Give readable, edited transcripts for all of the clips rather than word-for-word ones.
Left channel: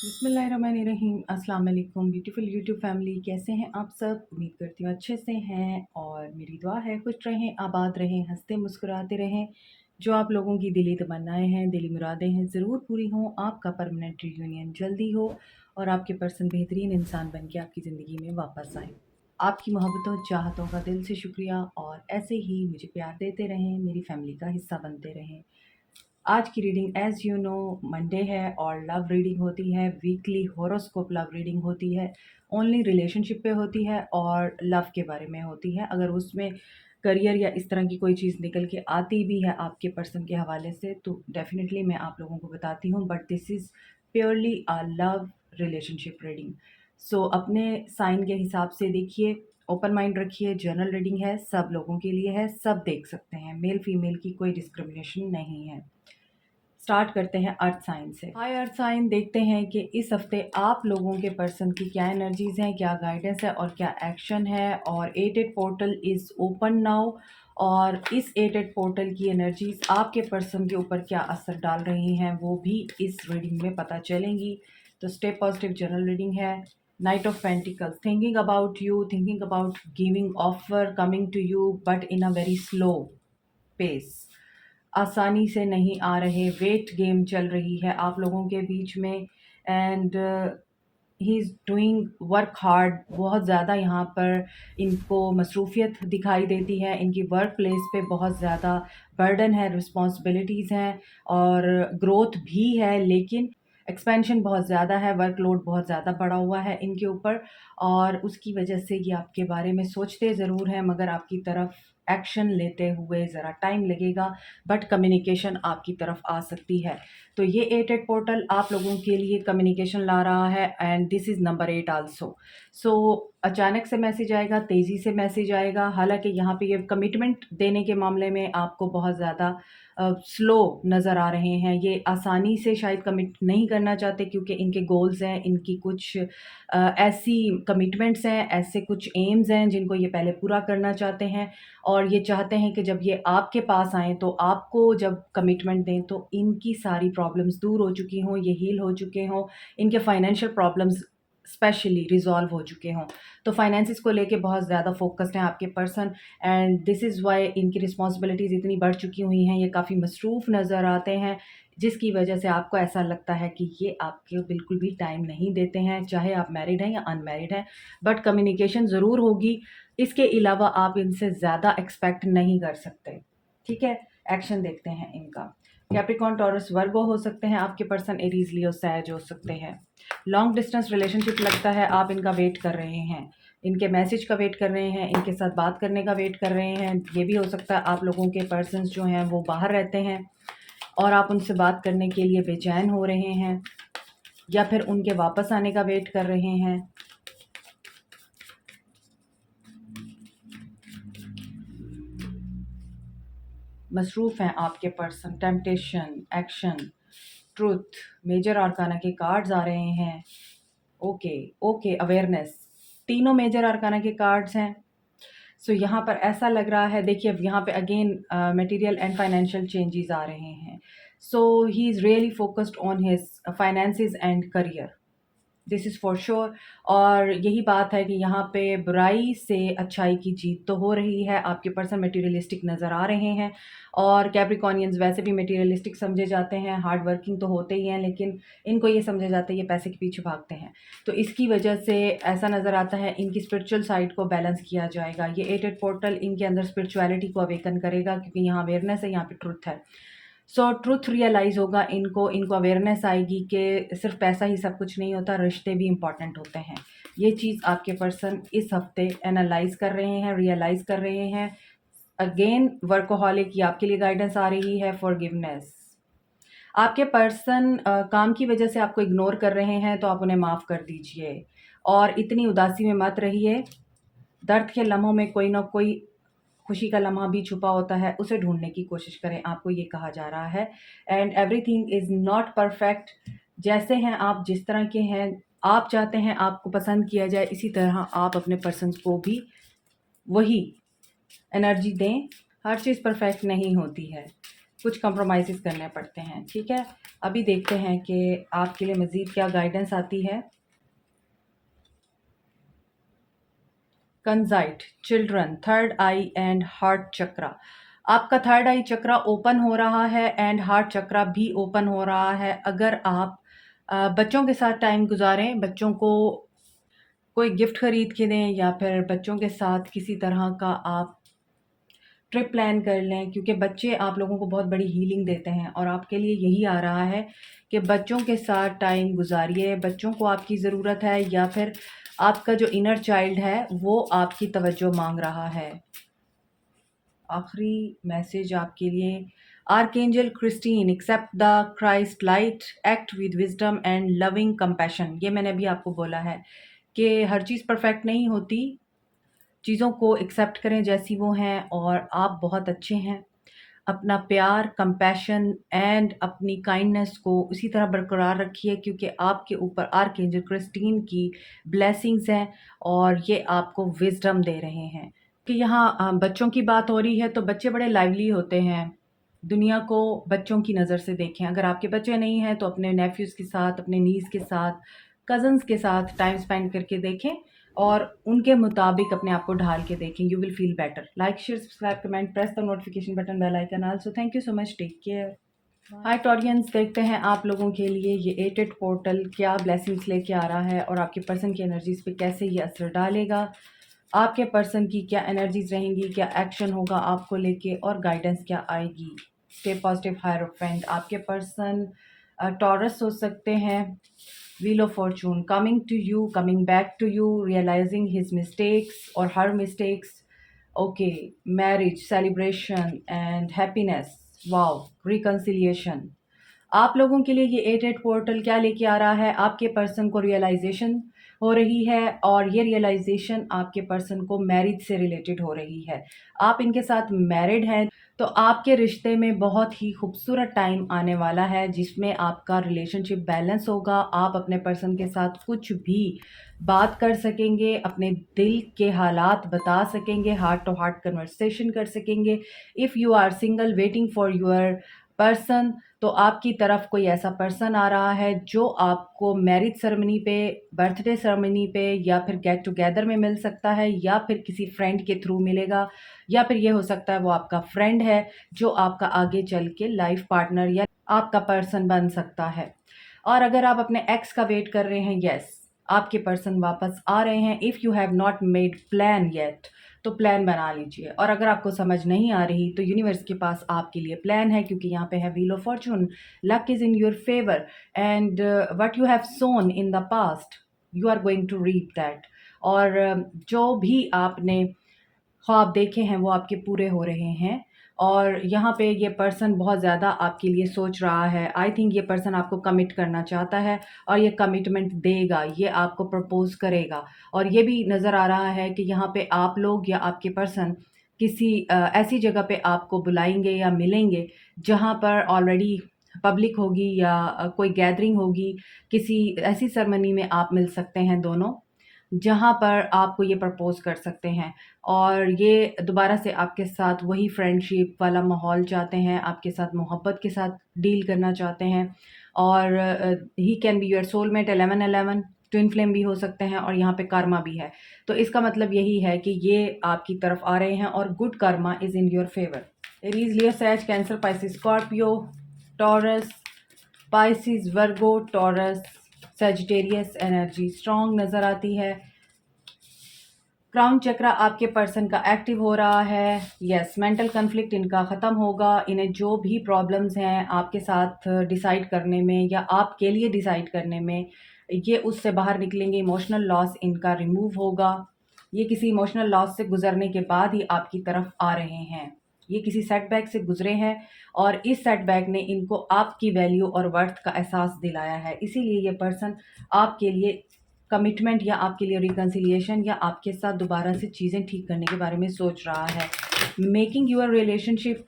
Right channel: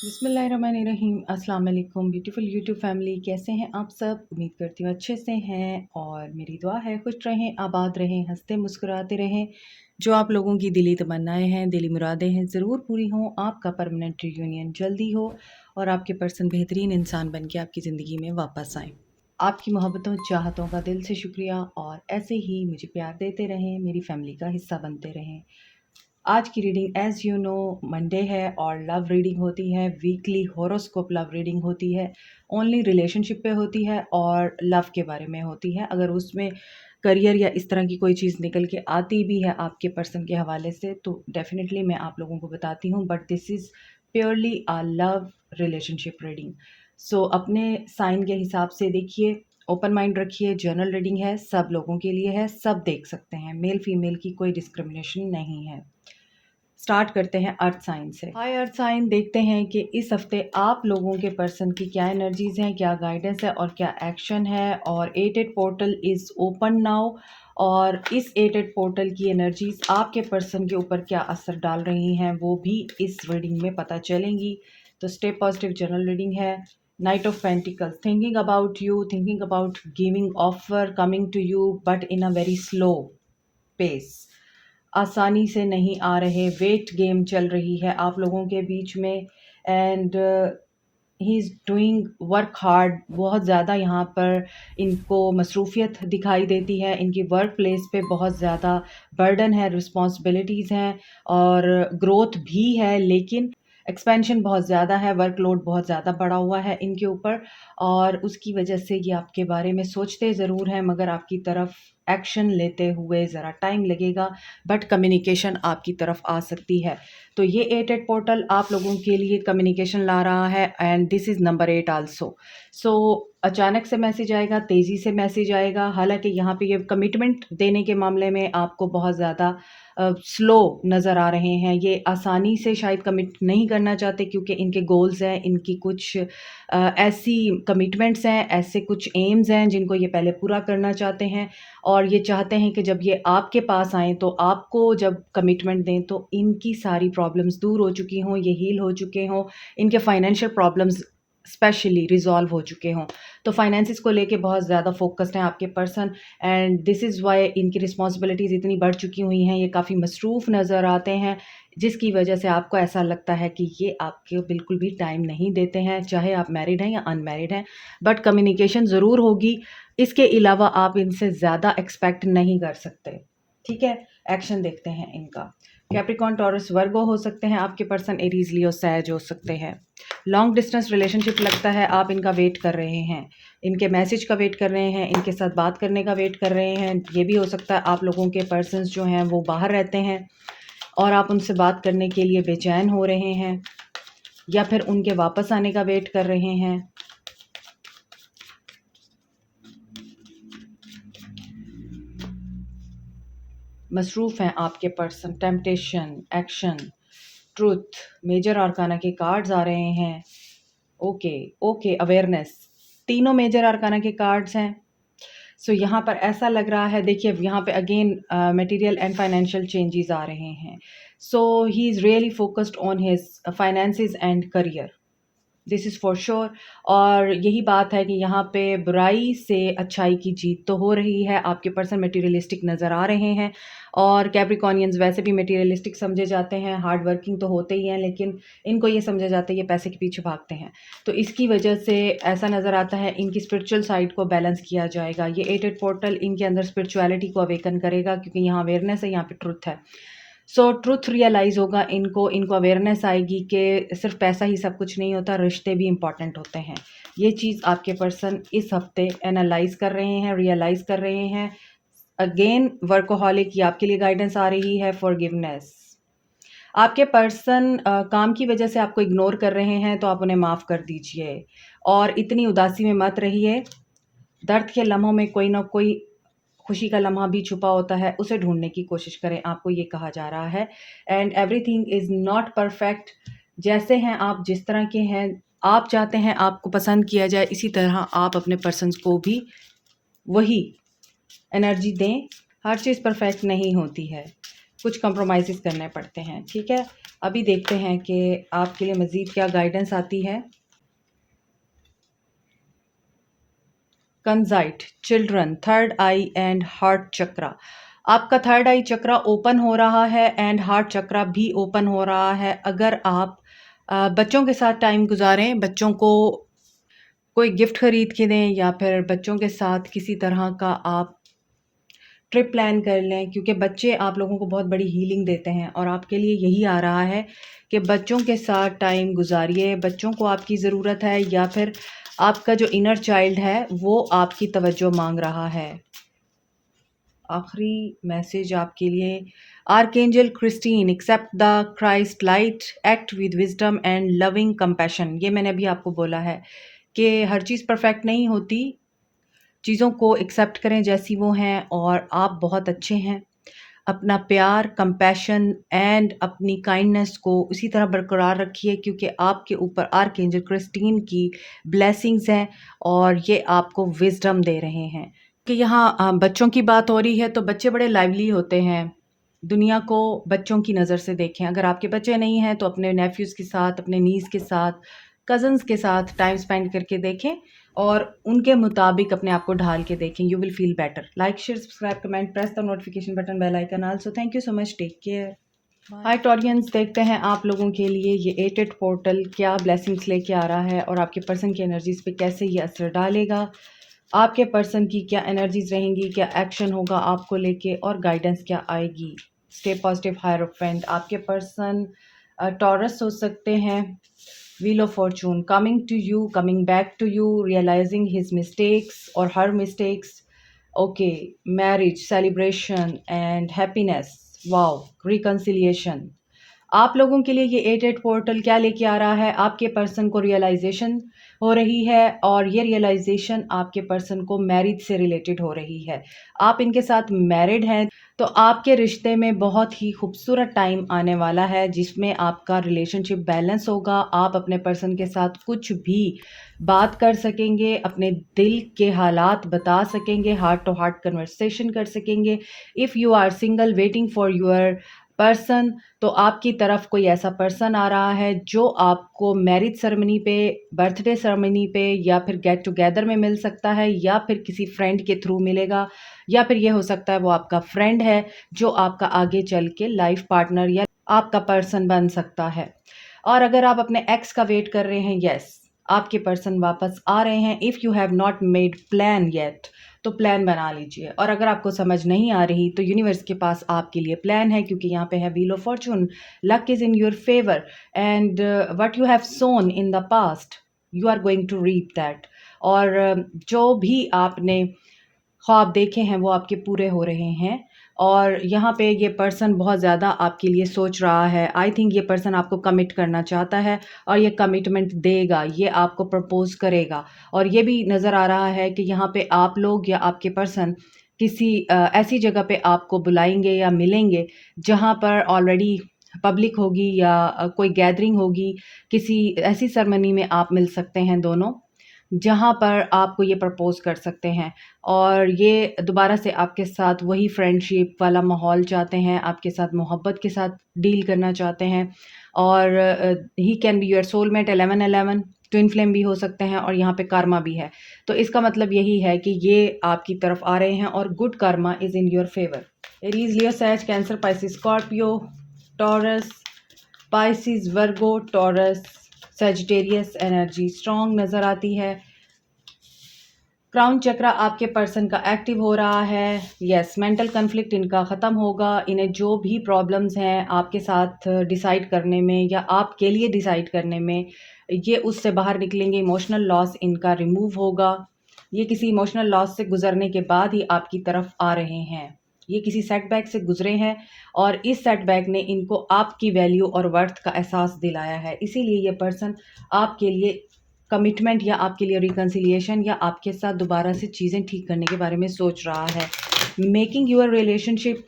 बिस्मिल्लाहिर्रहमानिर्रहीम। अस्सलाम वालेकुम ब्यूटीफुल यूट्यूब फैमिली, कैसे हैं आप सब? उम्मीद करती हूँ अच्छे से हैं और मेरी दुआ है खुश रहें, आबाद रहें, हंसते मुस्कुराते रहें। जो आप लोगों की दिली तमन्नाएं हैं, दिली मुरादें हैं, ज़रूर पूरी हों। आपका परमानेंट रियूनियन जल्दी हो और आपके पर्सन बेहतरीन इंसान बन के आपकी ज़िंदगी में वापस आएँ। आपकी मोहब्बतों चाहतों का दिल से शुक्रिया और ऐसे ही मुझे प्यार देते रहें, मेरी फैमिली का हिस्सा बनते रहें। आज की reading as you know Monday है और लव रीडिंग होती है, वीकली हॉरोस्कोप लव रीडिंग होती है, ओनली रिलेशनशिप पे होती है और लव के बारे में होती है। अगर उसमें करियर या इस तरह की कोई चीज़ निकल के आती भी है आपके पर्सन के हवाले से तो डेफ़िनेटली मैं आप लोगों को बताती हूँ, but this is purely a love relationship reading. So अपने साइन के हिसाब से देखिए, ओपन माइंड रखिए। जनरल रीडिंग है, सब लोगों के लिए है, सब देख सकते हैं, मेल फीमेल की कोई डिस्क्रिमिनेशन नहीं है। स्टार्ट करते हैं अर्थ साइन से। हाय अर्थ साइन, देखते हैं कि इस हफ्ते आप लोगों के पर्सन की क्या एनर्जीज हैं, क्या गाइडेंस है और क्या एक्शन है। और 88 पोर्टल इज़ ओपन नाउ और इस 88 पोर्टल की एनर्जीज आपके पर्सन के ऊपर क्या असर डाल रही हैं वो भी इस रीडिंग में पता चलेंगी। तो स्टे पॉजिटिव जनरल रीडिंग है। Knight of pentacles, thinking about you, thinking about giving offer coming to you but in a very slow pace. आसानी से नहीं आ रहे, वेट गेम चल रही है आप लोगों के बीच में and he is doing work hard. बहुत ज़्यादा यहाँ पर इनको मसरूफियत दिखाई देती है, इनकी वर्क प्लेस पे बहुत ज़्यादा बर्डन है, रिस्पॉन्सिबिलिटीज़ हैं और ग्रोथ भी है, लेकिन एक्सपेंशन बहुत ज़्यादा है, वर्कलोड बहुत ज़्यादा बढ़ा हुआ है इनके ऊपर और उसकी वजह से ये आपके बारे में सोचते ज़रूर हैं मगर आपकी तरफ एक्शन लेते हुए ज़रा टाइम लगेगा, बट कम्युनिकेशन आपकी तरफ आ सकती है। तो ये 88 पोर्टल आप लोगों के लिए कम्युनिकेशन ला रहा है and this is number 8 also. So अचानक से मैसेज आएगा, तेज़ी से मैसेज आएगा। हालाँकि यहाँ पे ये कमिटमेंट देने के मामले में आपको बहुत ज़्यादा स्लो नज़र आ रहे हैं। ये आसानी से शायद कमिट नहीं करना चाहते क्योंकि इनके गोल्स हैं, इनकी कुछ ऐसी कमिटमेंट्स हैं, ऐसे कुछ एम्स हैं जिनको ये पहले पूरा करना चाहते हैं और ये चाहते हैं कि जब ये आपके पास आएँ तो आपको जब कमिटमेंट दें तो इनकी सारी प्रॉब्लम्स दूर हो चुकी हों, ये हील हो चुके हों, इनके फाइनेंशियल प्रॉब्लम्स स्पेशली रिज़ॉल्व हो चुके हों। तो फाइनेंसेस को लेके बहुत ज़्यादा फ़ोकस्ड हैं आपके person and this is why इनकी रिस्पॉन्सिबिलिटीज़ इतनी बढ़ चुकी हुई हैं, ये काफ़ी मसरूफ़ नज़र आते हैं, जिसकी वजह से आपको ऐसा लगता है कि ये आपको बिल्कुल भी टाइम नहीं देते हैं, चाहे आप मैरिड हैं या अनमैरिड हैं। बट कम्युनिकेशन ज़रूर होगी, इसके अलावा आप इनसे ज़्यादा एक्सपेक्ट नहीं कर सकते। ठीक है? एक्शन देखते हैं इनका। कैप्रिकॉर्न, टॉरस, वर्गो हो सकते हैं आपके पर्सन, एरीज़, लियो, सैज हो सकते हैं। लॉन्ग डिस्टेंस रिलेशनशिप लगता है आप इनका वेट कर रहे हैं, इनके मैसेज का वेट कर रहे हैं, इनके साथ बात करने का वेट कर रहे हैं। ये भी हो सकता है आप लोगों के पर्सन्स जो हैं वो बाहर रहते हैं और आप उनसे बात करने के लिए बेचैन हो रहे हैं या फिर उनके वापस आने का वेट कर रहे हैं। मसरूफ़ हैं आपके person, temptation, action, truth, major arcana के कार्ड्स आ रहे हैं। ओके, ओके, अवेयरनेस, तीनों मेजर आर्काना के कार्ड्स हैं। सो यहाँ पर ऐसा लग रहा है, देखिए अब यहाँ पे again material and financial changes आ रहे हैं। So he is really focused on his finances and career, this is for sure. और यही बात है कि यहाँ पे बुराई से अच्छाई की जीत तो हो रही है, आपके पर्सन मटेरियलिस्टिक नज़र आ रहे हैं और कैप्रिकॉर्नियंस वैसे भी मटेरियलिस्टिक समझे जाते हैं, हार्ड वर्किंग तो होते ही हैं लेकिन इनको ये समझा जाता है ये पैसे के पीछे भागते हैं। तो इसकी वजह से ऐसा नज़र आता है इनकी स्पिरिचुअल साइड को बैलेंस किया जाएगा। ये 88 पोर्टल इनके अंदर स्पिरिचुअलिटी को अवेकन करेगा क्योंकि यहाँ अवेयरनेस है, यहाँ पे ट्रुथ है। सो ट्रुथ रियलाइज़ होगा इनको अवेयरनेस आएगी कि सिर्फ पैसा ही सब कुछ नहीं होता, रिश्ते भी इम्पॉर्टेंट होते हैं। ये चीज़ आपके पर्सन इस हफ्ते एनालाइज़ कर रहे हैं, रियलाइज़ कर रहे हैं। अगेन वर्कोहॉलिक, ये आपके लिए गाइडेंस आ रही है, फॉरगिवनेस। आपके पर्सन काम की वजह से आपको इग्नोर कर रहे हैं तो आप उन्हें माफ़ कर दीजिए और इतनी उदासी में मत रहिए। दर्द के लम्हों में कोई ना कोई खुशी का लम्हा भी छुपा होता है, उसे ढूँढने की कोशिश करें, आपको ये कहा जा रहा है। And everything is not perfect, जैसे हैं आप, जिस तरह के हैं, आप चाहते हैं आपको पसंद किया जाए, इसी तरह आप अपने पर्सन्स को भी वही एनर्जी दें। हर चीज़ परफेक्ट नहीं होती है। कुछ कंप्रोमाइज़ेज़ करने पड़ते हैं, ठीक है? अभी देखते हैं कि आपके लिए मज़ीद क्या गाइडेंस आती है। Kunzite, children, third eye and heart chakra. आपका थर्ड आई चक्रा ओपन हो रहा है एंड हार्ट चक्रा भी ओपन हो रहा है। अगर आप बच्चों के साथ टाइम गुज़ारें, बच्चों को कोई गिफ्ट खरीद के दें या फिर बच्चों के साथ किसी तरह का आप ट्रिप प्लान कर लें, क्योंकि बच्चे आप लोगों को बहुत बड़ी हीलिंग देते हैं और आपके लिए यही आ रहा है कि बच्चों के साथ टाइम गुज़ारिए। बच्चों को आपकी ज़रूरत है या फिर आपका जो इनर चाइल्ड है वो आपकी तवज्जो मांग रहा है। आखिरी मैसेज आपके लिए, archangel Christine, accept the Christ light, act with wisdom and loving compassion. ये मैंने अभी आपको बोला है कि हर चीज़ परफेक्ट नहीं होती, चीज़ों को एक्सेप्ट करें जैसी वो हैं और आप बहुत अच्छे हैं। अपना प्यार, कंपैशन एंड अपनी काइंडनेस को उसी तरह बरकरार रखिए, क्योंकि आपके ऊपर आर्कएंजल क्रिस्टीन की ब्लेसिंग्स हैं और ये आपको विज़डम दे रहे हैं। कि यहाँ बच्चों की बात हो रही है तो बच्चे बड़े लाइवली होते हैं। दुनिया को बच्चों की नज़र से देखें। अगर आपके बच्चे नहीं हैं तो अपने नेफ्यूज़ के साथ, अपने नीज़ के साथ, कज़न्स के साथ टाइम स्पेंड करके देखें और उनके मुताबिक अपने आप को ढाल के देखें। You will feel better. Like, share, subscribe, comment, press the notification button, bell icon also. Thank you so much. Take care. Hi Taureans, देखते हैं आप लोगों के लिए ये 88 पोर्टल क्या ब्लेसिंग्स लेके आ रहा है और आपके पर्सन की एनर्जीज पे कैसे ये असर डालेगा। आपके पर्सन की क्या एनर्जीज रहेंगी, क्या एक्शन होगा आपको लेके और गाइडेंस क्या आएगी। Stay positive hierophant. आपके पर्सन टॉरस हो सकते हैं। Wheel of fortune, coming to you, coming back to you, realising his mistakes और her mistakes. Okay, marriage, celebration and happiness. Wow, reconciliation. आप लोगों के लिए ये 88 पोर्टल क्या लेके आ रहा है, आपके पर्सन को रियलाइजेशन हो रही है और ये रियलाइजेशन आपके पर्सन को मैरिज से रिलेटेड हो रही है। आप इनके साथ मैरिड हैं तो आपके रिश्ते में बहुत ही खूबसूरत टाइम आने वाला है जिसमें आपका रिलेशनशिप बैलेंस होगा। आप अपने पर्सन के साथ कुछ भी बात कर सकेंगे, अपने दिल के हालात बता सकेंगे, हार्ट टू हार्ट कन्वर्सेशन कर सकेंगे। If you are single waiting for your person, तो आपकी तरफ कोई ऐसा पर्सन आ रहा है जो आपको मैरिज सेरेमनी पे, बर्थडे सेरेमनी पे या फिर गेट टुगेदर में मिल सकता है या फिर किसी फ्रेंड के थ्रू मिलेगा या फिर ये हो सकता है वो आपका फ्रेंड है जो आपका आगे चल के लाइफ पार्टनर या आपका पर्सन बन सकता है। और अगर आप अपने एक्स का वेट कर रहे हैं, यस, आपके पर्सन वापस आ रहे हैं। If you have not made plan yet, तो प्लान बना लीजिए। और अगर आपको समझ नहीं आ रही तो यूनिवर्स के पास आपके लिए प्लान है, क्योंकि यहाँ पे है wheel of fortune, luck is in your favour and what you have sown in the past you are going to reap that. और जो भी आपने ख्वाब देखे हैं वो आपके पूरे हो रहे हैं। और यहाँ पे ये पर्सन बहुत ज़्यादा आपके लिए सोच रहा है। आई थिंक ये पर्सन आपको कमिट करना चाहता है और ये कमिटमेंट देगा, ये आपको प्रपोज़ करेगा। और ये भी नज़र आ रहा है कि यहाँ पे आप लोग या आपके पर्सन किसी ऐसी जगह पे आपको बुलाएँगे या मिलेंगे जहाँ पर ऑलरेडी पब्लिक होगी या कोई गैदरिंग होगी। किसी ऐसी सेरेमनी में आप मिल सकते हैं दोनों, जहाँ पर आपको ये प्रपोज़ कर सकते हैं और ये दोबारा से आपके साथ वही फ्रेंडशिप वाला माहौल चाहते हैं, आपके साथ मोहब्बत के साथ डील करना चाहते हैं। और he can be your soulmate 1111, twin flame भी हो सकते हैं और यहाँ पे कर्मा भी है। तो इसका मतलब यही है कि ये आपकी तरफ आ रहे हैं और good karma is in your favour. Aries, Leo, sage, Cancer, Pisces, Scorpio, Taurus, Pisces, Virgo, Taurus, Sagittarius energy strong नज़र आती है। क्राउन चक्र आपके पर्सन का एक्टिव हो रहा है। यस, मेंटल कन्फ्लिक्ट इनका ख़त्म होगा। इन्हें जो भी प्रॉब्लम्स हैं आपके साथ डिसाइड करने में या आपके लिए डिसाइड करने में, ये उससे बाहर निकलेंगे। इमोशनल लॉस इनका रिमूव होगा। ये किसी इमोशनल लॉस से गुजरने के बाद ही आपकी तरफ आ रहे हैं। ये किसी सेटबैक से गुजरे हैं और इस सेटबैक ने इनको आपकी वैल्यू और वर्थ का एहसास दिलाया है। इसीलिए ये पर्सन आपके लिए कमिटमेंट या आपके लिए रिकंसिलिएशन या आपके साथ दोबारा से चीज़ें ठीक करने के बारे में सोच रहा है। Making your relationship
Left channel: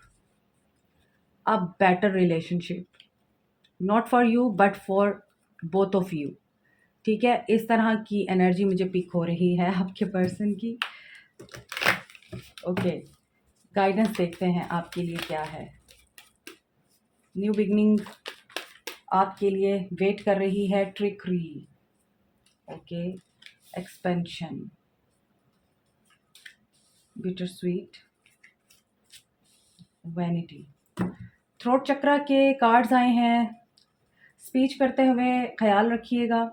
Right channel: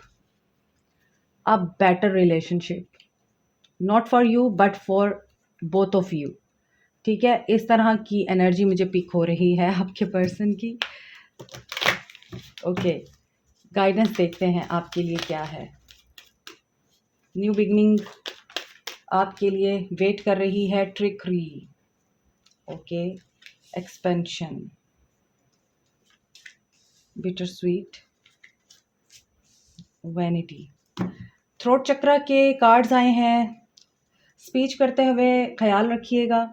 a better relationship, not for you but for both of you. ठीक है, इस तरह की एनर्जी मुझे पिक हो रही है आपके पर्सन की। ओके, गाइडेंस देखते हैं आपके लिए क्या है। न्यू बिगनिंग आपके लिए वेट कर रही है। Trickery, okay, expansion, bitter sweet, vanity. Throat चक्र के कार्ड्स आए हैं। स्पीच करते हुए ख्याल रखिएगा,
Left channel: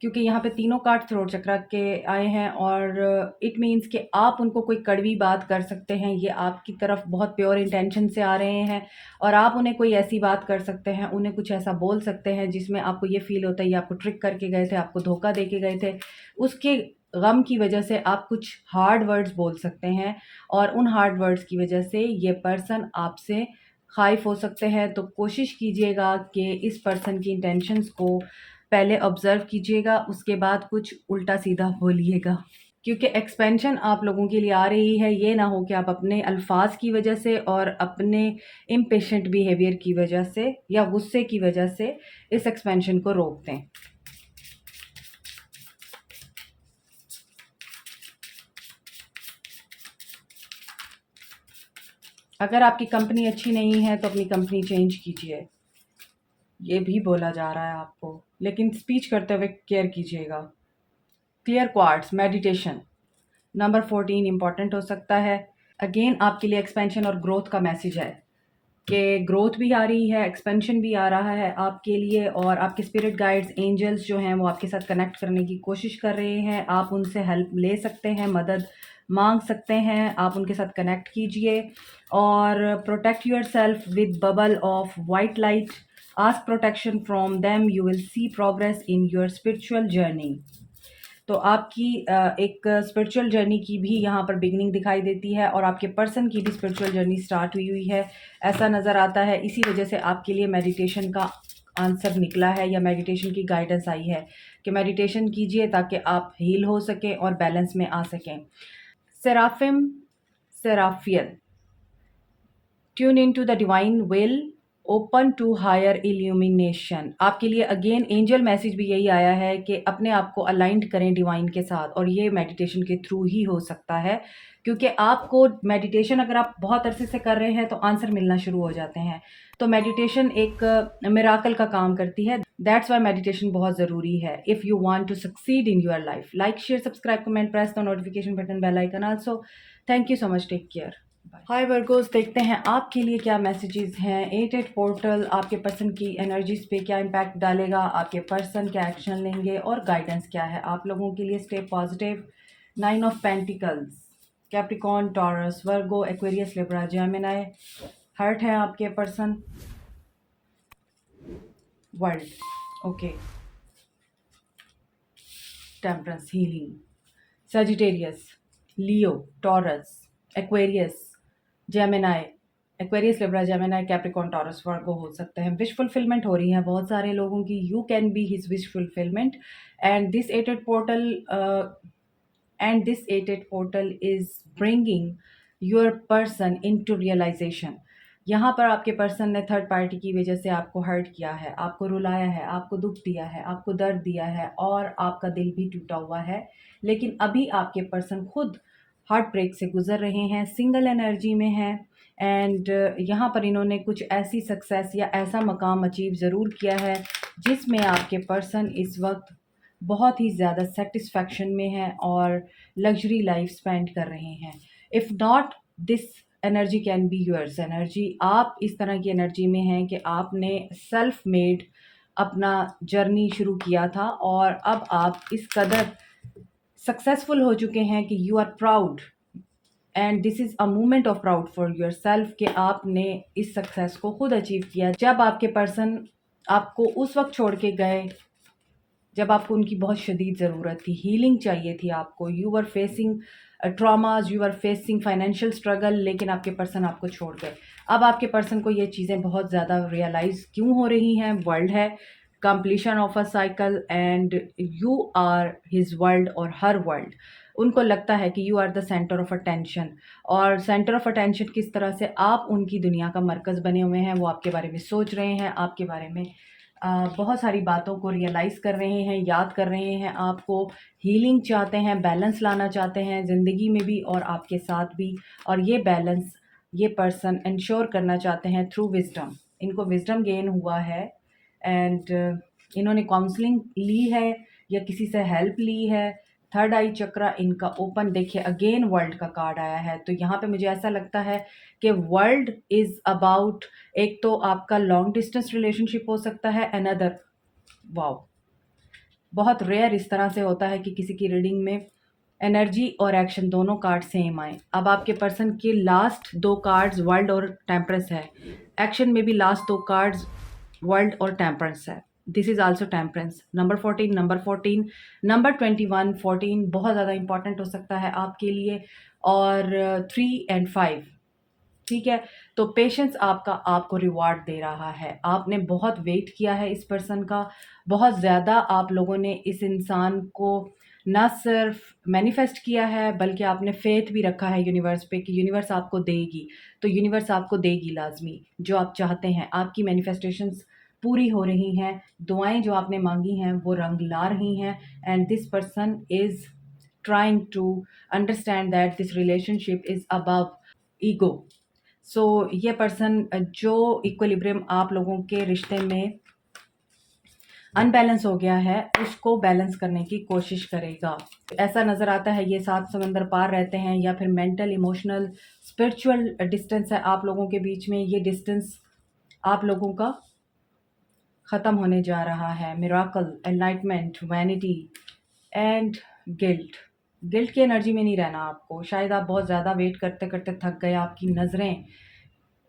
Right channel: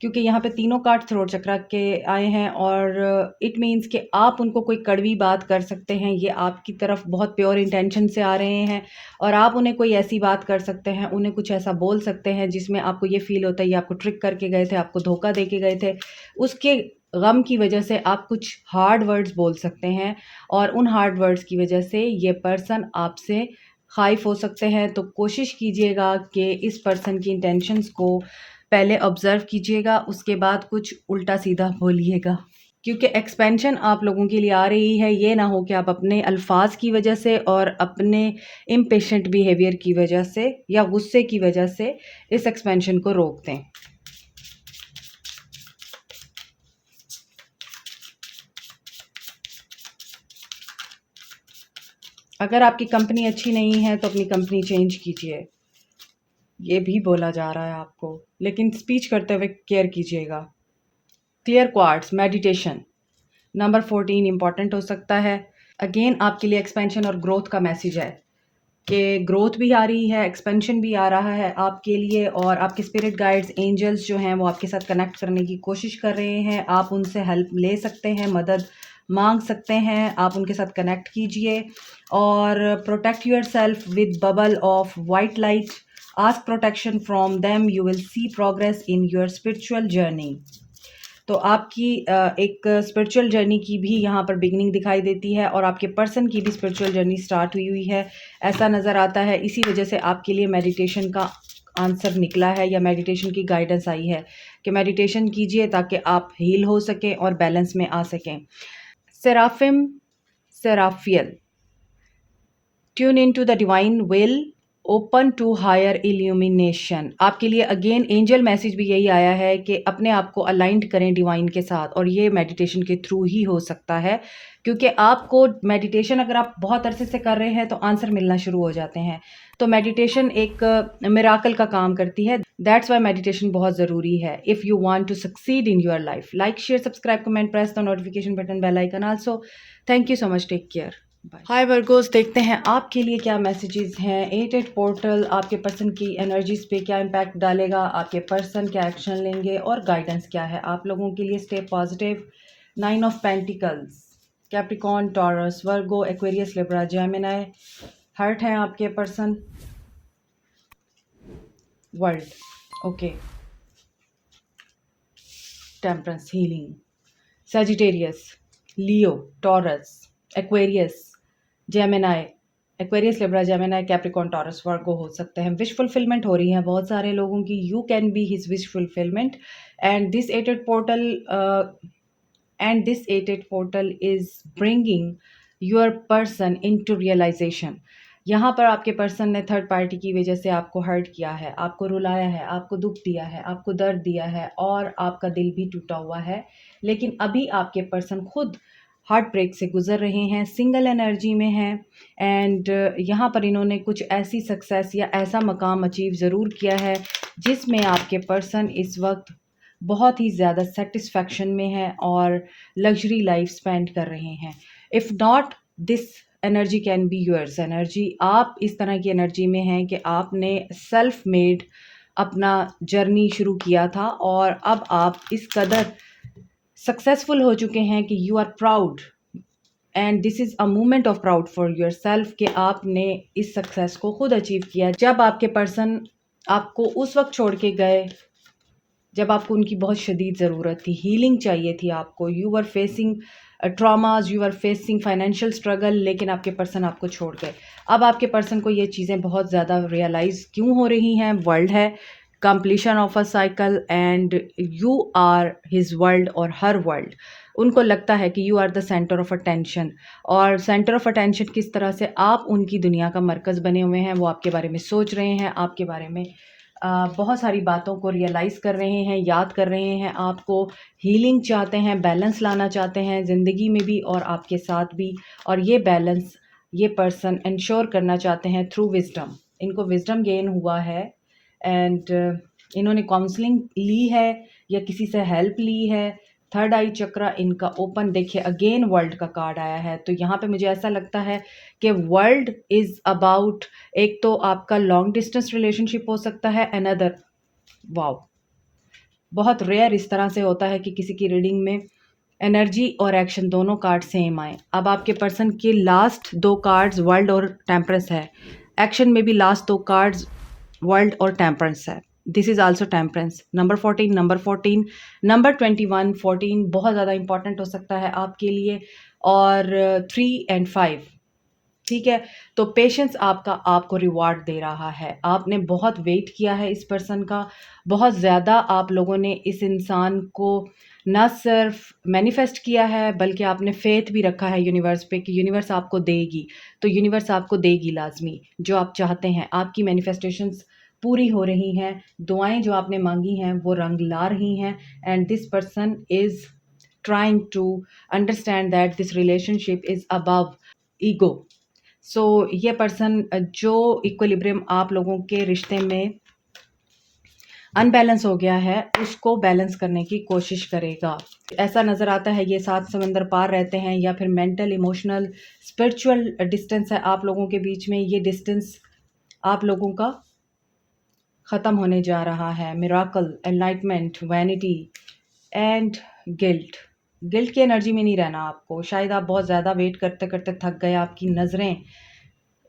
क्योंकि यहाँ पे तीनों कार्ड थ्रोट चक्र के आए हैं और इट मीन्स कि आप उनको कोई कड़वी बात कर सकते हैं। ये आपकी तरफ बहुत प्योर इंटेंशन से आ रहे हैं और आप उन्हें कोई ऐसी बात कर सकते हैं, उन्हें कुछ ऐसा बोल सकते हैं जिसमें आपको ये फ़ील होता है ये आपको ट्रिक करके गए थे, आपको धोखा दे के गए थे। उसके गम की वजह से आप कुछ हार्ड वर्ड्स बोल सकते हैं और उन हार्ड वर्ड्स की वजह से ये पर्सन आपसे ख़ाइफ़ हो सकते हैं। तो कोशिश कीजिएगा कि इस पर्सन की इंटेंशंस को पहले ऑब्ज़र्व कीजिएगा, उसके बाद कुछ उल्टा-सीधा बोलिएगा। क्योंकि एक्सपेंशन आप लोगों के लिए आ रही है, ये ना हो कि आप अपने अल्फ़ाज़ की वजह से और अपने इम्पेशेंट बिहेवियर की वजह से या गुस्से की वजह से इस एक्सपेंशन को रोक दें। अगर आपकी कंपनी अच्छी नहीं है तो अपनी कंपनी चेंज कीजिए, ये भी बोला जा रहा है आपको, लेकिन स्पीच करते हुए केयर कीजिएगा। Clear quartz, meditation, number 14 important हो सकता है। अगेन आपके लिए एक्सपेंशन और ग्रोथ का मैसेज है कि ग्रोथ भी आ रही है, एक्सपेंशन भी आ रहा है आपके लिए और आपके स्पिरिट गाइड्स, एंजल्स जो हैं वो आपके साथ कनेक्ट करने की कोशिश कर रहे हैं। आप उनसे हेल्प ले सकते हैं, मदद मांग सकते हैं, आप उनके साथ कनेक्ट कीजिए और protect your self with bubble of white light. Ask protection from them, you will see progress in your spiritual journey. तो आपकी एक स्पिरिचुअल जर्नी की भी यहाँ पर बिगनिंग दिखाई देती है और आपके पर्सन की भी स्पिरिचुअल जर्नी स्टार्ट हुई हुई है, ऐसा नज़र आता है। इसी वजह से आपके लिए मेडिटेशन का आंसर निकला है या मेडिटेशन की गाइडेंस आई है कि मेडिटेशन कीजिए ताकि आप हील हो सकें और बैलेंस में आ सकें। Seraphim, Seraphiel, tune in to the divine will, open to higher illumination. आपके लिए अगेन एंजल मैसेज भी यही आया है कि अपने आप को अलाइंड करें डिवाइन के साथ और ये मेडिटेशन के थ्रू ही हो सकता है, क्योंकि आपको मेडिटेशन अगर आप बहुत अरसे से कर रहे हैं तो आंसर मिलना शुरू हो जाते हैं। तो मेडिटेशन एक मिराकल का काम करती है। दैट्स वाई मेडिटेशन बहुत ज़रूरी है if you want to succeed in your life. Like, share, subscribe, comment, press the notification button, bell icon also. Thank you so much, take care, bye. Hi Virgos, देखते हैं आपके लिए क्या messages हैं। 8 portal आपके पर्सन की energies पे क्या इम्पैक्ट डालेगा, आपके पर्सन क्या एक्शन लेंगे और गाइडेंस क्या है आप लोगों के लिए। Stay positive. 9 of pentacles, Capricorn, Taurus, Virgo, Aquarius, Libra, Gemini. Hurt है आपके person. World, okay, temperance, healing, Sagittarius, Leo, Taurus, Aquarius, Gemini. Aquarius, Libra, Gemini, Capricorn, Taurus, Virgo हो सकते हैं। विश फुलफिलमेंट हो रही है बहुत सारे लोगों की। You can be his wish fulfilment and this 8 portal is bringing your person into realisation. यहाँ पर आपके पर्सन ने थर्ड पार्टी की वजह से आपको हर्ट किया है, आपको रुलाया है, आपको दुख दिया है, आपको दर्द दिया है और आपका दिल भी टूटा हुआ है। लेकिन अभी आपके पर्सन खुद हार्ट ब्रेक से गुजर रहे हैं, सिंगल एनर्जी में हैं एंड यहाँ पर इन्होंने कुछ ऐसी सक्सेस या ऐसा मकाम अचीव ज़रूर किया है जिसमें आपके पर्सन इस वक्त बहुत ही ज़्यादा सेटिस्फैक्शन में है और लग्जरी लाइफ स्पेंड कर रहे हैं। If not this energy can be yours energy. आप इस तरह की एनर्जी में हैं कि आपने सेल्फ मेड अपना जर्नी शुरू किया था और अब आप इस कदर सक्सेसफुल हो चुके हैं कि you are proud and this is a moment of proud for yourself कि आपने इस सक्सेस को खुद अचीव किया। जब आपके पर्सन आपको उस वक्त छोड़ के गए जब आपको उनकी बहुत शदीद ज़रूरत थी, हीलिंग चाहिए थी आपको, you are facing traumas, you are facing financial struggle, लेकिन आपके पर्सन आपको छोड़ गए। अब आपके पर्सन को ये चीज़ें बहुत ज़्यादा रियलाइज़ क्यों हो रही हैं। वर्ल्ड है, completion of a cycle and you are his world और हर वर्ल्ड। उनको लगता है कि you are the centre of attention और सेंटर ऑफ अटेंशन किस तरह से आप उनकी दुनिया का मरकज़ बने हुए हैं, वो आपके बारे में सोच रहे हैं, आपके बारे में बहुत सारी बातों को रियलाइज़ कर रहे हैं, याद कर रहे हैं, आपको हीलिंग चाहते हैं, बैलेंस लाना चाहते हैं ज़िंदगी में भी और आपके साथ भी। और ये बैलेंस ये पर्सन इंश्योर करना चाहते हैं थ्रू विज़डम। इनको विजडम गेन हुआ है एंड इन्होंने काउंसलिंग ली है या किसी से हेल्प ली है। थर्ड आई चक्रा इनका ओपन, देखिए अगेन वर्ल्ड का कार्ड आया है। तो यहाँ पे मुझे ऐसा लगता है कि वर्ल्ड इज़ अबाउट, एक तो आपका लॉन्ग डिस्टेंस रिलेशनशिप हो सकता है, अनदर, वाओ, बहुत रेयर इस तरह से होता है कि किसी की रीडिंग में एनर्जी और एक्शन दोनों कार्ड सेम आए। अब आपके पर्सन के लास्ट दो कार्ड्स वर्ल्ड और टेम्परेंस है, एक्शन में भी लास्ट दो कार्ड्स वर्ल्ड और टेम्परेंस है। This is also temperance. Number 14, number 14, number 21, 14 बहुत ज़्यादा इंपॉर्टेंट हो सकता है आपके लिए, और 3 एंड 5, ठीक है। तो पेशेंस आपका आपको रिवार्ड दे रहा है। आपने बहुत वेट किया है इस पर्सन का, बहुत ज़्यादा आप लोगों ने इस इंसान को ना सिर्फ मैनिफेस्ट किया है बल्कि आपने फेथ भी रखा है यूनिवर्स पे कि यूनिवर्स आपको देगी। तो यूनिवर्स आपको देगी लाजमी जो आप चाहते हैं। आपकी मैनिफेस्टेशंस पूरी हो रही हैं, दुआएं जो आपने मांगी हैं वो रंग ला रही हैं। And this person is trying to understand that this relationship is above ego. So ये पर्सन जो इक्विलिब्रियम आप लोगों के रिश्ते में अनबैलेंस हो गया है उसको बैलेंस करने की कोशिश करेगा। ऐसा नज़र आता है ये 7 समंदर पार रहते हैं, या फिर मेंटल, इमोशनल, स्पिरिचुअल डिस्टेंस है आप लोगों के बीच में। ये डिस्टेंस आप लोगों का ख़त्म होने जा रहा है। Miracle, enlightenment, vanity and guilt. Guilt की एनर्जी में नहीं रहना आपको। शायद आप बहुत ज़्यादा वेट करते करते थक गए, आपकी नज़रें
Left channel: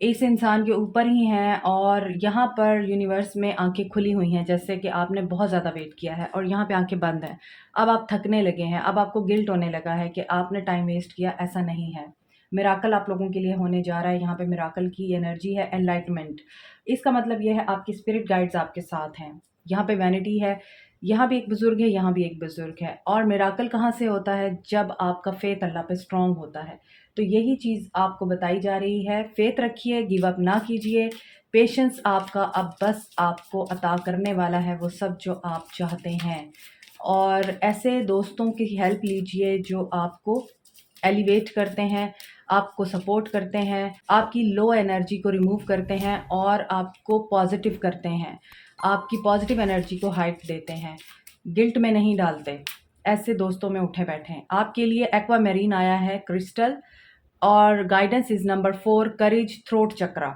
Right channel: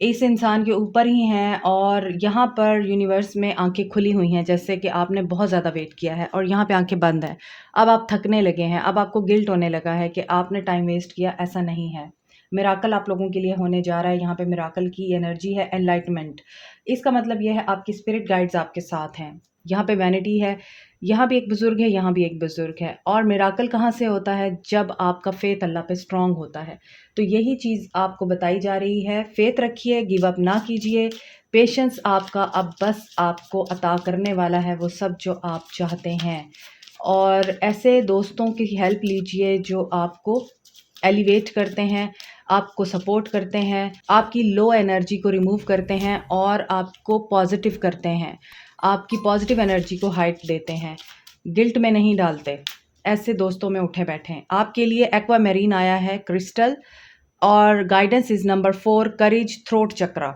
इस इंसान के ऊपर ही हैं और यहाँ पर यूनिवर्स में आंखें खुली हुई हैं, जैसे कि आपने बहुत ज़्यादा वेट किया है और यहाँ पे आंखें बंद हैं। अब आप थकने लगे हैं, अब आपको गिल्ट होने लगा है कि आपने टाइम वेस्ट किया। ऐसा नहीं है। मिराकल आप लोगों के लिए होने जा रहा है। यहाँ पे मिराकल की एनर्जी है, एनलाइटमेंट। इसका मतलब यह है आपकी स्पिरिट गाइड्स आपके साथ हैं। यहाँ पे वैनिटी है, यहाँ भी एक बुजुर्ग है, यहाँ भी एक बुजुर्ग है। और मिराकल कहाँ से होता है? जब आपका फेथ अल्लाह पे स्ट्रांग होता है। तो यही चीज़ आपको बताई जा रही है। फेथ रखिए, गिव अप ना कीजिए। पेशेंस आपका अब बस आपको अता करने वाला है वो सब जो आप चाहते हैं। और ऐसे दोस्तों की हेल्प लीजिए जो आपको एलिवेट करते हैं, आपको सपोर्ट करते हैं, आपकी लो एनर्जी को रिमूव करते हैं और आपको पॉजिटिव करते हैं, आपकी पॉजिटिव एनर्जी को हाइट देते हैं, गिल्ट में नहीं डालते। ऐसे दोस्तों में उठे बैठे हैं। आपके लिए एक्वा मेरीन आया है, क्रिस्टल, और guidance is number 4, courage, throat chakra.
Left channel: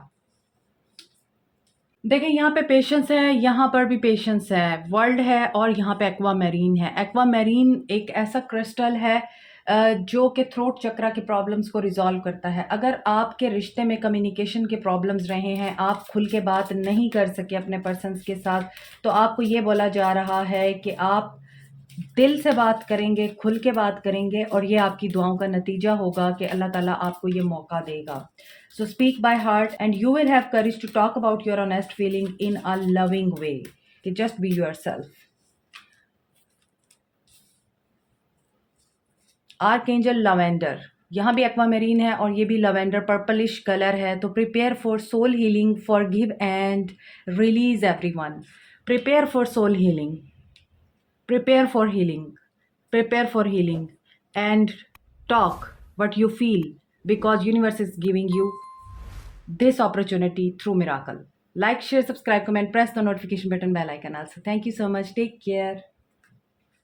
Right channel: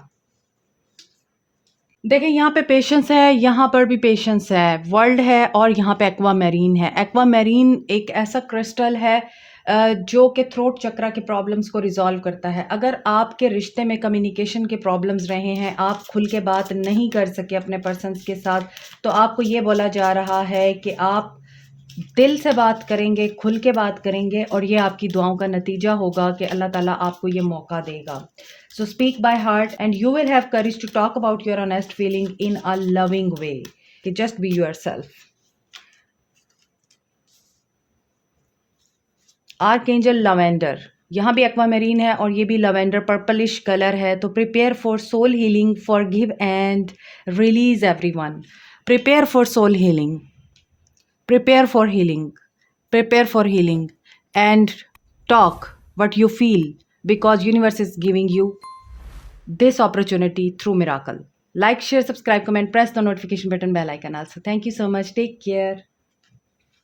देखिए यहाँ पे पेशेंस है, यहाँ पर भी पेशेंस है, वर्ल्ड है और यहाँ पे एक्वा मैरीन है। एक्वा मैरीन एक ऐसा क्रिस्टल है जो कि थ्रोट चक्रा के प्रॉब्लम्स को रिजॉल्व करता है। अगर आपके रिश्ते में कम्युनिकेशन के प्रॉब्लम्स रहे हैं, आप खुल के बात नहीं कर सके अपने पर्सन्स के साथ, तो आपको ये बोला जा रहा है कि आप दिल से बात करेंगे, खुल के बात करेंगे और ये आपकी दुआओं का नतीजा होगा कि अल्लाह ताला आपको ये मौका देगा। So speak by heart and you will have courage to talk about your honest feeling in a loving way, कि just be yourself. Archangel lavender, यहाँ भी एक्वामेरीन है और ये भी लवेंडर पर्पलिश कलर है। तो prepare for soul healing, forgive and release everyone. Prepare for soul healing, prepare for healing, prepare for healing, and talk what you feel, because universe is giving you this opportunity through miracle. Like, share, subscribe, comment, press the notification button, bell icon also. Thank you so much. Take care.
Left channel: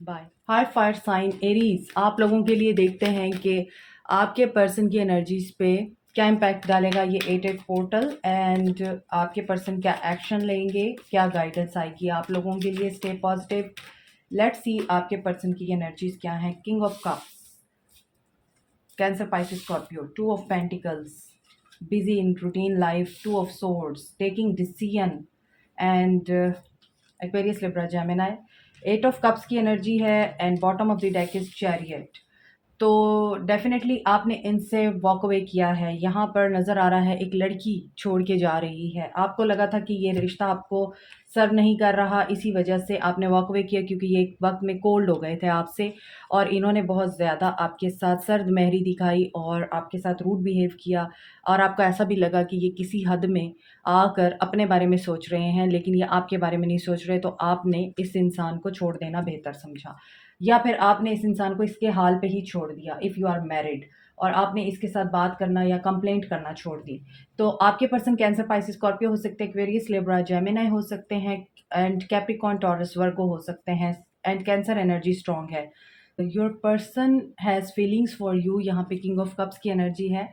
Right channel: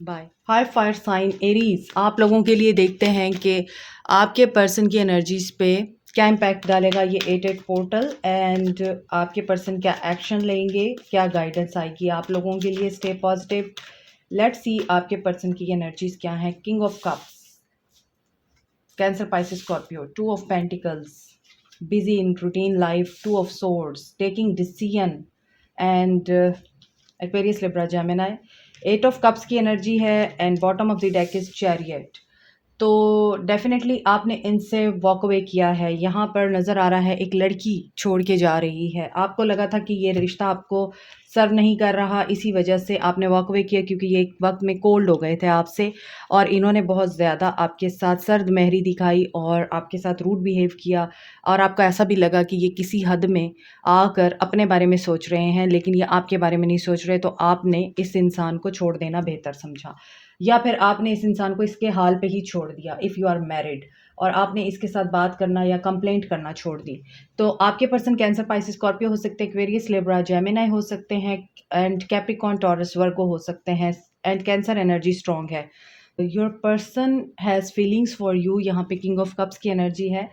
Bye. Hi fire sign Aries, आप लोगों के लिए देखते हैं कि आपके person की energies पे क्या इम्पैक्ट डालेगा ये 8-8 पोर्टल, एंड आपके पर्सन क्या एक्शन लेंगे, क्या गाइडेंस आएगी आप लोगों के लिए। Stay positive. लेट्स सी आपके पर्सन की एनर्जीज क्या हैं। King of cups, Cancer, Pisces, Scorpio. 2 of pentacles, busy in routine life. 2 of swords, taking decision, and Aquarius, Libra, Gemini. 8 of cups की एनर्जी है and bottom of the deck is chariot. तो definitely आपने इनसे walk away किया है। यहाँ पर नज़र आ रहा है एक लड़की छोड़ के जा रही है। आपको लगा था कि ये रिश्ता आपको सर्व नहीं कर रहा, इसी वजह से आपने वॉक अवे किया, क्योंकि ये एक वक्त में कोल्ड हो गए थे आपसे और इन्होंने बहुत ज़्यादा आपके साथ सर्द महरी दिखाई और आपके साथ रूड बिहेव किया, और आपको ऐसा भी लगा कि ये किसी हद में आकर अपने बारे में सोच रहे हैं लेकिन ये आपके बारे में नहीं सोच रहे। तो आपने इस इंसान को छोड़ देना बेहतर समझा, या फिर आपने इस इंसान को इसके हाल पे ही छोड़ दिया, इफ़ यू आर मैरिड। और आपने इसके साथ बात करना या कंप्लेंट करना छोड़ दी। तो आपके पर्सन कैंसर, पाइसेस, स्कॉर्पियो हो सकते हैं, एक्वेरियस, लिब्रा, जेमिनी हो सकते हैं एंड कैप्रिकॉर्न, टॉरस, वर्गो हो सकते हैं एंड कैंसर एनर्जी स्ट्रॉन्ग है। Your person has feelings for you, यहाँ पे किंग ऑफ कप्स की एनर्जी है।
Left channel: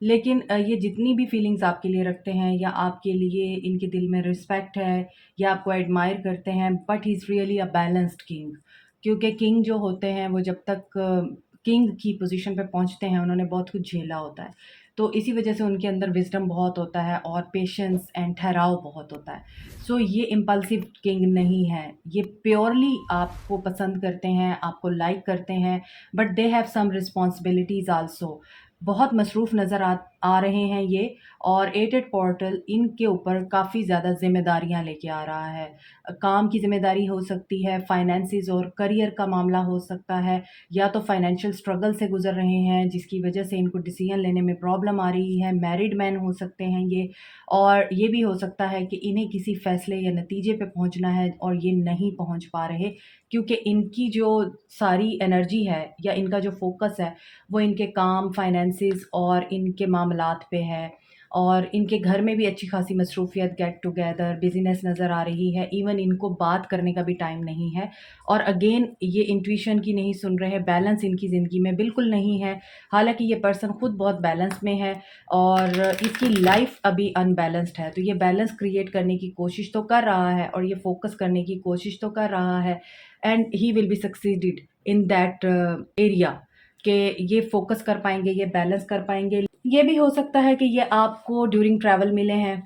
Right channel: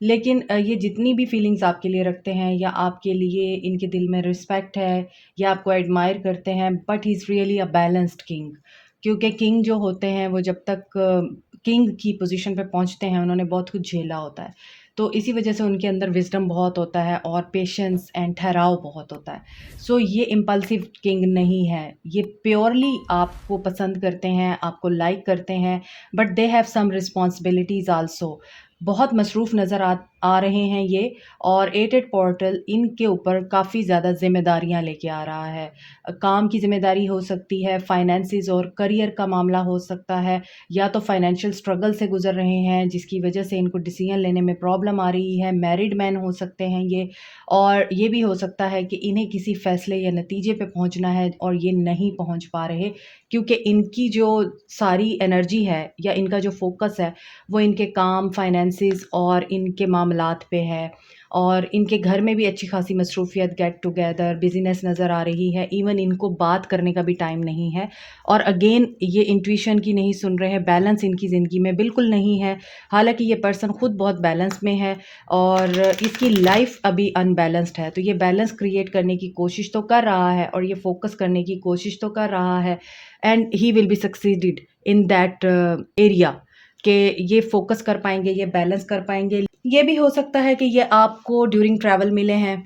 लेकिन ये जितनी भी फीलिंग्स आपके लिए रखते हैं या आपके लिए इनके दिल में रिस्पेक्ट है या आपको एडमायर करते हैं, but he is really a balanced king. क्योंकि किंग जो होते हैं वो जब तक किंग की पोजीशन पे पहुंचते हैं उन्होंने बहुत कुछ झेला होता है। तो इसी वजह से उनके अंदर विजडम बहुत होता है और पेशेंस एंड ठहराव बहुत होता है। सो ये इम्पल्सिव किंग नहीं है, ये प्योरली आपको पसंद करते हैं, आपको लाइक करते हैं, but they have some responsibilities also. बहुत मसरूफ़ नज़र आ रहे हैं ये, और एटेड पोर्टल इनके ऊपर काफ़ी ज़्यादा ज़िम्मेदारियाँ लेके आ रहा है। काम की ज़िम्मेदारी हो सकती है, फाइनेंसेस और करियर का मामला हो सकता है, या तो फाइनेंशियल स्ट्रगल से गुज़र रहे हैं जिसकी वजह से इनको डिसीजन लेने में प्रॉब्लम आ रही है। मैरिड मैन हो सकते हैं ये, और ये भी हो सकता है कि इन्हें किसी फ़ैसले या नतीजे पे पहुँचना है और ये नहीं पहुँच पा रहे, क्योंकि इनकी जो सारी एनर्जी है या इनका जो फ़ोकस है वो इनके काम, फाइनेंसेस और इनके मामलात पे है। और इनके घर में भी अच्छी खासी मसरूफ़ियत, गेट टुगेदर, बिज़ीनेस नज़र आ रही है। इवन इनको बात करने का भी टाइम नहीं है, और अगेन ये इंट्यूशन की नहीं सुन रहे हैं, बैलेंस इनकी ज़िंदगी में बिल्कुल नहीं है। हालाँकि ये पर्सन खुद बहुत बैलेंस में है और इसकी लाइफ़ अभी अनबैलेंस्ड है। तो ये बैलेंस क्रिएट करने की कोशिश तो कर रहा है और ये फ़ोकस करने की कोशिश तो कर रहा है, and he will be succeeded in that area, कि ये फ़ोकस कर पाएँगे, ये बैलेंस कर पाएँगे। ये भी हो सकता है कि ये आपको ड्यूरिंग ट्रैवल मिले हैं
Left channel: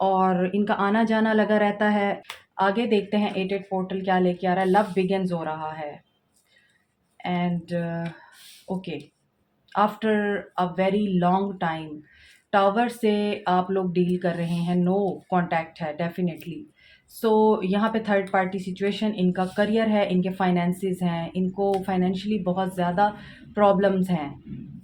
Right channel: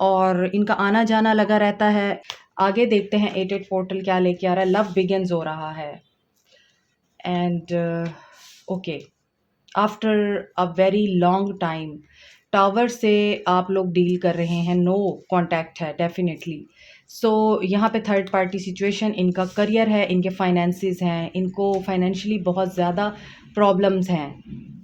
और इनका आना-जाना लगा रहता है। आगे देखते हैं एटेड पोर्टल क्या लेके आ रहा है। लव बिगिन्स हो रहा है and okay, after a very long time tower से आप लोग डील कर रहे हैं, नो कांटेक्ट है डेफिनेटली। सो यहाँ पे थर्ड पार्टी सिचुएशन, इनका करियर है, इनके फाइनेंसेस हैं, इनको फाइनेंशियली बहुत ज़्यादा प्रॉब्लम्स हैं,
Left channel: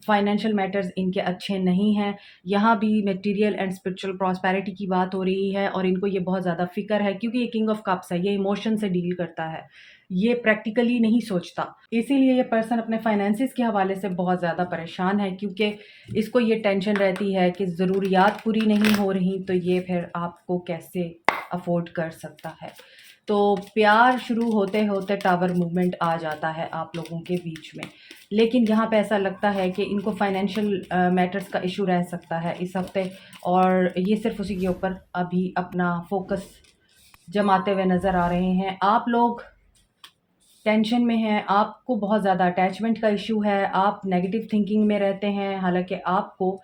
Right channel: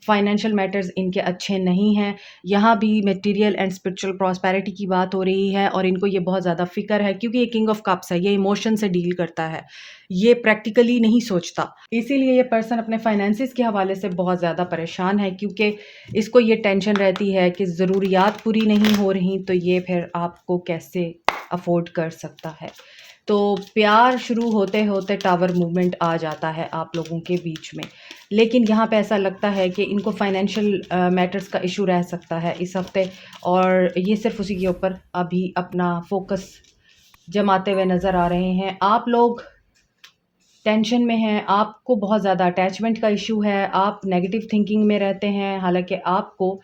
फाइनेंशियल मैटर्स इनके अच्छे नहीं हैं। यहाँ भी मटेरियल एंड स्पिरिचुअल प्रॉस्पेरिटी की बात हो रही है और इनको ये बहुत ज़्यादा फ़िक्र है, क्योंकि ये किंग ऑफ कप्स है, ये इमोशन से डील करता है, ये प्रैक्टिकली नहीं सोचता। इसीलिए ये पर्सन अपने फाइनेंसेस के हवाले से बहुत ज़्यादा परेशान है, क्योंकि इसको ये टेंशन रहती है कि ज़रूरियात पूरी नहीं हो रही तो ये फिर आपको कैसे अफ़ोर्ड कर सकता है। तो प्यार शुरू होते-होते टावर मूवमेंट आ जाता है आप लोगों के बीच में। लेकिन यहाँ पे ऐसा लगता है कि इनको फाइनेंशियल मैटर्स का इश्यू रह सकता है इस हफ़्ते, और ये सिर्फ़ उसी के ऊपर अभी अपना फ़ोकस जमाते हुए नज़र आ रहे हैं। आप लोग टेंशन में हैं, आपको बहुत ज़्यादा अटैचमेंट का इश्यू है, आप नेगेटिव थिंकिंग में रहते हैं, हालाँकि आपको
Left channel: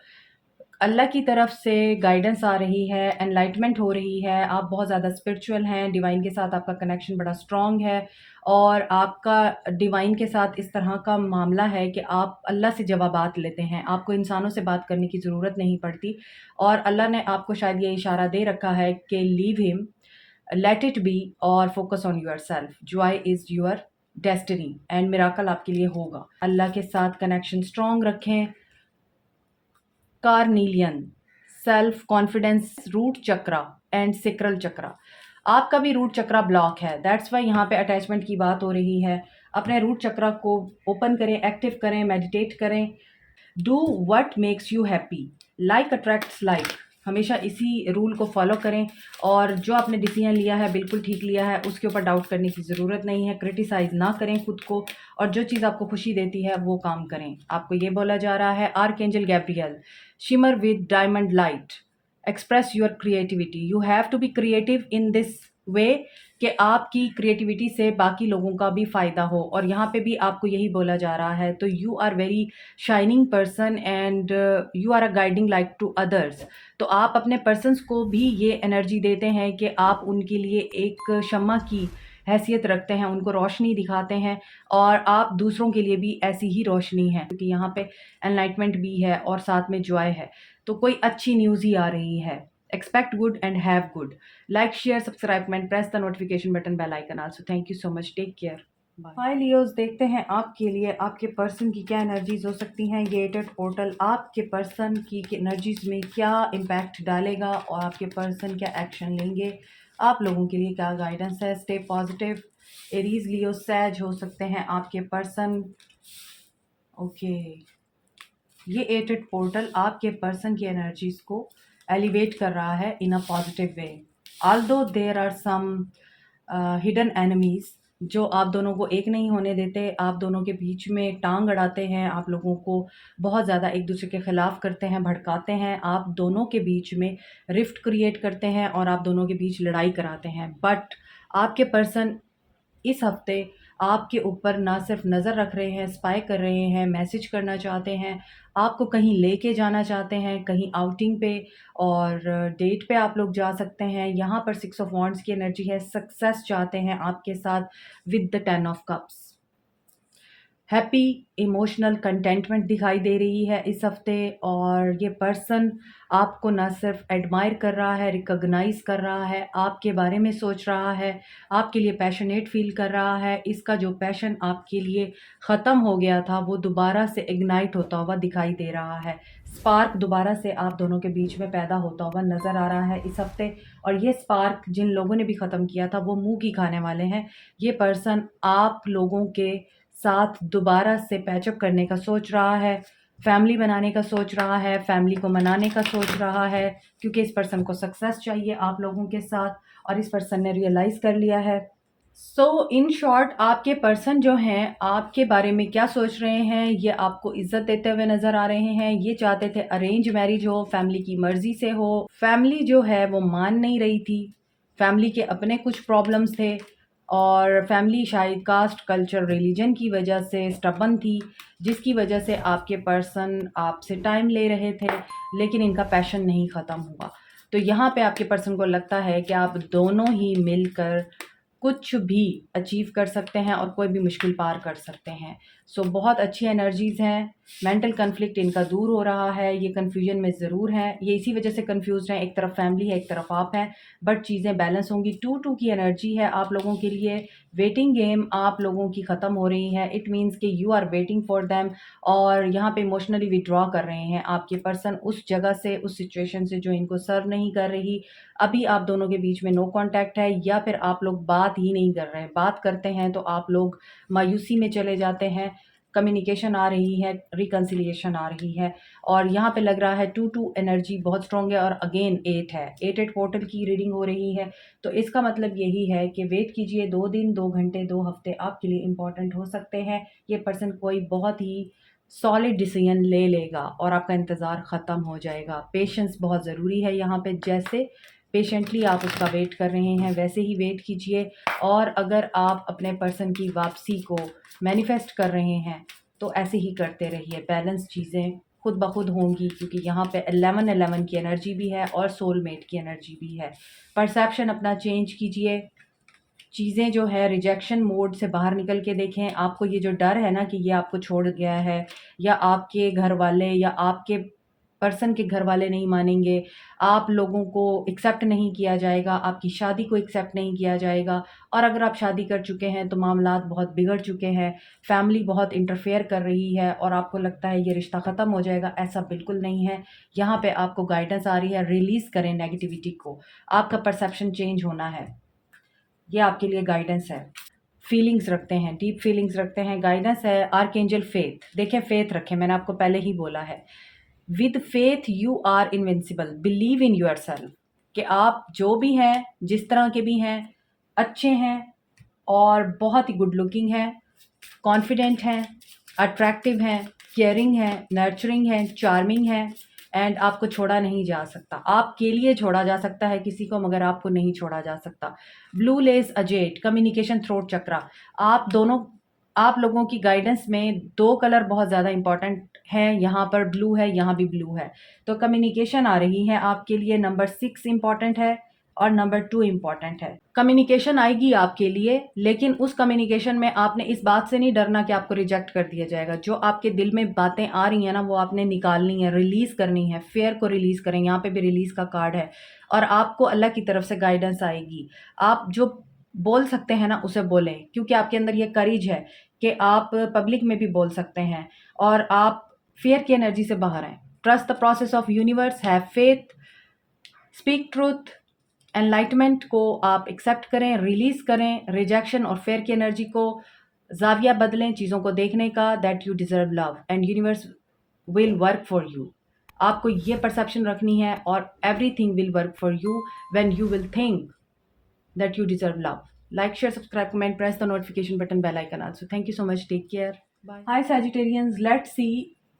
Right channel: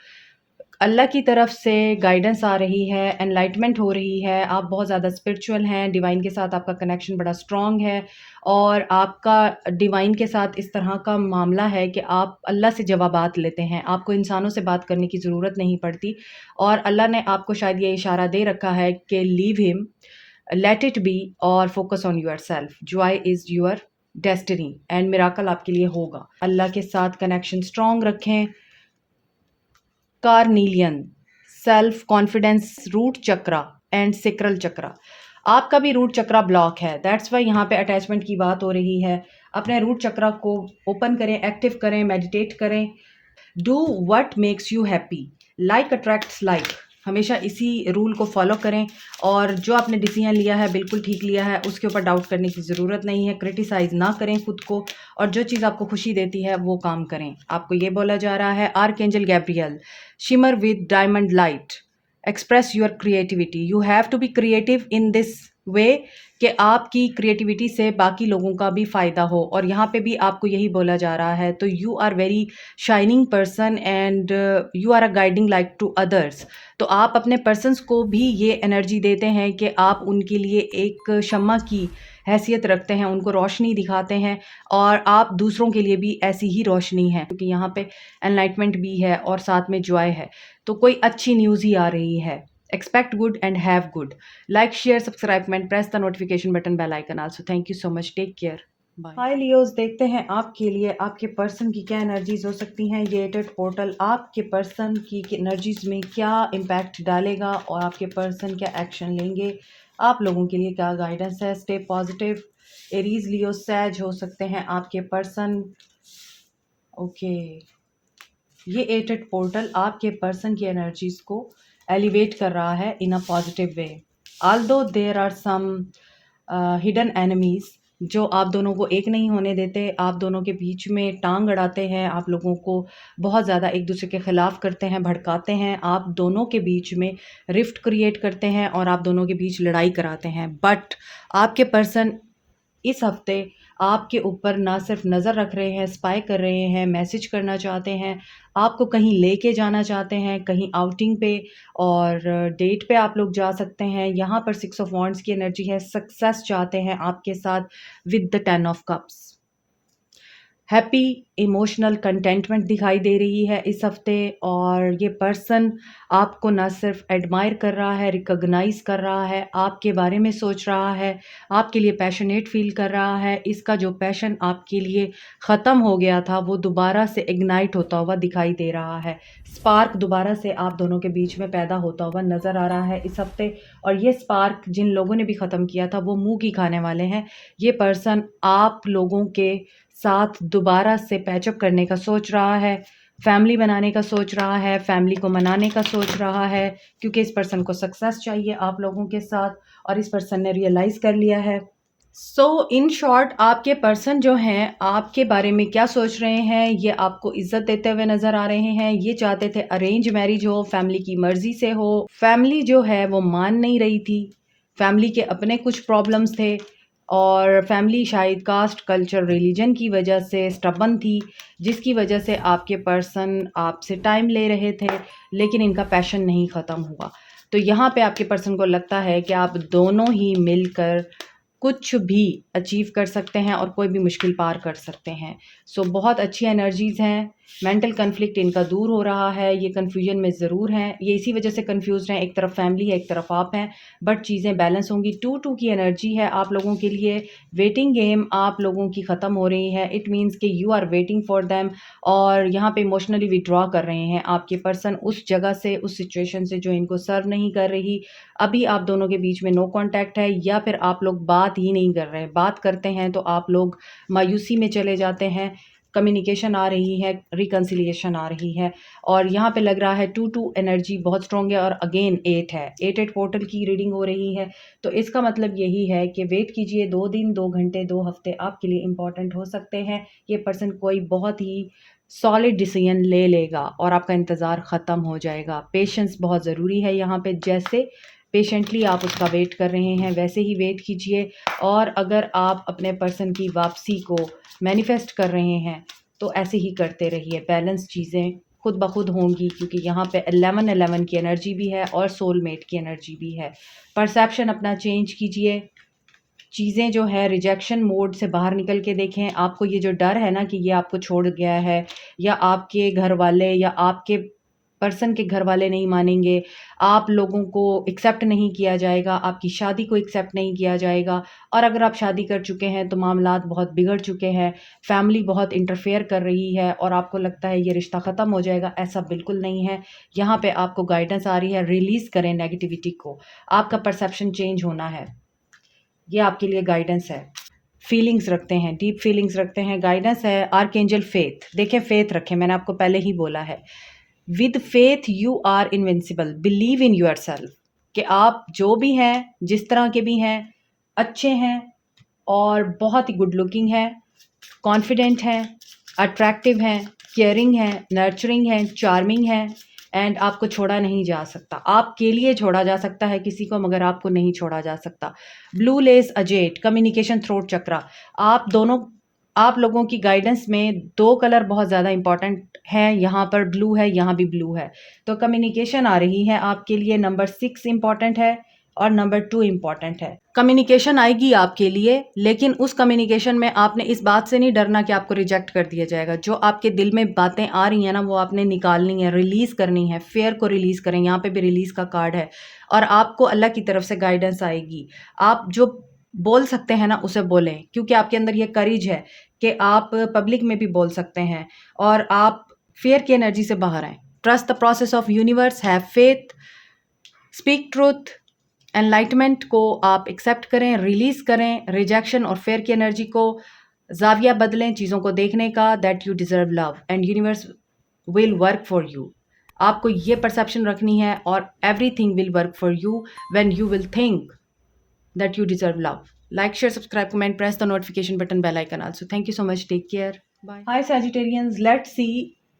अल्लाह की तरफ से गाइडेंस आ रही है, एनलाइटमेंट हो रही है, आप बहुत ज़्यादा स्पिरिचुअल हैं, डिवाइन के साथ आपका कनेक्शन बड़ा स्ट्रॉन्ग है, और आपका डिवाइन के साथ इस तरह का मामला है कि आप अल्लाह से जवाबात लेते हैं, आपको इंसानों से बात करने की ज़रूरत नहीं पड़ती, और अल्लाह ने आपको शायद ये इशारा दे रखा है कि leave him, let it be और focus on yourself, joy is your destiny and miracle आपके लिए होगा। अल्लाह के साथ कनेक्शन स्ट्रॉन्ग रखें। Carnelian, self confidence, root chakra and sacral chakra. आपका भी रूट चक्रा ब्लॉक है, दैट्स वाई यहाँ पे अटैचमेंट की बात हो रही है। अपने रूट चक्रा को ओपन करें, एक्टिव करें, मेडिटेट करें। Do what makes you happy, like attracts like, हमेशा इसी रूल को फॉलो करें, और जो आपने डिसीजन लिया है बिल्कुल ठीक लिया है, उसके ऊपर डाउट करने की ज़रूरत नहीं है। क्रिटिसाइज़ ना करें खुद को, और जो चीज़ आपको खुशी देती है वो काम करें। आपको ये बोला जा रहा है, archangel Gabriel, shimmer with diamond light, express your creativity, you have to be creative in this way, कि आपकी क्रिएटिविटी से बाकी लोगों का भी फ़ायदा हो, और यहाँ पे भी आपको यही बोला जा रहा है। तो you are very shining person and you are a guiding light to others. तो आप अपने पर्सन्स को भी ये एनर्जी देते हैं कि आप उनके लिए एक शम्मा की हैसियत रखते हैं, उनको रोशनी दिखाते हैं, और आप दूसरों के लिए भी ऐसी ही रोशनी है, क्योंकि यहाँ पे एनलाइटमेंट भी है और साथ में जॉय है। तो कोई अच्छी न्यूज़ ही आ रही है। Expect good and have good. Like, share, subscribe and press the notification button, bell icon also. Thank you so much, take care, bye. Hi Leos, देखते हैं आपके लिए आपके पर्सन की क्या एनर्जीज हो सकती हैं। ये एटेड पोर्टल आपके पर्सन की एनर्जीज में क्या इम्पैक्ट डालेगा और आपके पर्सन क्या एक्शन लेंगे, आप लोगों के लिए क्या गाइडेंस है। Stay positive. Aries, Leo, Sag हो सकते हैं आपके पर्सन। ओके, ये एटेड पोर्टल आपके पर्सन की एनर्जीज को एलिवेट कर रहा है in a positive way. Although there are some hidden enemies जो आप दोनों को एक नहीं होने देते, आप दोनों के बीच में टांग अड़ाते हैं, आप लोगों को बहुत ज़्यादा एक दूसरे के खिलाफ करते हैं, भड़काते हैं, आप दोनों के बीच में रिफ्ट क्रिएट करते हैं और आप दोनों के बीच लड़ाई कराते हैं। बट आपके पर्सन इस हफ्ते आपके ऊपर ना सिर्फ नज़र रख रहे हैं, स्पाई कर रहे हैं, मैसेज करना चाहते हैं, आपको कहीं लेके जाना चाहते हैं, कहीं आउटिंग पे और डेट पे आप लोग जा सकते हैं। यहाँ पर 6 ऑफ वॉन्ड्स की एनर्जी है, सक्सेस चाहते हैं आपके साथ with the 10 of cups. Happy emotional contentment दिखाई दे रही है इस हफ्ते और ये पर्सन आपको ना सिर्फ एडमायर कर रहा है, रिकॉग्नाइज कर रहा है, आपके बारे में सोच रहा है, आपके लिए पैशनेट फील कर रहा है। इसका जो पैशन आपके लिए ख़त्म हो गया था वो दोबारा से इग्नाइट होता हुआ दिखाई दे रहा है। स्पार्क दोबारा से आप दोनों के बीच में पैदा होता हुआ नज़र आ रहा है इस हफ्ते और ये स्पार्क जिन लोगों ने भी ख़त्म किया था वो मुँह की खाने वाले हैं। ये पर्सन आप लोगों के साथ दोबारा से पैचअप करने का सोच रहा है, फैमिली बनाने का सोच रहा है, फैमिली को मनाने का सोच रहा है क्योंकि इस पर्सन को सक्सेस चाहिए आप लोगों के साथ और इस पर्सन ने रियलाइज़ कर लिया है। सो इन शॉर्ट आपके पर्सन जो हैं आपके बारे में क्या सोच रहे हैं, ये आपको इज्जत देते हुए नज़र आ रहे हैं। ये चाहते थे अरेंज मैरिज हो, फैमिली की मर्ज़ी से हो, फैमिली जो है वो मान नहीं रही थी, फैमिली के अपने कुछ प्रॉब्लम्स थे और फैमिली शायद कास्ट, कल्चर, रिलीजन की वजह से स्टबन थी, जिसकी वजह से आपके पर्सन आपसे टाइम ले रहे थे, लेकिन इनका पैशन नहीं ख़त्म हुआ। तो यहाँ पे आपके पर्सन को लगता है कि आप दोनों ही मिलकर कुछ भी अचीव कर सकते हैं और कोई भी मुश्किल पार कर सकते हैं। सो बहुत अच्छी एनर्जीज़ हैं, मेंटल कॉन्फ्लिक्ट इनका दूर हो रहा है, ये कन्फ्यूजन में ज़रूर हैं, ये इसी वजह से कन्फ्यूज़्ड हैं, एक तरफ फैमिली है, एक तरफ आप हैं, बट चीज़ें बैलेंस होंगी। 2-2 की एनर्जी है आप लोगों के लिए, वेटिंग गेम आप लोगों की ख़त्म हो रही है, इट मीन्स कि you are waiting for them और यहाँ पे इमोशनली विथड्रॉ कर रहे हैं आपके पर्सन उस जगह से, उस सिचुएशन से जो इनको सर्व नहीं कर रही। अभी आप दोनों के बीच में नो कॉन्टैक्ट है या फिर आप लोग बात ही नहीं कर रहे हैं, बात करते हैं तो आप लोग मायूसी में चले जाते हैं, कम्युनिकेशन आ रही है, रिकंसिलिएशन आ रही है और यहाँ पे लग रहा है 2-2 एनर्जी बहुत स्ट्रॉन्ग है और अगेन 8 है, 8-8 पोर्टल की रीडिंग हो रही है। तो इसका मतलब यही है कि वेट कीजिए, 2 दिन, 2 घंटे, 2 हफ्ते आपके लिए इम्पॉर्टेंट हो सकते हैं। ये पर्सन कोई बहुत ही सॉलिड डिसीजन ले लेगा और आपका इंतज़ार ख़त्म हो जाएगा। पेशेंस बहुत ज़रूरी है यहाँ पे, जैसे पेशेंटली आप उसका वेट कर रहे हैं वैसे ही वेट कीजिए और अगर आप अपने पर्सन की वापसी को मैनिफेस्ट कर रहे हैं तो ऐसे ही करते रहिए। बैलेंस चीज़ें खुद ब खुद होंगी क्योंकि यहाँ पे 11-11 की एनर्जी भी है और सोलमेट की एनर्जी भी है। परसेप्शन अपना चेंज कीजिए, चीज़ें जो है रिजेक्शन मोड से बाहर निकल के देखें। आपको ये जो डर है ना कि ये आपको छोड़ गया है या आपके घर वाले या आपके पर्सन के घर वाले नहीं मानेंगे, आप लोगों को एक्सेप्ट नहीं किया जाएगा, आपकी शादी को एक्सेप्ट नहीं किया जाएगा और अगर आप शादी कर चुके हैं तो मामलात बहुत बिगड़ चुके हैं, फैमिली बहुत इंटरफेयर कर रही है और आपको लगता है ये रिश्ता ख़त्म हो जाएगा, ऐसा बिल्कुल नहीं है। यहाँ पे आपको गाइडेंस आ रही है, रिलीज़ करें नेगेटिविटी को, आपका परसेप्शन चेंज होना है, ये आपके लिए गाइडेंस है। फीलिंग्स रखते हैं, डीप फीलिंग्स रखते हैं, गाइडेंस है आर्कएंजल फेथ। देखें फेथ रखें, मैंने आपको पहले ही बोला है, with faith you are invincible, believe in yourself कि आप जो भी हैं, जिस तरह के भी हैं, अच्छे हैं और बहुत ही गुड लुकिंग हैं, कॉन्फिडेंट हैं, अट्रैक्टिव हैं, केयरिंग हैं, नर्चरिंग हैं, चार्मिंग हैं एंड आपको छोड़ा नहीं जा सकता। आपके लिए छोड़ा जा सकता है किसी को मगर आपको नहीं छोड़ा जा सकता। Blue lace agate, communication, throat chakra, आप लोगों की गाइडेंस में 2 कलर बहुत ज़्यादा इंपॉर्टेंट हैं, यहाँ पर ब्लू है, यहाँ भी ब्लू है। तो कम्युनिकेशन आ रही है आपके लिए, नंबर 6 इम्पॉर्टेंट है और नंबर 2 इम्पॉर्टेंट है। कम्युनिकेशन आएगी आपके लिए, लेकिन उस कम्युनिकेशन में आपने इस बात से नहीं डरना कि आपको रिजेक्ट कर दिया जाएगा। जो आपके दिल में बातें आ रही हैं ना, वो आपने निकालनी है, रिलीज़ करनी है, फ़ियर को रिलीज़ करें। यहाँ पे भी रिलीज़ का कार्ड है और आपको अल्लाह की तरफ से गाइडेंस आएगी। आप जो बोल सकते हैं ना, उसे बोलें क्योंकि आपके अंदर ये करेज है कि आप पब्लिक में भी बोल सकते हैं और आप फ़ियर की एनर्जी से बाहर आएँ। Trust the process of universe, have faith, speak truth, enlightenment को आप एक्सेप्ट करें, रिलीज़ करें, रिजेक्शन और फेयर की एनर्जी को, ज़ाविया बदलें चीज़ों को देखने का, that you deserve love and universe will work for you. आपको ये परसेप्शन रखनी है और everything will work for you when you will think that you deserve love. Like, share, subscribe, comment, press the notification button, bell icon also. Thank you so much. Take care. Bye. Hi Sagittarians. Let's see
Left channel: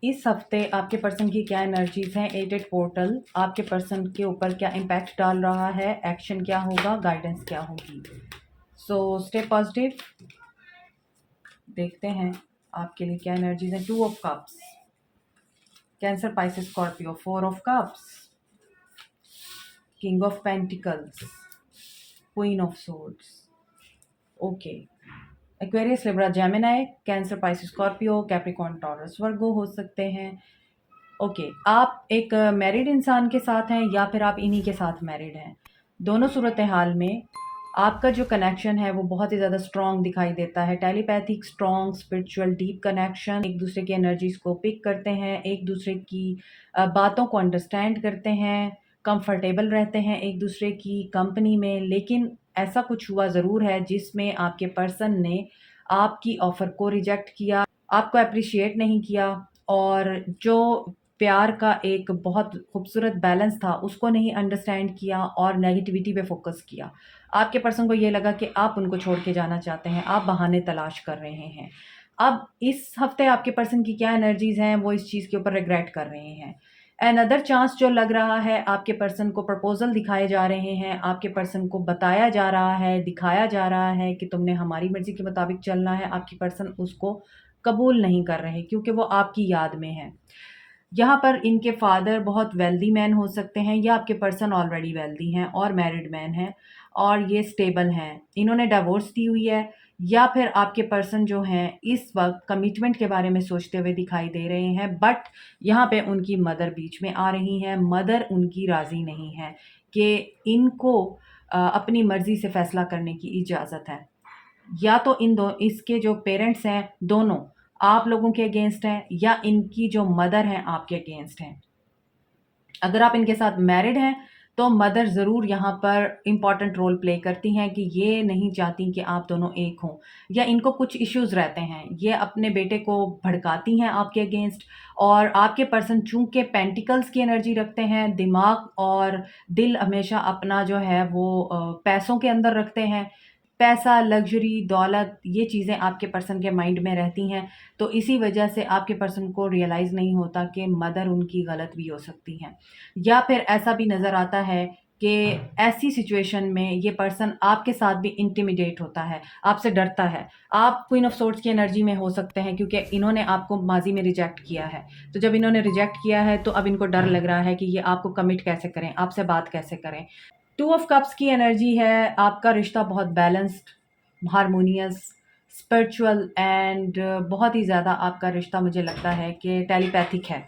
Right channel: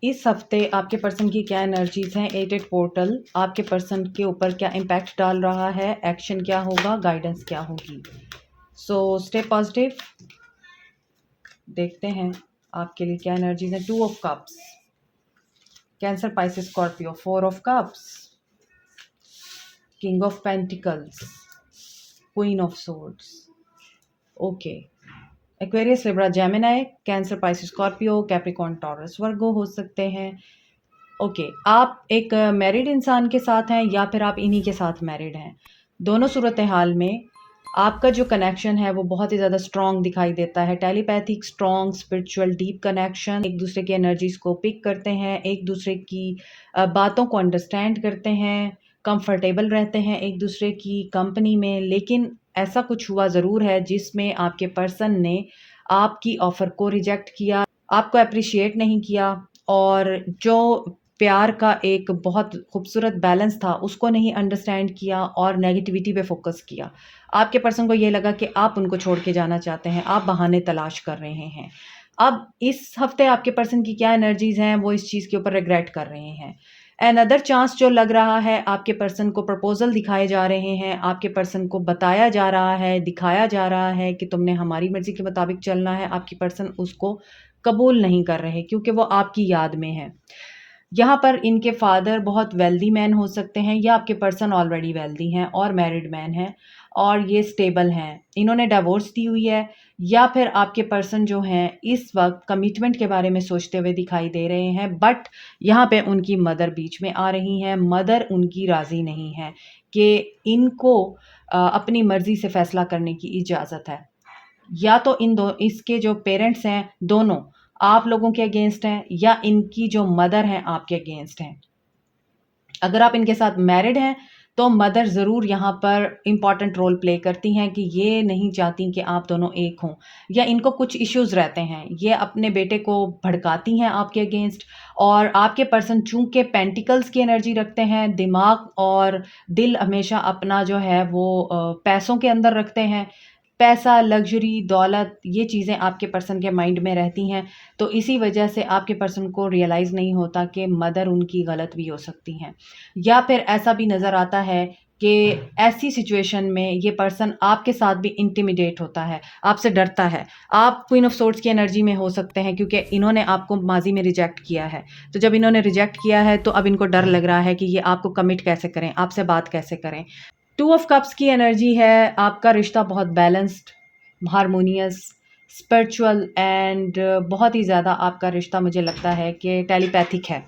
इस हफ्ते आपके person की क्या energies हैं। 8 portal आपके person के ऊपर क्या इम्पैक्ट डाल रहा है, एक्शन क्या होगा, गाइडेंस क्या होगी। So stay positive. देखते हैं आपके लिए क्या एनर्जीज हैं। 2 of cups, Cancer, Pisces, Scorpio. 4 of cups, king of pentacles, queen of swords. Okay, Aquarius, Libra, Gemini, Cancer, Pisces, Scorpio, Capricorn, Taurus, Virgo हो सकते हैं। ओके, आप एक मैरिड इंसान के साथ हैं या फिर आप इन्हीं के साथ मैरिड हैं। दोनों सूरत हाल में आपका जो कनेक्शन है वो बहुत ही ज़्यादा स्ट्रॉन्ग दिखाई देता है। Telepathic, strong, spiritual, deep connection. एक दूसरे की एनर्जीज को पिक करते हैं, एक दूसरे की बातों को अंडरस्टैंड करते हैं, कंफर्टेबल रहते हैं एक दूसरे की कंपनी में। लेकिन ऐसा कुछ हुआ ज़रूर है जिसमें आपके पर्सन ने आपकी ऑफ़र को रिजेक्ट किया, आपको अप्रिशिएट नहीं किया, और जो प्यार का एक बहुत खूबसूरत बैलेंस था उसको नहीं अंडरस्टैंड किया और नेगेटिविटी पे फोकस किया। आपके पर्सन को ये लगा कि आप उनको छोड़ के जाना चाहते हैं, आप बहाने तलाश कर रहे हैं। अब इस हफ्ते आपके पर्सन की क्या एनर्जीज़ हैं वो इस चीज़ के ऊपर रिग्रेट कर रहे हैं। अनदर चांस जो लग रहा है, आपके पर्सन को प्रपोजल दिखाए जा रहे हैं, आपके पर्सन को बताया जा रहा है, दिखाया जा रहा है कि तुमने हमारी मर्ज़ी के मुताबिक चलना है। आपकी पर्सन उसको कबूल नहीं कर रहे क्योंकि वो आपकी याद में है। यहाँ पर इनके फादर बहुत वेल्दी मैन हो सकते हैं या आपके पर्सन ऑलरेडी वेल्दी हैं और मैरिड मैन हैं और ये स्टेबल हैं। इन्होंने डिवोर्स दी हुई है या फिर आपके पर्सन जो हैं इस वक्त कमिटमेंट के बारे में सोचते हुए दिखाई दे रहे हैं, बट यहाँ पे उनकी मदर बीच में आ रही हैं। मदर उनकी राज़ी नहीं है कि इनको अपनी मर्ज़ी से फ़ैसला करने की इजाज़त है। या तो इसके जो पेरेंट्स हैं दोनों आप लोगों के अगेंस्ट हैं या इनकी जो मदर हैं आपके अगेंस्ट हैं। अगर आप इनके साथ मैरिड हैं तो मदर ज़रूर यहाँ पर इम्पॉर्टेंट रोल प्ले करती हैं कि ये नहीं चाहती कि आप दोनों एक हों, या इनको कुछ इश्यूज़ रहते हैं, ये अपने बेटे को भड़काती हैं आपके अगेंस्ट। और आपके पर्सन चूँकि पेंटिकल्स की एनर्जी रखते हैं, दिमाग और दिल हमेशा अपना जो है वो पैसों के अंदर रखते हैं। पैसा, लग्ज़री, दौलत, ये चीज़ें आपके पर्सन के माइंड में रहती हैं। तो इसी वजह से आपके पर्सन को रियलाइज़ नहीं होता कि मदर उनकी गलत भी हो सकती हैं। या फिर ऐसा भी नज़र आता है कि ऐसी सिचुएशन में ये पर्सन आपके साथ भी इंटिमिडेट होता है, आपसे डरता है। आप क्वीन ऑफ सोर्ड्स की एनर्जी में हो सकते हैं क्योंकि इन्होंने आपको माज़ी में रिजेक्ट किया है। तो जब इन्होंने रिजेक्ट किया है तो अब इनको डर लग रहा है कि ये आपको कमिट कैसे करें, आपसे बात कैसे करें। 2 ऑफ कप्स की एनर्जी है, आपका रिश्ता बहुत बैलेंस्ड, हार्मोनियस, स्पिरिचुअल एंड बहुत ही ज़्यादा आपका रिश्ता मुझे लगता है कि टेलीपैथिक है।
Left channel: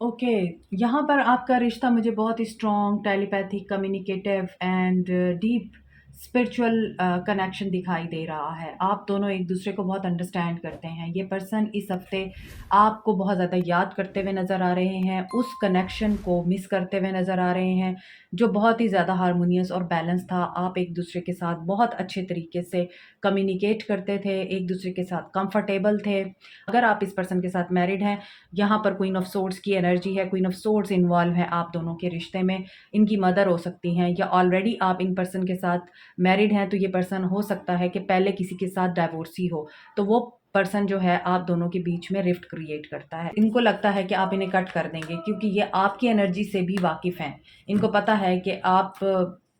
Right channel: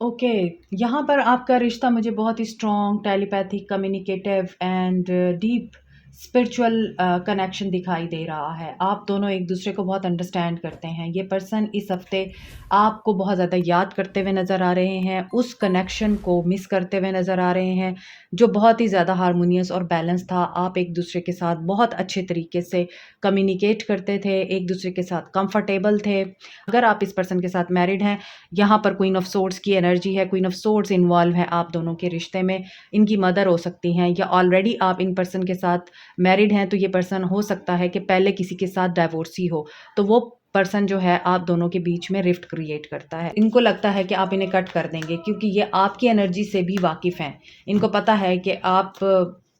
ओके, यहाँ पर आपका रिश्ता मुझे बहुत ही strong, telepathic, communicative and deep spiritual connection दिखाई दे रहा है। आप दोनों एक दूसरे को बहुत अंडरस्टैंड करते हैं। ये पर्सन इस हफ्ते आपको बहुत ज़्यादा याद करते हुए नज़र आ रहे हैं, उस कनेक्शन को मिस करते हुए नज़र आ रहे हैं जो बहुत ही ज़्यादा हार्मोनियस और बैलेंस था। आप एक दूसरे के साथ बहुत अच्छे तरीके से कम्युनिकेट करते थे, एक दूसरे के साथ कंफर्टेबल थे। अगर आप इस पर्सन के साथ मैरिड हैं, यहाँ पर क्वीन ऑफ सोर्ड्स की एनर्जी है, क्वीन ऑफ सोर्ड्स इन्वॉल्व है आप दोनों के रिश्ते में। इनकी मदर हो सकती हैं या ऑलरेडी आप इन पर्सन के साथ मैरिड हैं, तो ये पर्सन हो सकता है कि पहले किसी के साथ डाइवोर्सी हो, तो वो पर्सन जो है आप दोनों के बीच में रिफ्ट क्रिएट करता है। इनको लगता है कि आप इन्हें कट कर देंगे क्योंकि ये आपकी एनर्जी से भी वाकिफ़ हैं। इनको पता है कि आप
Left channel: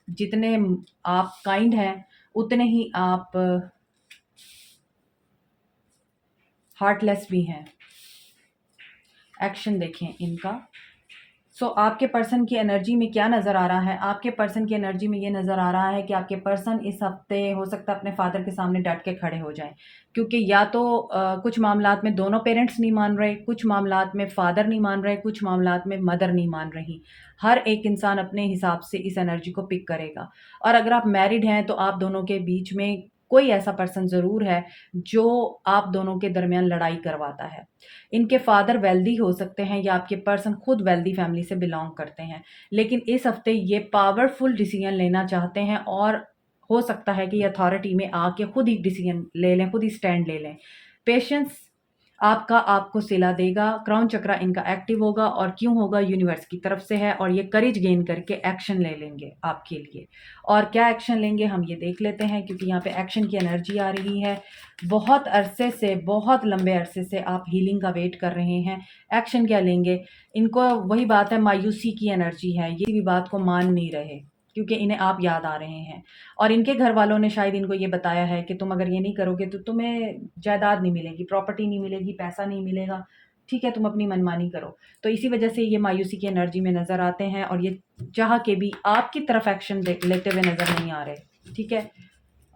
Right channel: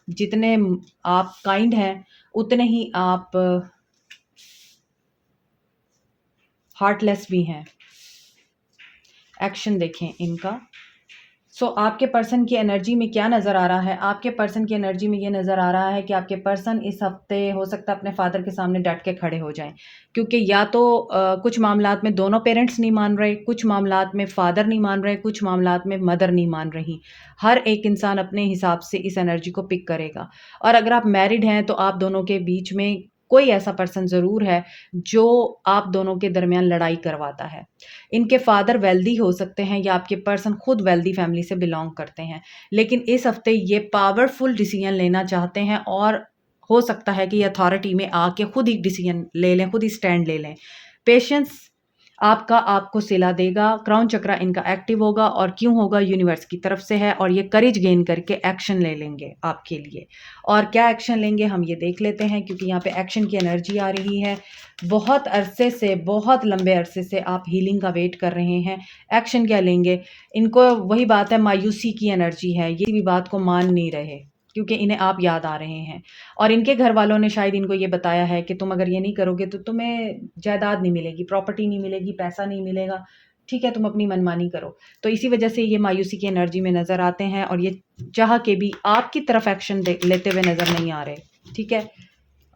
जितने आप काइंड हैं उतने ही आप हार्टलेस भी हैं। एक्शन देखें इनका। आपके पर्सन की एनर्जी में क्या नज़र आ रहा है? आपके पर्सन की एनर्जी में ये नज़र आ रहा है कि आपके पर्सन इस हफ्ते हो सकता है अपने फादर के सामने डट के खड़े हो जाएं, क्योंकि या तो कुछ मामलात में दोनों पेरेंट्स नहीं मान रहे, कुछ मामलात में फादर नहीं मान रहे, कुछ मामलात में मदर नहीं मान रही। हर एक इंसान अपने हिसाब से इस एनर्जी को पिक करेगा। और अगर आप मैरिड हैं तो आप दोनों के बीच में कोई ऐसा पर्सन ज़रूर है जो आप दोनों के दरमियान लड़ाई करवाता है। इनके फादर वेल्दी हो सकते हैं या आपके पर्सन खुद वेल्दी फैमिली से बिलोंग करते हैं, लेकिन इस हफ्ते ये पावरफुल डिसीजन लेना चाहते हैं और हो सकता है कि अथॉरिटी में आके खुद ही डिसीजन ले लें, खुद ही स्टैंड ले लें। पेशेंस आपका आपको सिला देगा, क्राउन चक्रा इनका एक्टिव होगा और क्यों होगा? यूनिवर्स की तरफ से है और ये करेज गेन करके एक्शन ले लेंगे आपके लिए। और क्या एक्शन लेंगे हम ये देख लेते हैं, क्योंकि यहाँ पे एक्शन की एनर्जी आ रही है। बहुत अरसे से, बहुत लंबे अरसे से आप हीलिंग का वेट कर रहे हैं। एक्शन क्या लेंगे? इनको वही बात है, मायूसी की एनर्जी है, ये भी बात को मान नहीं रहे क्योंकि इन्हें आप याद आ रहे हैं। और इनके घर वालों ने शायद इनको ये बताया है कि तुम अगर ये नहीं करोगे तो तुम्हें जायदाद नहीं मिलेगी, प्रॉपर्टी नहीं मिलेगी, पैसा नहीं मिलेगा, ठीक है, तुम अपनी मनमानी करो। तो इसी वजह से ये मायूसी की एनर्जी में नज़र आते हैं और ये चाह के भी आपकी तरफ एक्शन लेते हुए नज़र नहीं आ रहे, ठीक है।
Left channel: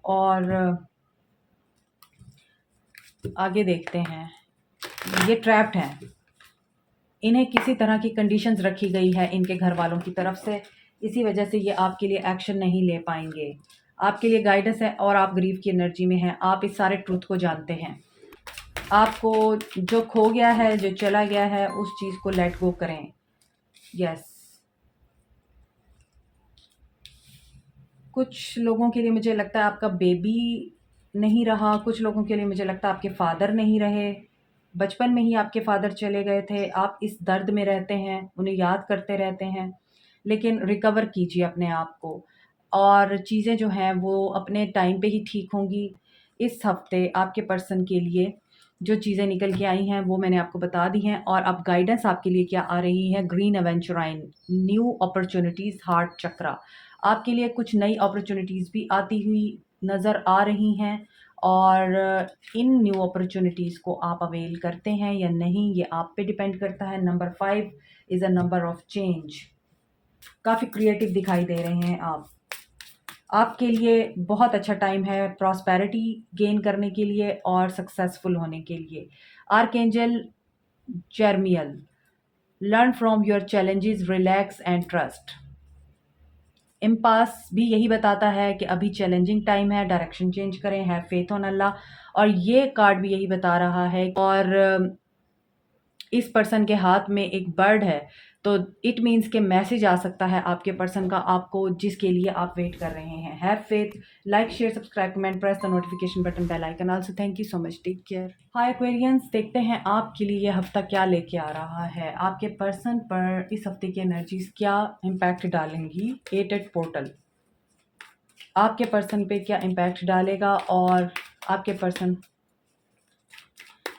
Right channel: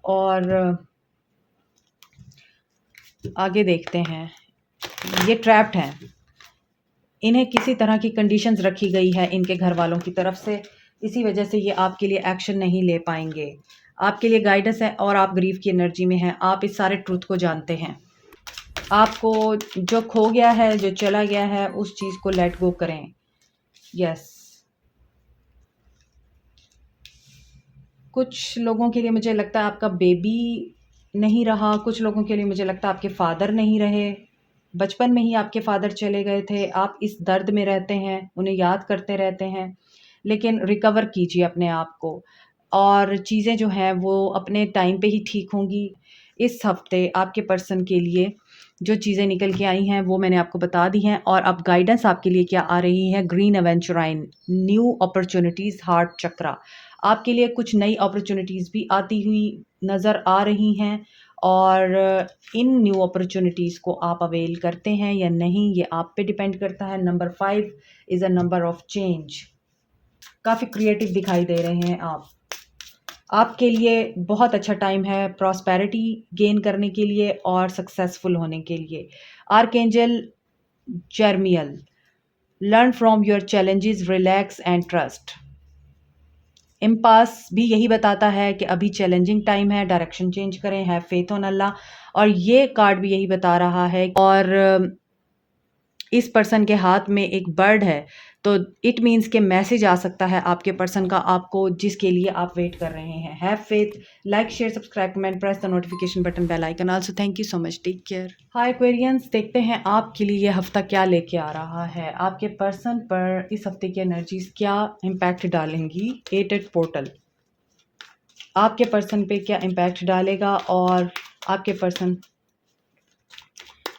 और आगे देखते हैं, ये ट्रैप्ड हैं, इन्हें किसी तरह की कंडीशंस रखी गई है इनके घर वालों की तरफ से, इसी वजह से ये आपके लिए एक्शन नहीं ले पाएंगे। आपके लिए गाइडेंस है और आप ग्रीफ की एनर्जी में हैं, आप इस सारे ट्रूथ को जानते हैं। आपको जो खो गया है, जो चला गया है, उस चीज़ को लेट गो करें। यस, कुछ लोगों के लिए मुझे लगता है आपका बेबी नहीं रहा, कुछ लोगों के लिए मुझे लगता है आपके फादर नहीं रहे, बचपन में ही आपके फादर चले गए थे, आप इस दर्द में रहते हैं, उन्हें याद करते रहते हैं। लेकिन रिकवर कीजिए अपने आप को और चीज़ें जो हैं वो अपने टाइम पे ही ठीक होंगी। इस हफ्ते आपके पर्सन के लिए जो चीज़ें निकल के आई हैं वो मैंने आपको बता दी हैं। और अब गाइडेंस आपके लिए क्या आ रही है? ग्रीन एवेंचुराइन, न्यू अपॉर्चुनिटीज़, हार्ट चक्रा, आपके लिए कुछ नई अपॉर्चुनिटीज़ भी आती हुई नज़र आ रही हैं। और इन न्यू अपॉर्चुनिटीज़ को आप अवेल करते हैं या नहीं, ये आप पे डिपेंड करता है। Number 5 is a number of change. काफ़ी क्रिएटिव दिखाई दे रहे हैं आप। आपके लिए बहुत अच्छा टाइम है प्रॉस्पेरिटी गेन करने के लिए और सक्सेसफुल होने के लिए। Archangel Jeremiel, learn from your challenges, relax and trust. इम्पास भी यही बताता है कि अभी चैलेंजिंग टाइम है, डायरेक्शन चेंज करें, हैव फेथ ऑन अल्लाह। और ये कार्ड भी यही बता रहा है। और इस पर्सन के हाथ में एक बर्ड है, तो इट मीन्स के मैसेज आ सकता है आपके पर्सन का आपको, जिसके लिए आप वेट कर रहे हैं। Have faith, like, share, subscribe, comment, press the notification button, bell icon also. Thank you so much, take care. Hi Aquarians, देखते हैं आपके लिए ये हफ्ता क्या लेके आ रहा है। आपके पर्सन पर इस हफ्ते की एनर्जीज क्या इम्पैक्ट डालेंगी। एटेड पोर्टल आपके पर्सन पे क्या इम्पैक्ट डालेगा और आपके पर्सन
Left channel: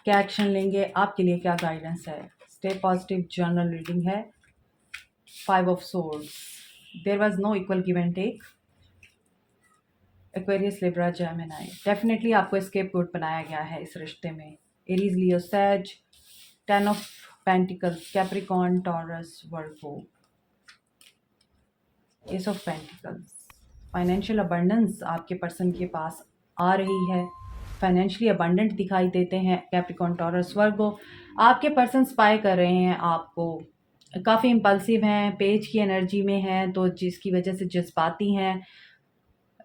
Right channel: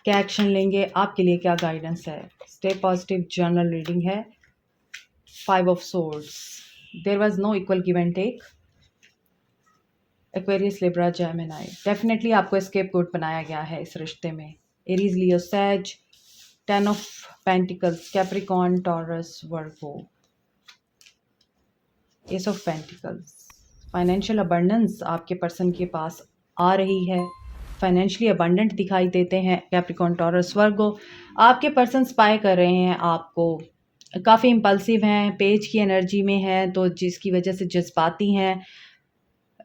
क्या एक्शन लेंगे, आपके लिए क्या गाइडेंस है। स्टे पॉजिटिव जर्नल रीडिंग है। 5 of swords, there was no equal give and take. Aquarius, Libra, Gemini, definitely आपको एस्केप कोड बनाया गया है इस रिश्ते में। Aries, Leo, Sag, 10 of pentacles, Capricorn, Taurus, Virgo, ace of pentacles. Financial abundance आपके person के पास आ रही है, फाइनेंशियली अबंडेंट दिखाई देते हैं। कैप्रिकॉर्न, टॉरस, वर्गो, आपके पर्सन स्पाई कर रहे हैं आपको, काफ़ी इम्पल्सिव हैं, पेज की एनर्जी में हैं, तो जिसकी वजह से जज्बाती हैं,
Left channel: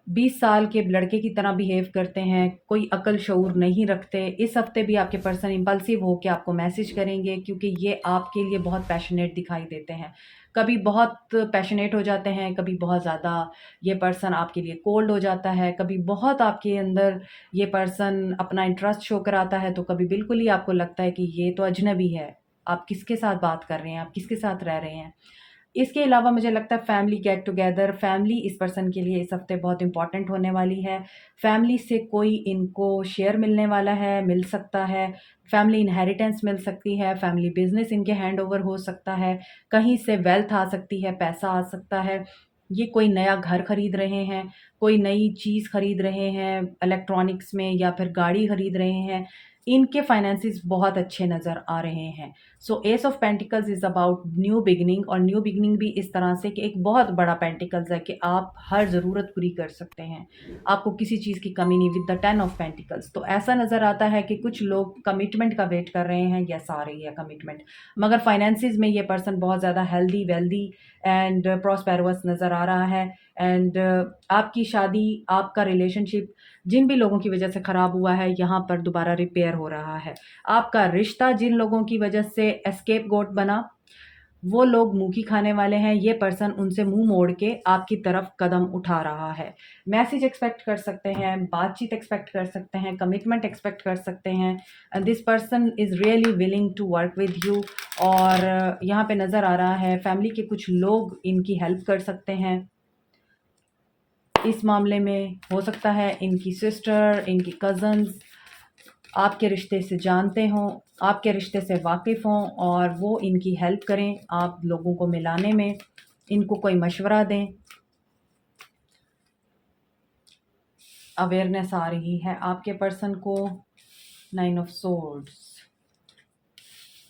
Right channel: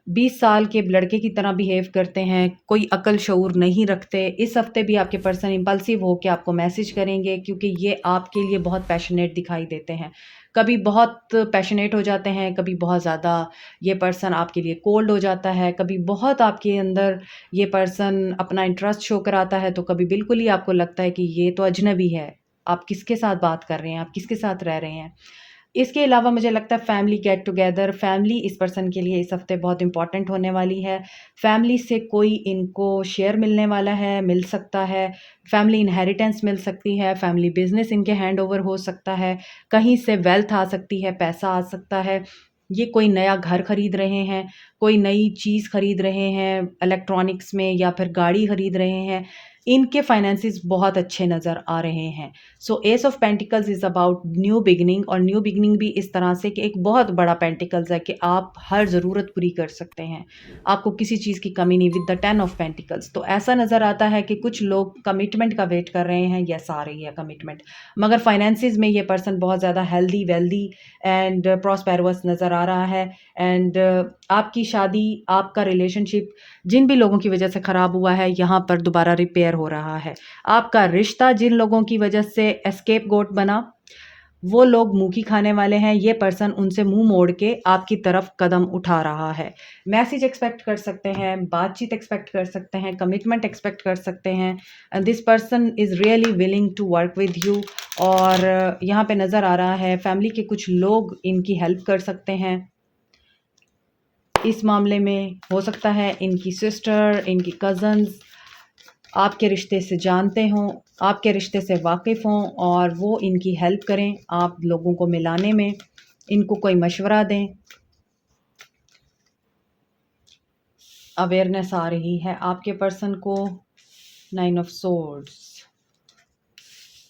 20 साल के लड़के की तरह बिहेव करते हैं, कोई अकल शऊर नहीं रखते। इस हफ्ते भी आपके पर्सन इम्पल्सिव हो के आपको मैसेज करेंगे, क्योंकि ये आपके लिए बहुत पैशनेट दिखाई देते हैं। कभी बहुत पैशनेट हो जाते हैं, कभी बहुत ज़्यादा ये पर्सन आपके लिए कोल्ड हो जाता है, कभी बहुत आपके अंदर ये पर्सन अपना इंटरेस्ट शो कराता है, तो कभी बिल्कुल ही आपको लगता है कि ये तो अजनबी है, आप किसके साथ बात कर रहे हैं, आप किसके साथ रह रहे हैं। इसके अलावा मुझे लगता है फैमिली गेट टुगेदर, फैमिली इस पर्सन के लिए इस हफ्ते बहुत इंपॉर्टेंट होने वाली है। फैमिली से कोई इनको शेयर मिलने वाला है, मिल सकता है, फैमिली इनहेरिटेंस मिल सकती है, फैमिली बिजनेस इनके हैंड ओवर हो सकता है, कहीं से वेल्थ आ सकती है, पैसा आ सकता है। ये कोई नया घर खरीद रहे हैं, कोई नई चीज़ खरीद रहे हैं इलेक्ट्रॉनिक्स में, या फिर गाड़ी खरीद रहे हैं, इनके फाइनेंसेस बहुत अच्छे नज़र आ रहे हैं। So ace of pentacles is about new beginning, और न्यू बिगिनिंग भी इस तरह से कि एक बहुत बड़ा पेंटिकल्स है कि आप हर ज़रूरत पूरी कर सकते हैं, आपको किसी चीज़ की कमी नहीं। विद द 10 ऑफ पेंटिकल्स तो ऐसा नज़र आता है कि कुछ लोग कमिटमेंट का वेट कर रहे हैं, यस आ रही है कमिटमेंट, मगर फाइनेंसिस में ये पर्सन बहुत ज़्यादा हेल्दी, वेल्दी एंड प्रॉस्पेरस नज़र आ रहा है। एंड आपकी शादी, आपका रिलेशनशिप जिन भी लोगों की वजह से ख़राब हुआ है, यहाँ पर दोबारा रिपेयर हो रहा है। आपका रिश्ता जिन लोगों की वजह से एस्केप गोट बना, वो लोग मुँह की खाने वाले हैं, ये पर्सन उनसे मुँह मोड़ के आपकी तरफ कदम उठा रहा है। मैसेज एक्सपेक्ट कर सकते हैं, बातचीत एक्सपेक्ट कर सकते हैं, कमिटमेंट एक्सपेक्ट कर सकते हैं। This person is really willing to work with you. और यहाँ पे नज़र आ रहा है फैमिली के कुछ लोग इनकी हेल्प कर सकते हैं। इस मामले में हो सकता है इनकी सिस्टर, इनकी कज़न्स आपके रिश्ते से जानते हों, आपके रिश्ते से वाकिफ़ हों और वो इनकी हेल्प करें आप लोगों को मिलाने में, इनको कोई मशवरा दें। अवेयरनेस आ रही है आपके पर्सन को। 9 of swords,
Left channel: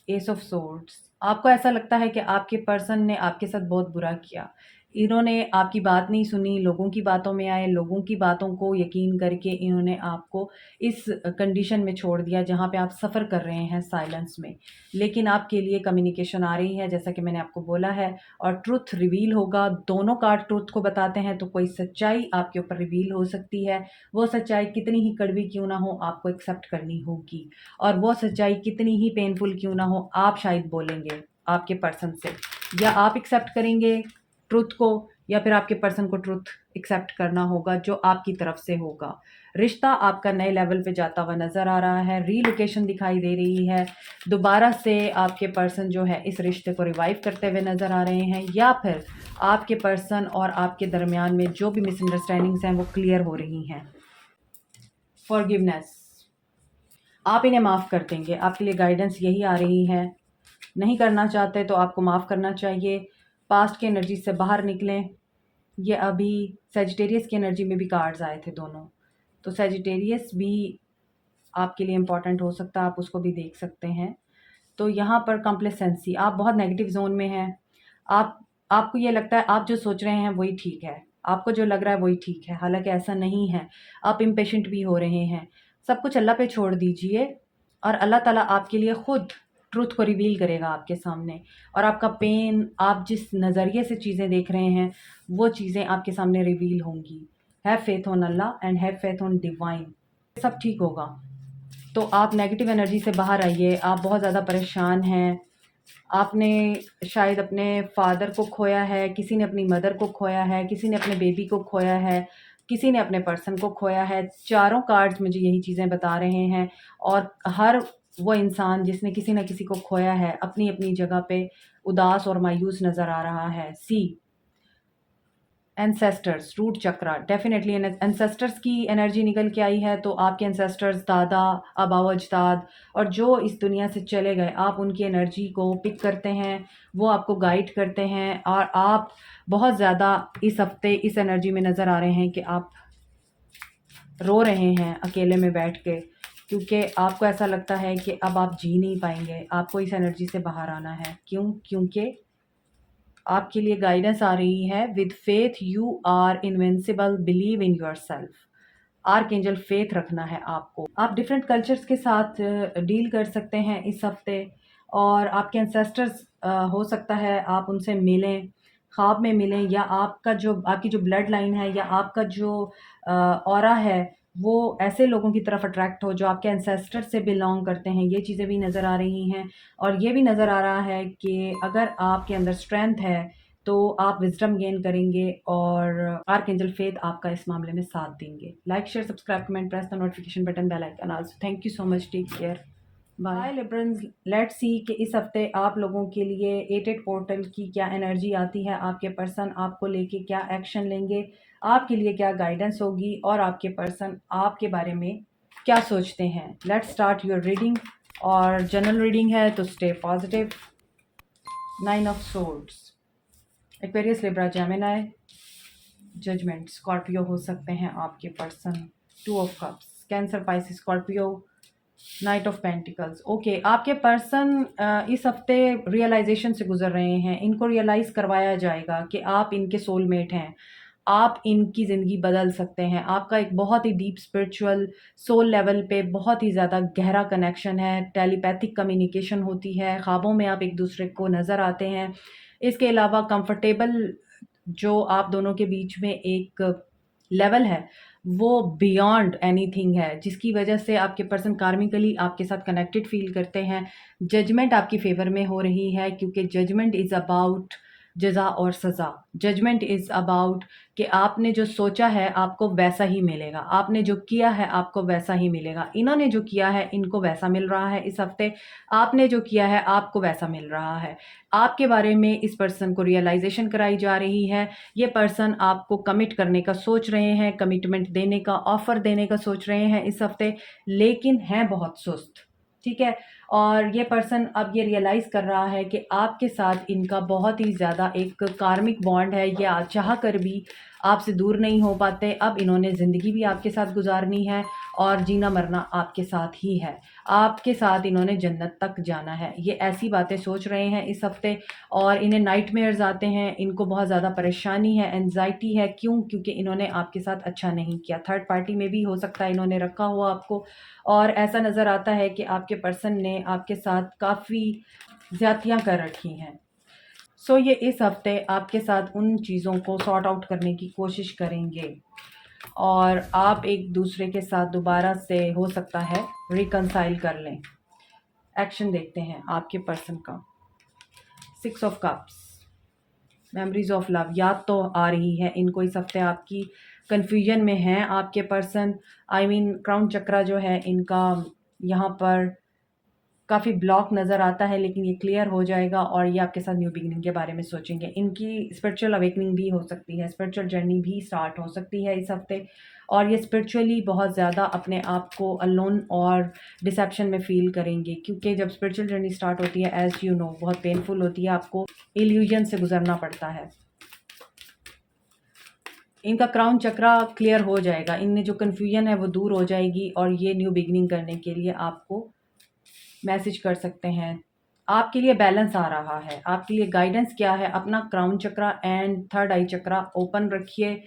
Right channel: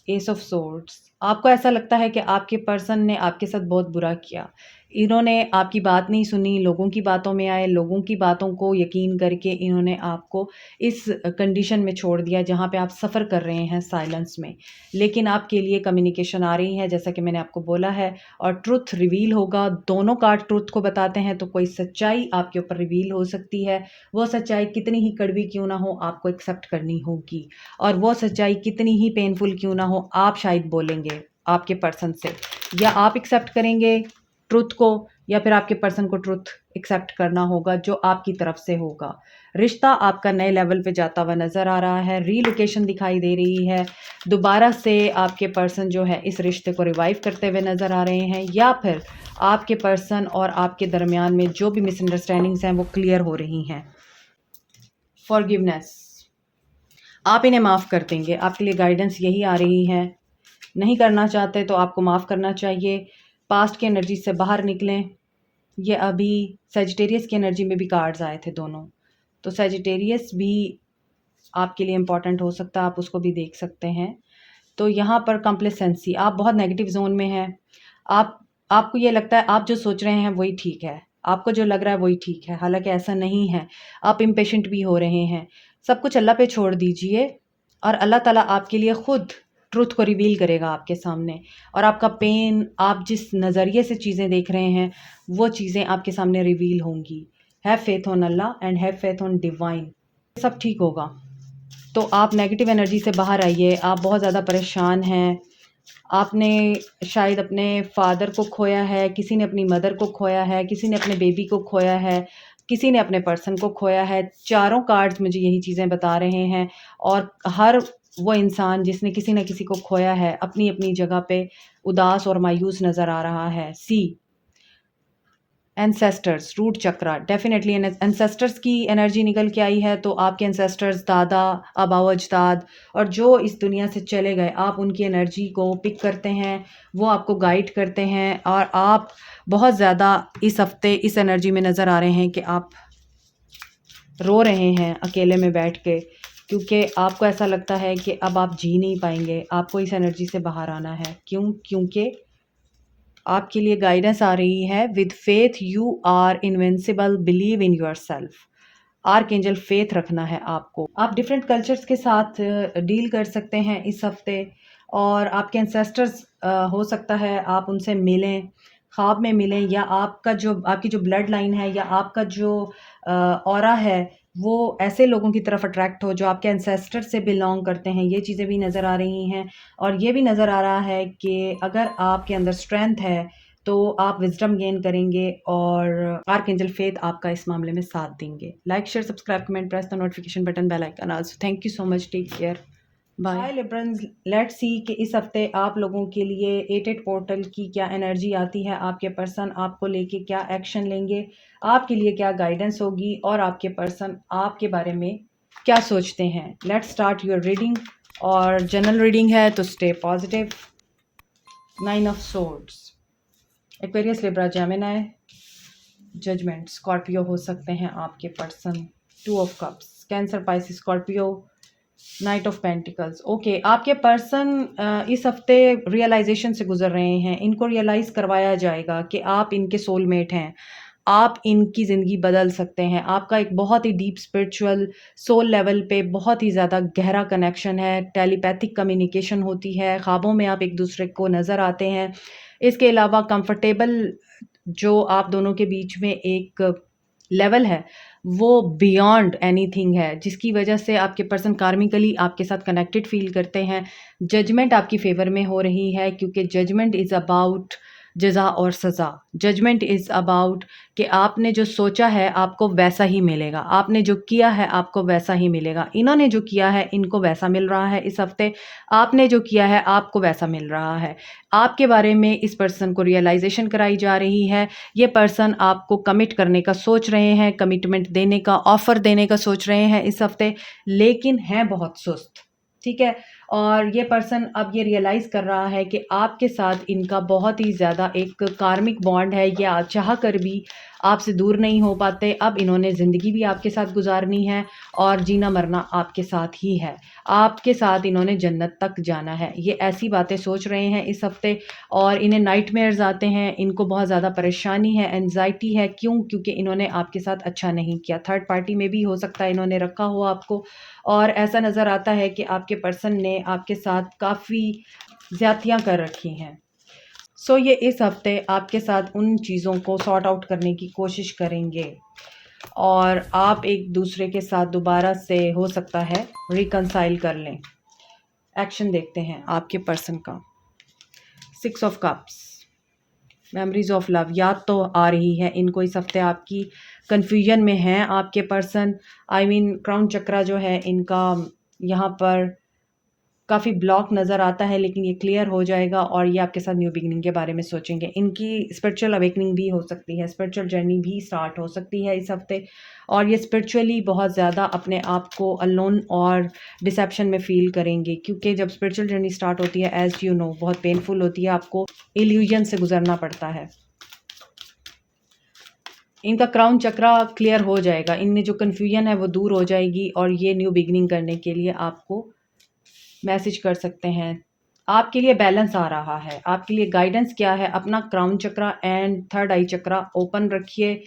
S of swords. आपको ऐसा लगता है कि आपके पर्सन ने आपके साथ बहुत बुरा किया। इन्होंने आपकी बात नहीं सुनी, लोगों की बातों में आए, लोगों की बातों को यकीन करके इन्होंने आपको इस कंडीशन में छोड़ दिया जहाँ पे आप सफ़र कर रहे हैं साइलेंस में। लेकिन आपके लिए कम्युनिकेशन आ रही है जैसा कि मैंने आपको बोला है और ट्रुथ रिवील होगा। दोनों कार्ड ट्रुथ को बताते हैं तो कोई सच्चाई आपके ऊपर रिवील हो सकती है। वो सच्चाई कितनी ही कड़वी क्यों ना हो आपको एक्सेप्ट करनी होगी और वो सच्चाई कितनी ही पेनफुल क्यों ना हो आप शायद बोलेंगे आपके पर्सन से, या आप एक्सेप्ट करेंगे ट्रुथ को या फिर आपके पर्सन को ट्रुथ एक्सेप्ट करना होगा जो आपकी तरफ से होगा। रिश्ता आपका नए लेवल पे जाता हुआ नज़र आ रहा है, रीलोकेशन दिखाई दे रही है। दोबारा से आपके पर्सन जो है इस रिश्ते को रिवाइव करते हुए नज़र आ रहे हैं या फिर आपके पर्सन और आपके दरमियान में जो भी मिसअंडरस्टैंडिंग्स हैं वो क्लियर हो रही हैं। फॉरगिवनेस, आप इन्हें माफ़ कर देंगे। आपके लिए गाइडेंस यही आ रही है। नहीं करना चाहते तो आपको माफ़ करना चाहिए। पास्ट की एनर्जी से बाहर निकलें। ये अभी सैजिटेरियस की एनर्जी में भी कार्ड्स आए थे दोनों, तो सैजिटेरियस भी आपके लिए इम्पॉर्टेंट हो सकता है, आप उसको भी देख सकते हैं। तो यहाँ पर कॉम्प्लेसेंसी, आप बहुत नेगेटिव जोन में हैं। आपको ये लगता है आप जो सोच रहे हैं वही ठीक है, आपको जो लग रहा है वही ठीक है, हालांकि ऐसा नहीं है। आप इम्पेशेंट भी हो रहे हैं। सब कुछ अल्लाह पे छोड़ दीजिए और अल्लाह ताला आपके लिए खुद ट्रुथ को रिवील करेगा आपके सामने। और आपका पेन, आप जिस नज़रिए से चीज़ें देख रहे हैं वो चीज़ें आपके सामने रिवील होंगी। Have faith on Allah and have faith on divine, सब ठीक होगा। तो आप नेगेटिव एनर्जी से बाहर आइए। आप बहुत ज़्यादा परेशान हैं। आपने शायद अपने फादर को खोया है, किसी ने अपनी मदर को खोया है, किसी ने अपने बेबी को खोया है, किसी ने अपने पर्सन को खोया है। चारों कार्ड्स मुझे यही चीज़ें बता रहे हैं और हर वो इंसान जिसने किसी न किसी को खोया है अपनी-अपनी जगह पे उदास और मायूस नज़र आ रहा है। एंसेस्टर्स, रूट चक्रा, डेफिनेटली एंसेस्टर्स की एनर्जी निकल के आई है। तो आपके एंसेस्टर्स, दादा, आबाओ अजदाद और जो इस दुनिया से चले गए, आप उनकी एनर्जी को पिक करते हैं, वो आपको गाइड करते हैं और आप बहुत ज़्यादा इस हफ्ते इस एनर्जी में नज़र आ रहे हैं कि आप रो रहे हैं अकेले में बैठ के, क्योंकि आपको ऐसा लगता है कि अब आप जी नहीं पाएंगे। आपको इस एनर्जी से बाहर आना है। क्योंकि आपके लिए गाइडेंस आ रही है, with faith you are invincible, believe in yourself. Archangel faith रखना है आपको। आप डिफरेंट कल्चर्स के साथ डील कर सकते हैं इस हफ्ते और आपके एंसेस्टर्स हो सकता है आप उनसे मिलें, ख्वाब में मिलें, या आपकी जो ब्लड लाइन है या आपका जो ऑरा है वो ऐसे लोगों की तरफ अट्रैक्ट हो जो आपके एंसेस्टर से बिलोंग करते हैं। ये चीज़ें भी नज़र आ रही हैं और ये भी नज़र आ रहा है कि अगर आपके अंदर स्ट्रेंथ है तो आप विज़डम गेन करेंगे और आर्कएंजल फेथ आपका इस मामले में साथ देंगे। Like, share, subscribe, comment, press the notification button, bell icon also. Thank you so much, take care, bye. Hi Librans, let's see कि इस हफ्ते आप लोगों के लिए 88 पोर्टल की क्या एनर्जी आती है। आपके पर्सन आपको लेके क्या एक्शन लेंगे, आपके लिए क्या गाइडेंस होगी और आपके पर्सन आपके बारे में क्या सोचते हैं। Let's start your reading. और जनरल रीडिंग है तो stay positive. 9 of swords, Aquarius, Libra, Gemini, judgement, Scorpio हो सकते हैं आपके person. 2 of cups, Cancer, Pisces, Scorpio, knight of pentacles. Okay, आपके पर्सन इस हफ्ते रियलाइजेशन से गुजर रहे हैं। इनको रियलाइज़ करवाया जाएगा कि आप इनके सोलमेट हैं, आप इनकी ज़िंदगी बदल सकते हैं। आपका एक बहुत ही डीप स्पिरिचुअल सोल लेवल पे बहुत ही ज़्यादा गहरा कनेक्शन है, टेलीपैथिक कम्युनिकेशन होती है, ख्वाबों में आप एक दूसरे को नज़र आते हैं। इसके अलावा कंफर्टेबल जो आप दोनों के बीच में एक लेवल है वो बियॉन्ड एनीथिंग है, जिसकी वजह से आपके पर्सन कार्मिकली आपके साथ कनेक्टेड फ़ील करते हैं। जजमेंट आपकी फ़ेवर में हो रही है, क्योंकि जजमेंट इज़ अबाउट जज़ा और सज़ा। जजमेंट इज़ अबाउट कि आपने जो सोचा है आपको वैसा ही मिलेगा, आपने जो किया है आपको वैसा ही मिलेगा। इन्होंने जो किया है इनको वैसा मिल रहा है इस हफ़्ते, आपने जो किया है आपको वैसा मिल रहा है। आपके बारे में इस पर्सन को रियलाइज़ेशन कराई जा रही है। ये पर्सन आपको कमिट करने का सोच रहे हैं, कमिटमेंट देने का, ऑफ़र देने का सोच रहे हैं इस हफ़्ते, लेकिन हैं बहुत सुस्त, ठीक है? और ये पर्सन अब ये रियलाइज़ कर रहा है कि आपके साथ इनका बहुत ही ज़्यादा एक कार्मिक बॉन्ड है, ये चाह कर भी आपसे दूर नहीं हो पाते। अब इन्होंने ज़िंदगी भी आपके साथ गुज़ारनी है और जीना-मरना आपके साथ ही है। आपके साथ इन्होंने जन्नत तक जाना है। ये ऐसी बातें सोच रहे हैं इस हफ़्ते और इन्हें नाइटमेयर्स आते हैं, इनको बहुत ज़्यादा परेशानी है, एंग्ज़ायटी है। क्यों? क्योंकि इन्होंने आपके साथ अच्छा नहीं किया। थर्ड पार्टी में भी हो सकता है इन्होंने रखा हो आपको, और ऐसा नज़र आता है कि आपके पर्सन ने आपके साथ काफ़ी ज़्यादतियाँ कर रखी हैं। सो ये इस हफ़्ते आपके साथ उन चीज़ों को सॉर्ट आउट करने की कोशिश करेंगे और आप एक-दूसरे के साथ दोबारा से हो सकता है रिकंसाइल कर लें। एक्शन देखते हैं आपके पर्सन का। 6 of cups, memories of love याद तो आ रही है इनको इस हफ्ते आपकी। कन्फ्यूजन में हैं आपके पर्सन। क्राउन चक्रा जो है इनका यहाँ पर काफ़ी ब्लॉक नज़र आता है, लेकिन ये क्लियर हो जाएगा और ये आपके साथ न्यू बिगिनिंग के बारे में सोचेंगे। इनकी स्पिरिचुअल अवेकनिंग भी हो सकती है, स्पिरिचुअल जर्नी भी स्टार्ट हो सकती है इस हफ्ते, और ये स्पिरिचुअली बहुत ज़्यादा अपने आप को अलोन और डिसेप्शन में फ़ील करेंगे, क्योंकि जब स्पिरिचुअल जर्नी स्टार्ट होती है, एज़ यू नो, बहुत पेनफुल होती है, आपको इल्यूजन से गुजरना पड़ता है। इनका क्राउन चक्रा क्लियर हो जाएगा, इनमें जो कन्फ्यूजन है वो दूर हो जाएगी और ये न्यू बिगिनिंग करने के लिए आपको मैसेज कर सकते हैं। आपके लिए बैलेंस आ रहा है, आपके लिए गाइडेंस क्या है? अपना crown chakra and third eye chakra open रखिए।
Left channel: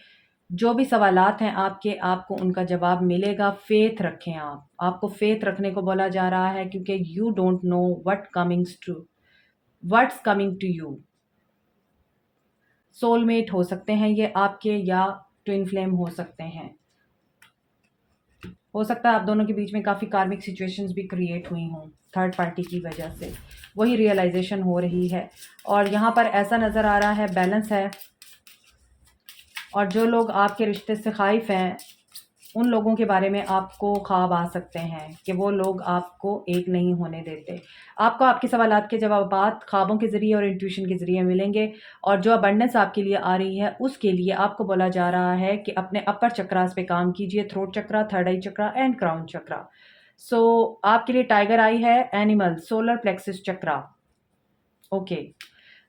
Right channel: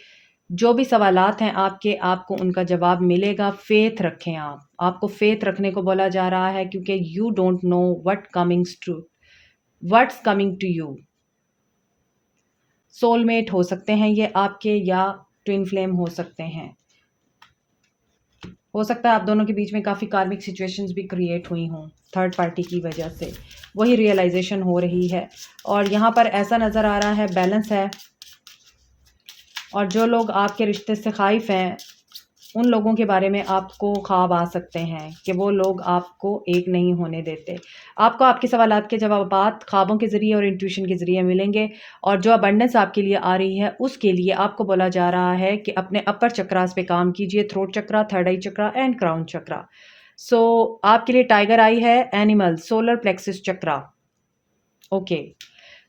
जो भी सवालात हैं आपके, आपको उनका जवाब मिलेगा। फ़ेथ रखें आप। आपको फ़ेथ रखने को बोला जा रहा है, क्योंकि you don't know what's coming to you. Soulmate हो सकते हैं ये आपके, या ट्विन फ्लेम हो सकते हैं। हो सकता है आप दोनों के बीच में काफ़ी कार्मिक सिचुएशंस भी क्रिएट हुई हों थर्ड पार्टी की वजह से, वही रियलाइजेशन हो रही है। और यहाँ पर ऐसा नज़र आ रहा है बैलेंस है, और जो लोग आपके रिश्ते से ख़ाइफ़ हैं उन लोगों के बारे में आपको ख्वाब आ सकते हैं कि वो लोग आपको एक नहीं होने देते। आपको आपके सवालात के जवाबात ख्वाबों के ज़रिए और इंट्यूशन के ज़रिए मिलेंगे, और जो अबंडेंस आपके लिए आ रही है उसके लिए आपको बोला जा रहा है कि अपने अपर चक्रास पे काम कीजिए, throat chakra, third eye chakra and crown chakra. So आपके लिए टाइगर आई है, animal, solar plexus chakra. Okay,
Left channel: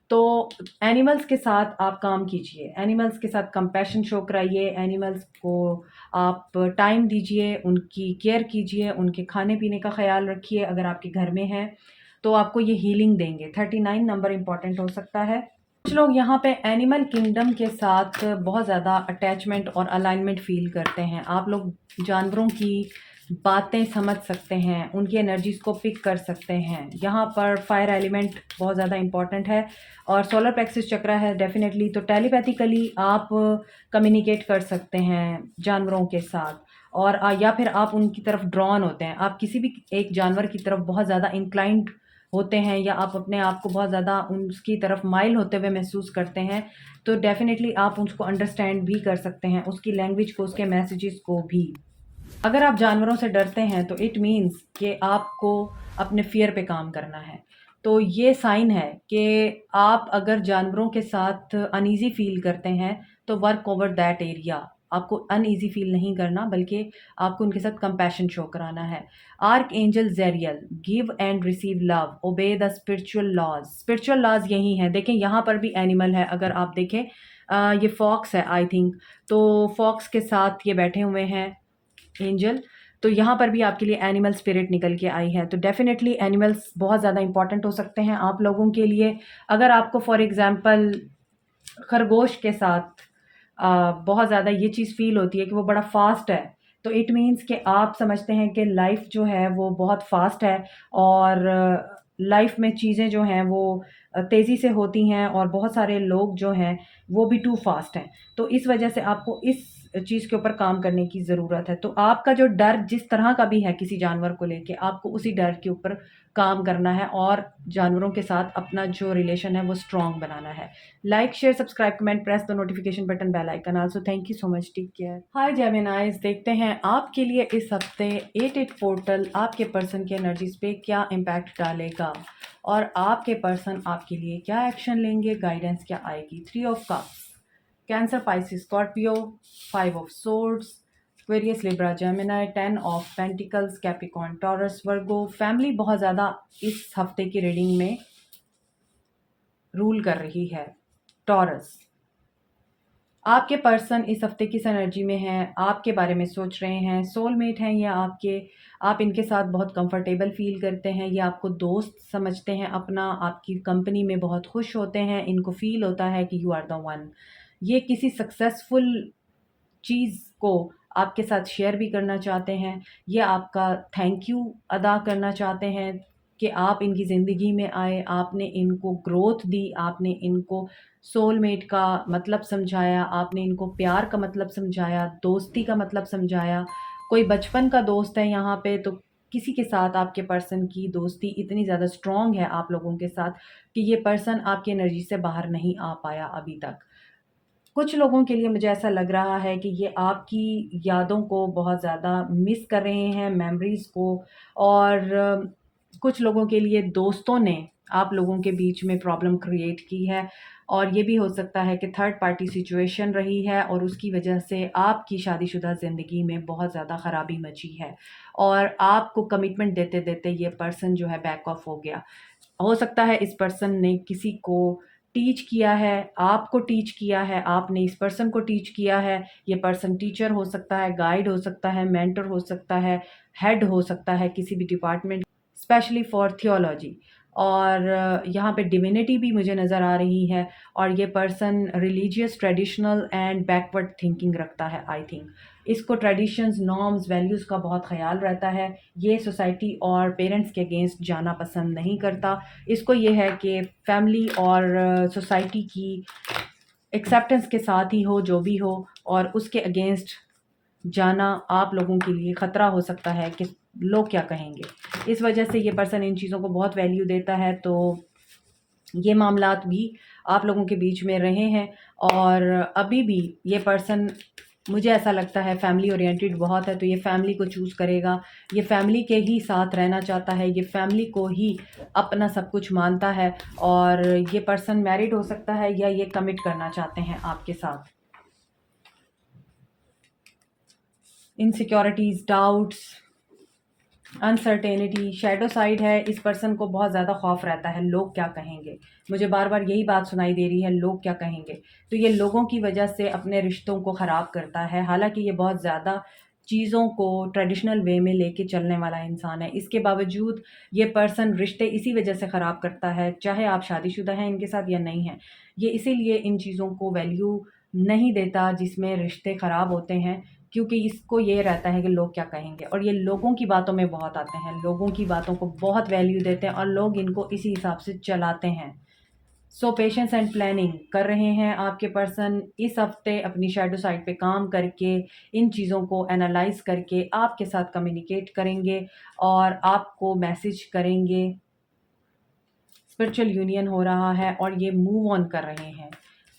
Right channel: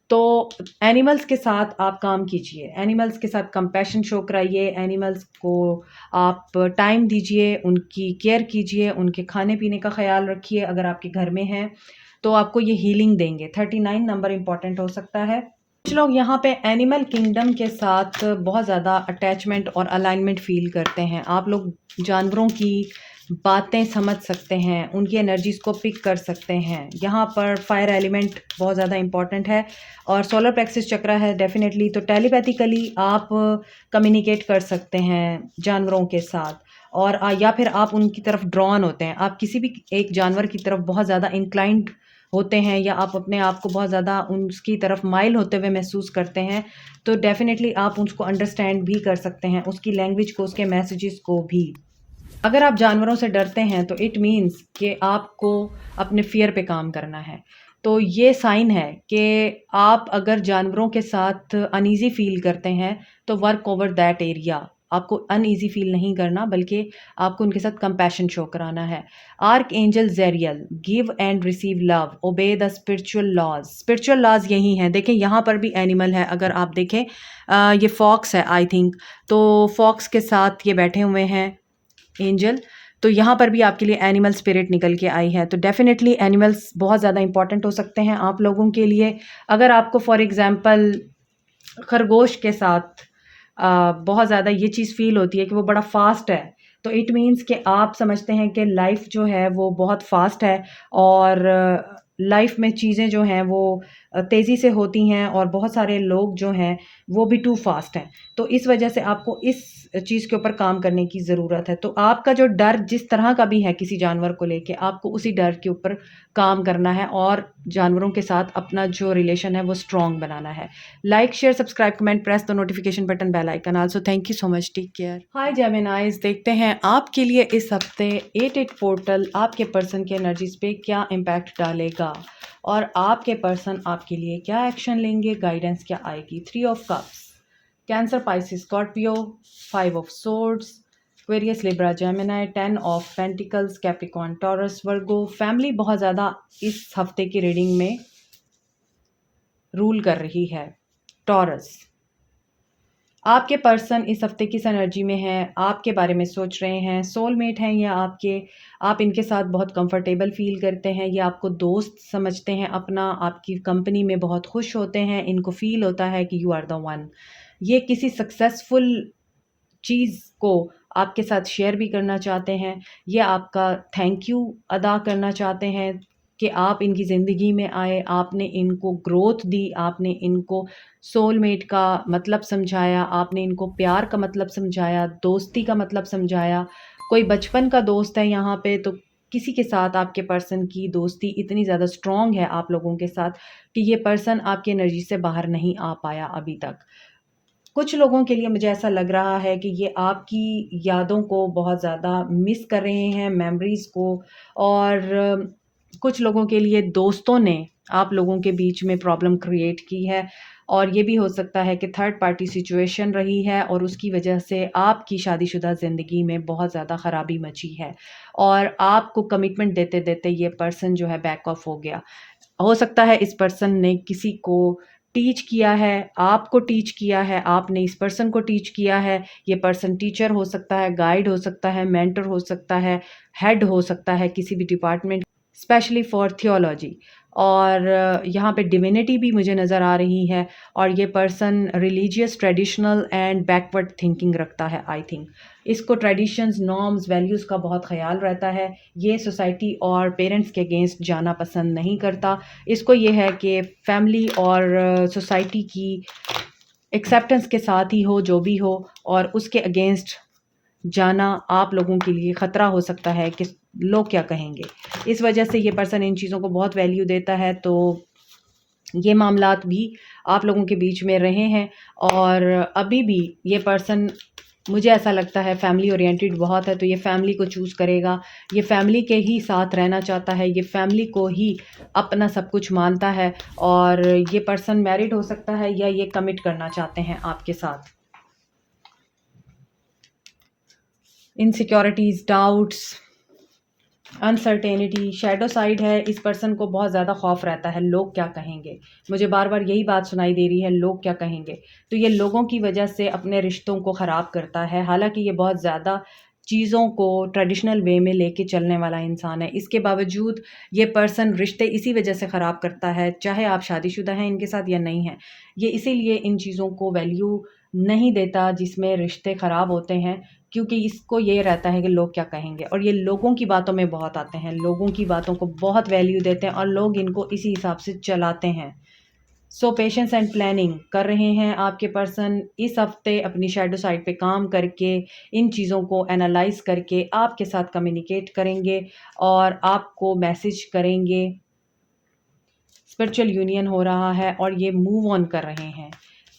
तो एनिमल्स के साथ आप काम कीजिए, एनिमल्स के साथ कंपैशन शो कराइए, एनिमल्स को आप टाइम दीजिए, उनकी केयर कीजिए, उनके खाने-पीने का ख़्याल रखिए अगर आपके घर में हैं, तो आपको ये हीलिंग देंगे। 39 नंबर इम्पॉर्टेंट हो सकता है। कुछ लोग यहाँ पे एनिमल किंगडम के साथ बहुत ज़्यादा अटैचमेंट और अलाइनमेंट फ़ील करते हैं। आप लोग जानवरों की बातें समझ सकते हैं, उनकी एनर्जीज़ को पिक कर सकते हैं। यहाँ पर फायर एलिमेंट बहुत ज़्यादा इम्पॉर्टेंट है, और सोलर प्लेक्सिस चक्र है डेफ़िनेटली। तो टेलीपैथिकली आप कम्युनिकेट कर सकते हैं जानवरों के साथ, और या फिर आप उनकी तरफ ड्रॉन होते हैं। आप किसी भी एक जानवर की तरफ बहुत ज़्यादा इंक्लाइंड होते हैं, या आप अपने आप को बहुत ज़्यादा उसकी तरफ माइल होते हुए महसूस करते हैं, तो डेफ़िनेटली आप उसको अंडरस्टैंड भी कर सकते हैं, उसकी लैंग्वेज को, उसके मैसेजेस को भी। अगर आप जानवरों से डरते हैं तो इट मीन्स कि आपको अपने फ़ियर पे काम करना है। तो ये साइन है कि आप अगर जानवरों के साथ अनईज़ी फ़ील करते हैं, तो वर्क ओवर दैट एरिया। आपको अनईज़ी फ़ील नहीं करना, बल्कि आपको उनके साथ कंपैशन शो कराना है। आर्कएंजल ज़ेरियल, give and receive love, obey the spiritual laws. Spiritual laws यही हैं। देखें यहाँ पर भी एनिमल है, अगर आप देखें ये फॉक्स है आई थिंक, तो फॉक्स के साथ ये बैठे हुए हैं एंजल। तो यहाँ पर भी आपके लिए एनिमल स्पिरिट निकल के आई है, तो डेफ़िनेटली एनिमल्स बहुत ज़्यादा इंपॉर्टेंट हो सकते हैं आप लोगों के लिए। अगर आपको फॉर एग्ज़ाम्पल खरगोश के साथ बहुत ज़्यादा ये चीज़ फ़ील होती है कि वो बड़ा फ़ास्ट है, तो इट मीन्स कि आप समझते हैं कि लाइफ़ जो है वो बहुत फ़ास्ट है, और लाइफ़ में चीज़ें जो हैं वो तेज़ी से होती हैं, और बहुत सारे लोग जो हैं वो भी टू फ़ास्ट हैं। तो इस वजह से आपको इस चीज़ के ऊपर काम करने की ज़रूरत है। तो आपका जो डर जिस तरह का भी है किसी जानवर को लेके, आपको उसी डर के ऊपर काम करना है और जानवरों के साथ अपना जो रिलेशन है वो स्ट्रॉन्ग बनाना है। Like, share, subscribe, comment, press the notification button, bell icon also. Thank you so much, take care. Hi Geminis, देखते हैं आपके लिए इस हफ्ते 8 पोर्टल आपके पर्सन की एनर्जीज पे क्या इम्पैक्ट डालेगा और आपके पर्सन आपके लिए क्या एक्शन लेंगे, गाइडेंस क्या आएगी। 3 of cups, Cancer, Pisces, Scorpio, 5 of swords, Aquarius, Libra, Gemini, 10 of pentacles, Capricorn, Taurus, Virgo. Family बहुत ज़्यादा इस हफ्ते की रीडिंग में रूल कर रही है। टॉरस, आपके पर्सन इस हफ्ते किस एनर्जी में हैं, आपके बारे में सोच रहे हैं, सोलमेट हैं या आपके, आप इनके साथ बहुत कंफर्टेबल फील करते हैं, ये आपको दोस्त समझते हैं अपना, आपकी कंपनी में बहुत खुश होते हैं, इनको फील होता है कि यू आर द वन। ये किसी सक्सेसफुल चीज़ को आपके साथ शेयर भी करना चाहते हैं, ये आपका थैंक यू अदा करना चाहते हैं कि आप इनकी ज़िंदगी में आए, आपने इनको ग्रोथ दी, आपने इनको सोलमेट का मतलब समझाया, आपने इनको प्यार का मतलब समझाया, दोस्ती का मतलब समझाया। कोई बचपन का दोस्त है यहाँ पे, तो किसी के साथ आपके पर्सन की दोस्ती इतनी ज़्यादा स्ट्रॉन्ग है आप लोगों के साथ कि ये पर्सन आपकी एनर्जी से बाहर नहीं आ पाया अभी तक। कुछ लोगों के लिए मुझे ऐसा लग रहा है कि ये आपकी यादों को बहुत ज़्यादा मिस कर रहे हैं, मेमोरीज़ को। और कुछ लोगों के लिए दोस्तों ने आप लोगों के बीच में प्रॉब्लम क्रिएट की है और ये भी हो सकता है कि थर्ड पार्टी सिचुएशन रही है और उसकी वजह से आपकी शादीशुदा ज़िंदगी में बहुत ज़्यादा ख़राबी मची है और आपको कमिटमेंट देते-देते ये पर्सन जो है बैक ऑफ हो गया। हो सकता है इस पर्सन ने किसी को टीच किया है, आपको टीच किया है, आपने इस पर्सन को टीच किया है। ये पर्सन टीचर हो सकता है, गाइड हो सकता है, मेंटर हो सकता है, हेड हो सकता है किसी भी डिपार्टमेंट, स्पेशली फॉर थियोलॉजी। और यहाँ पे डिविनिटी भी मुझे नज़र आ रही है और ये person religious, traditional and backward thinking रखता है आई थिंक। इसको ट्रेडिशंस, नॉर्म्स, वैल्यूज़ का बहुत ख़याल रहता है। ये सोसाइटी और पेरेंट्स के अगेंस्ट जाना पसंद नहीं करता। इसको ये है कि फैमिली और सोसाइटी की एक्सेप्टेंस के साथ ही हो जो भी हो, और उसके अगेंस्ट जाना आप लोगों के लिए ख़तरा हो सकता है कि लोग क्या कहेंगे। इस वजह से ये पर्सन इन चीज़ों को बहुत वैल्यू देता है। तो ये मामलात भी आप लोगों के बीच में रहे हैं और अभी भी ये पर्सन, मुझे ऐसा लगता है, फैमिली ओरिएंटेड बहुत है। तो ये फैमिली को चूज़ करेगा, ये फैमिली के ही साथ रहना चाहता है, ये फैमिली को ही अपना सब कुछ मानता है। और ये पर्सन मैरिड हो सकता है या ये कमिट करना चाहते हैं आपके साथ। Insecurities, doubts, uncertainty, shadow side है। इस पर्सन को बहुत ज़्यादा खौफ रहता है, लोग क्या कहेंगे। मुझे बार बार यही बात सुनाई दे रही है, लोग क्या कहेंगे। तो ये लोगों की वजह से अपने रिश्तों को ख़राब करता है। हालांकि ये बहुत ज़्यादा चीज़ों को ट्रेडिशनल वे में लेके चलने वाला इंसान है, इसके बावजूद ये पर्सन रिश्ते इसी वजह से ख़राब करता है, चाहे आप शादीशुदा हैं इनके साथ या नहीं हैं। ये इसीलिए इन चीज़ों को वैल्यू नहीं देता जिसमें रिश्ते ख़राब होते हैं, क्योंकि इसको ये रहता है कि लोग क्या कहेंगे। और ये लोगों की बातों में बहुत आते हैं, लोगों की बातों को बहुत वैल्यू देते हैं और लोग इनको इसी हिसाब से चलाते हैं। सो पेशेंस एंड प्लानिंग कर रहे हैं आपके पर्सन इस हफ्ते, अपनी शैडो साइड पे काम करके, इन चीज़ों को एनालाइज करके आपके साथ कम्युनिकेट करेंगे और आपको मैसेज करेंगे। स्पिरिचुअल यूनियन हो रहा है और ये मूव ऑन कर रहे हैं।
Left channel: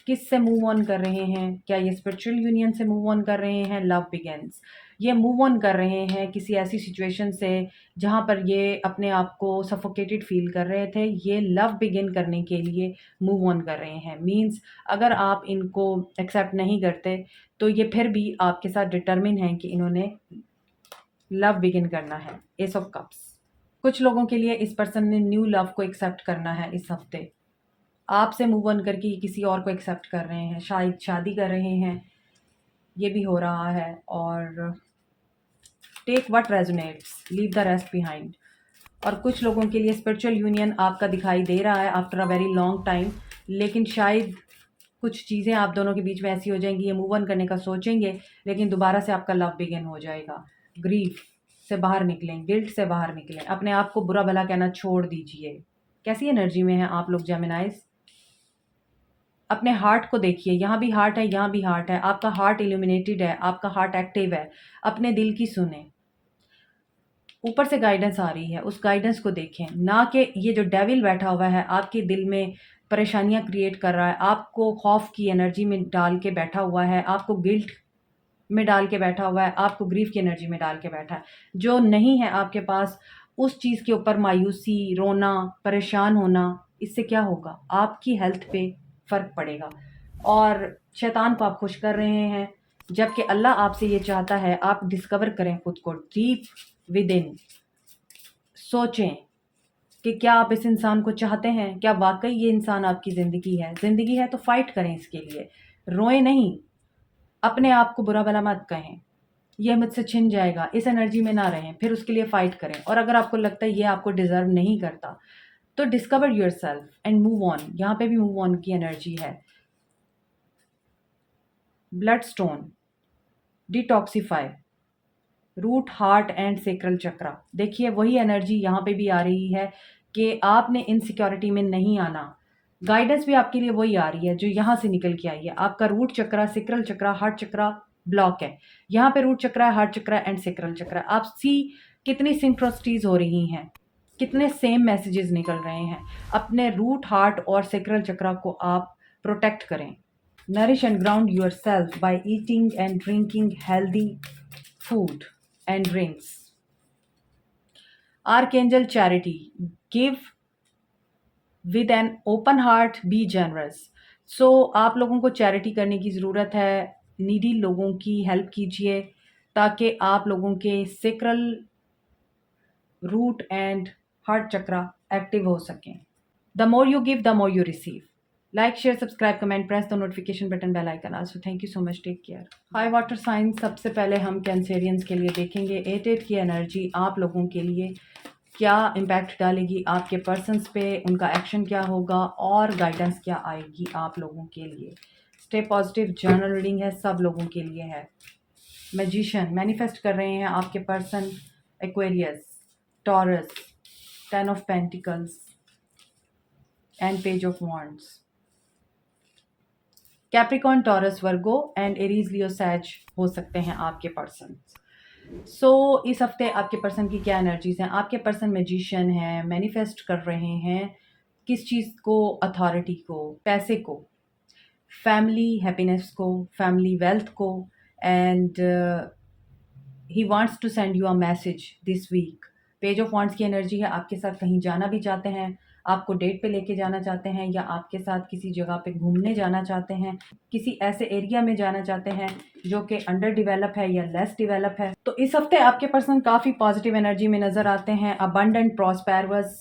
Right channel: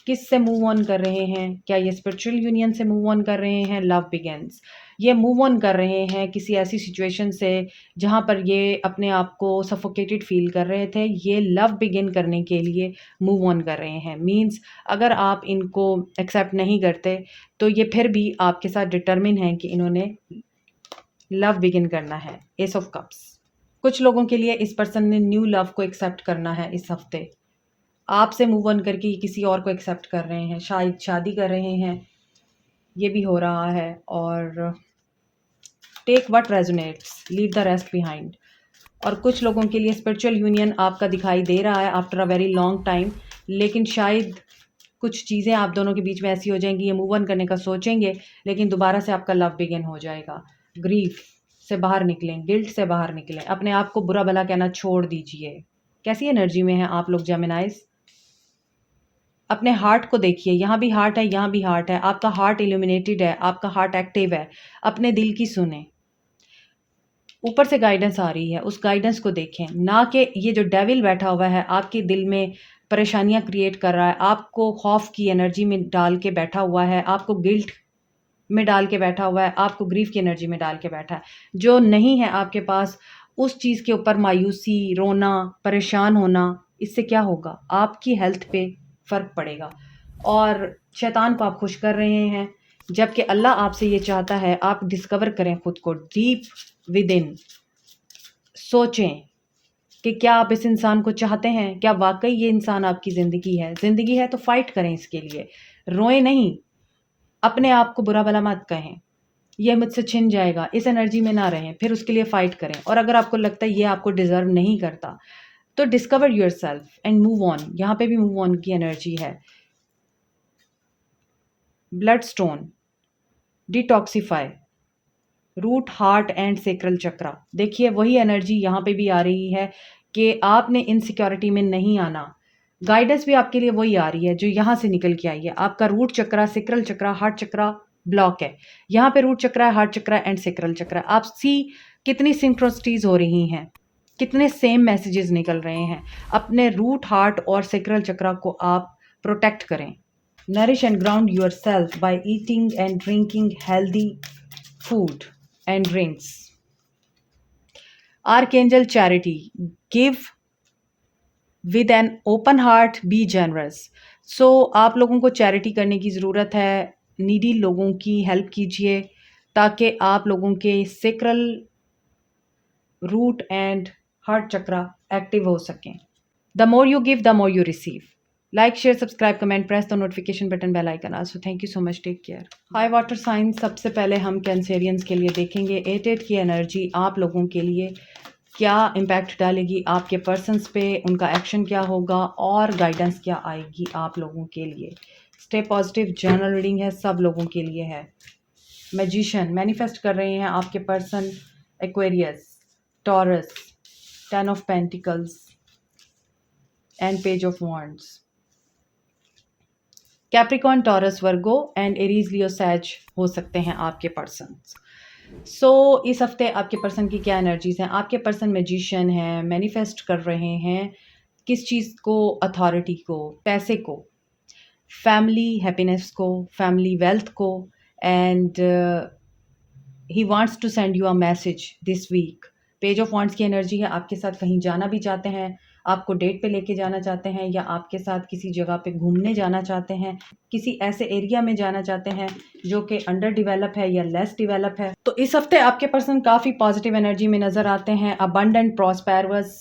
किससे मूव ऑन कर रहे हैं? क्या ये स्पिरिचुअल यूनियन से मूव ऑन कर रहे हैं? लव बिगिंस, ये मूव ऑन कर रहे हैं किसी ऐसी सिचुएशन से जहाँ पर ये अपने आप को सफोकेटेड फील कर रहे थे। ये लव बिगिन करने के लिए मूव ऑन कर रहे हैं। मीन्स अगर आप इनको एक्सेप्ट नहीं करते तो ये फिर भी आपके साथ डिटर्मिन हैं कि इन्होंने लव बिगिन करना है। एस ऑफ कप्स, कुछ लोगों के लिए इस पर्सन ने न्यू लव को एक्सेप्ट करना है इस हफ्ते। आपसे मूव ऑन करके ये किसी और को एक्सेप्ट कर रहे हैं, शायद शादी कर रहे हैं, ये भी हो रहा है। और take what resonates, leave the rest behind. और कुछ लोगों के लिए स्पिरिचुअल यूनियन आपका दिखाई दे रहा है after a very long time, लेकिन शायद कुछ चीज़ें आप दोनों के बीच में ऐसी हो जाएंगी, ये मूव ऑन करने का सोचेंगे लेकिन दोबारा से आपका लव बिगिन हो जाएगा। ग्रीफ से बाहर निकलें, गिल्ट से बाहर निकलें, अपने आप को बुरा भला कहना छोड़ दीजिए। कैसी एनर्जी में हैं आप लोग जेमिनाइज? अपने हार्ट को देखिए, यहाँ भी हार्ट है, यहाँ भी हार्ट है, आपका हार्ट इल्यूमिनेटेड है, आपका हार्ट एक्टिव है। अपने दिल की सुने, ऊपर से गाइडेंस आ रही है, उस गाइडेंस को देखें, ना कि ये जो डेविल बैठा हुआ है आपके दिल में परेशानियाँ क्रिएट कर रहा है, आपको खौफ की एनर्जी में डाल के बैठा हुआ है, आपको गिल्ट में डाल के बैठा हुआ है, आपको ग्रीफ की एनर्जी में डाल के बैठा है। जो नहीं है आपके पास, उस चीज़ के ऊपर मायूसी, रोना, परेशान होना, इससे क्या होगा? आपकी हेल्थ पे फ़र्क पड़ेगा और शैतान को आप खुश कर रहे हैं। जबकि अल्लाह आपसे ये चाहता है आप डिस्कवर करें खुद को डीप विद इन। सोचें कि क्या आप इस इंसान को चाहते हैं? क्या वाक़ई ये इंसान आपकी ज़िंदगी है? ज़िंदगी है तो फ़ाइट करें इसके लिए, रोएँ नहीं। अपने आप को बुरा-भला मत कहें, ये मुझसे छिन जाएगा, इस एनर्जी में ना रहें, फिर उसके लिए फ़ाइट करें। और अगर आपको लगता है ये आपको डिज़र्व नहीं करता, तो discover yourself and move on. यहाँ पे भी मूव ऑन की एनर्जी है। Blood stone, detoxify, root, heart and sacral chakra. देखिए वही एनर्जी यहाँ पे भी आ रही है कि आपने इनसिक्योरिटी में नहीं आना। गाइडेंस भी आपके लिए वही आ रही है जो यहाँ से निकल के आई है। आपका रूट चक्रा, सेक्रल चक्रा, हार्ट चक्रा ब्लॉक है। यहाँ पे रूट चक्रा है, हार्ट चक्रा एंड सेक्रल चक्रा। आप सी कितनी सिंक्रोसिटीज हो रही हैं, कितने सेम मैसेजेस निकल रहे हैं। अपने रूट, हार्ट और सेक्रल चक्रा को आप प्रोटेक्ट करें। Nourish and ground your self by eating and drinking healthy food and drinks. Archangel Charity, give with an open heart, be generous. So आप लोगों को चैरिटी करने की ज़रूरत है, नीडी लोगों की हेल्प कीजिए ताकि आप लोगों के sacral, root and heart chakra active हो सकें। The more you give, the more you receive. Like, share, subscribe, comment, press the notification button, bell icon also. Thank you so much. Take care. Hi water sign, सबसे पहले हम Cancerians के लिए देखेंगे 8-8 की energy आप लोगों के लिए क्या इम्पैक्ट डालेगी आपके पर्सन्स पे, उनका एक्शन क्या होगा और गाइडेंस क्या आएगी आप लोगों के लिए। स्टे पॉजिटिव, जर्नल रीडिंग है, सब लोगों के लिए है। मैजिशियन, मैनिफेस्ट कर रहे हैं आपके person Aquarius, Taurus, 10 of pentacles and page of wands. Capricorn, Taurus, Virgo and Aries, Leo, Sag हो सकते हैं आपके पर्सन। इस हफ्ते आपके पर्सन की क्या एनर्जीज हैं? आपके पर्सन मैजिशियन हैं, मैनिफेस्ट कर रहे हैं किस चीज़ को? अथॉरिटी को, पैसे को, फैमिली हैप्पीनेस को, फैमिली वेल्थ को, and he wants to send you a message this week. Page of wands की एनर्जी है, आपके साथ कहीं जाना भी चाहते हैं, आपको डेट पे लेके जाना चाहते हैं, या आपके साथ किसी जगह पे घूमने जाना चाहते हैं, किसी ऐसे एरिया में जाना चाहते हैं जो कि अंडर डेवलप है या लेस डेवलप है। तो इस हफ्ते आपके पर्सन काफ़ी पॉजिटिव एनर्जी में नज़र आते हैं। Abundant, prosperous,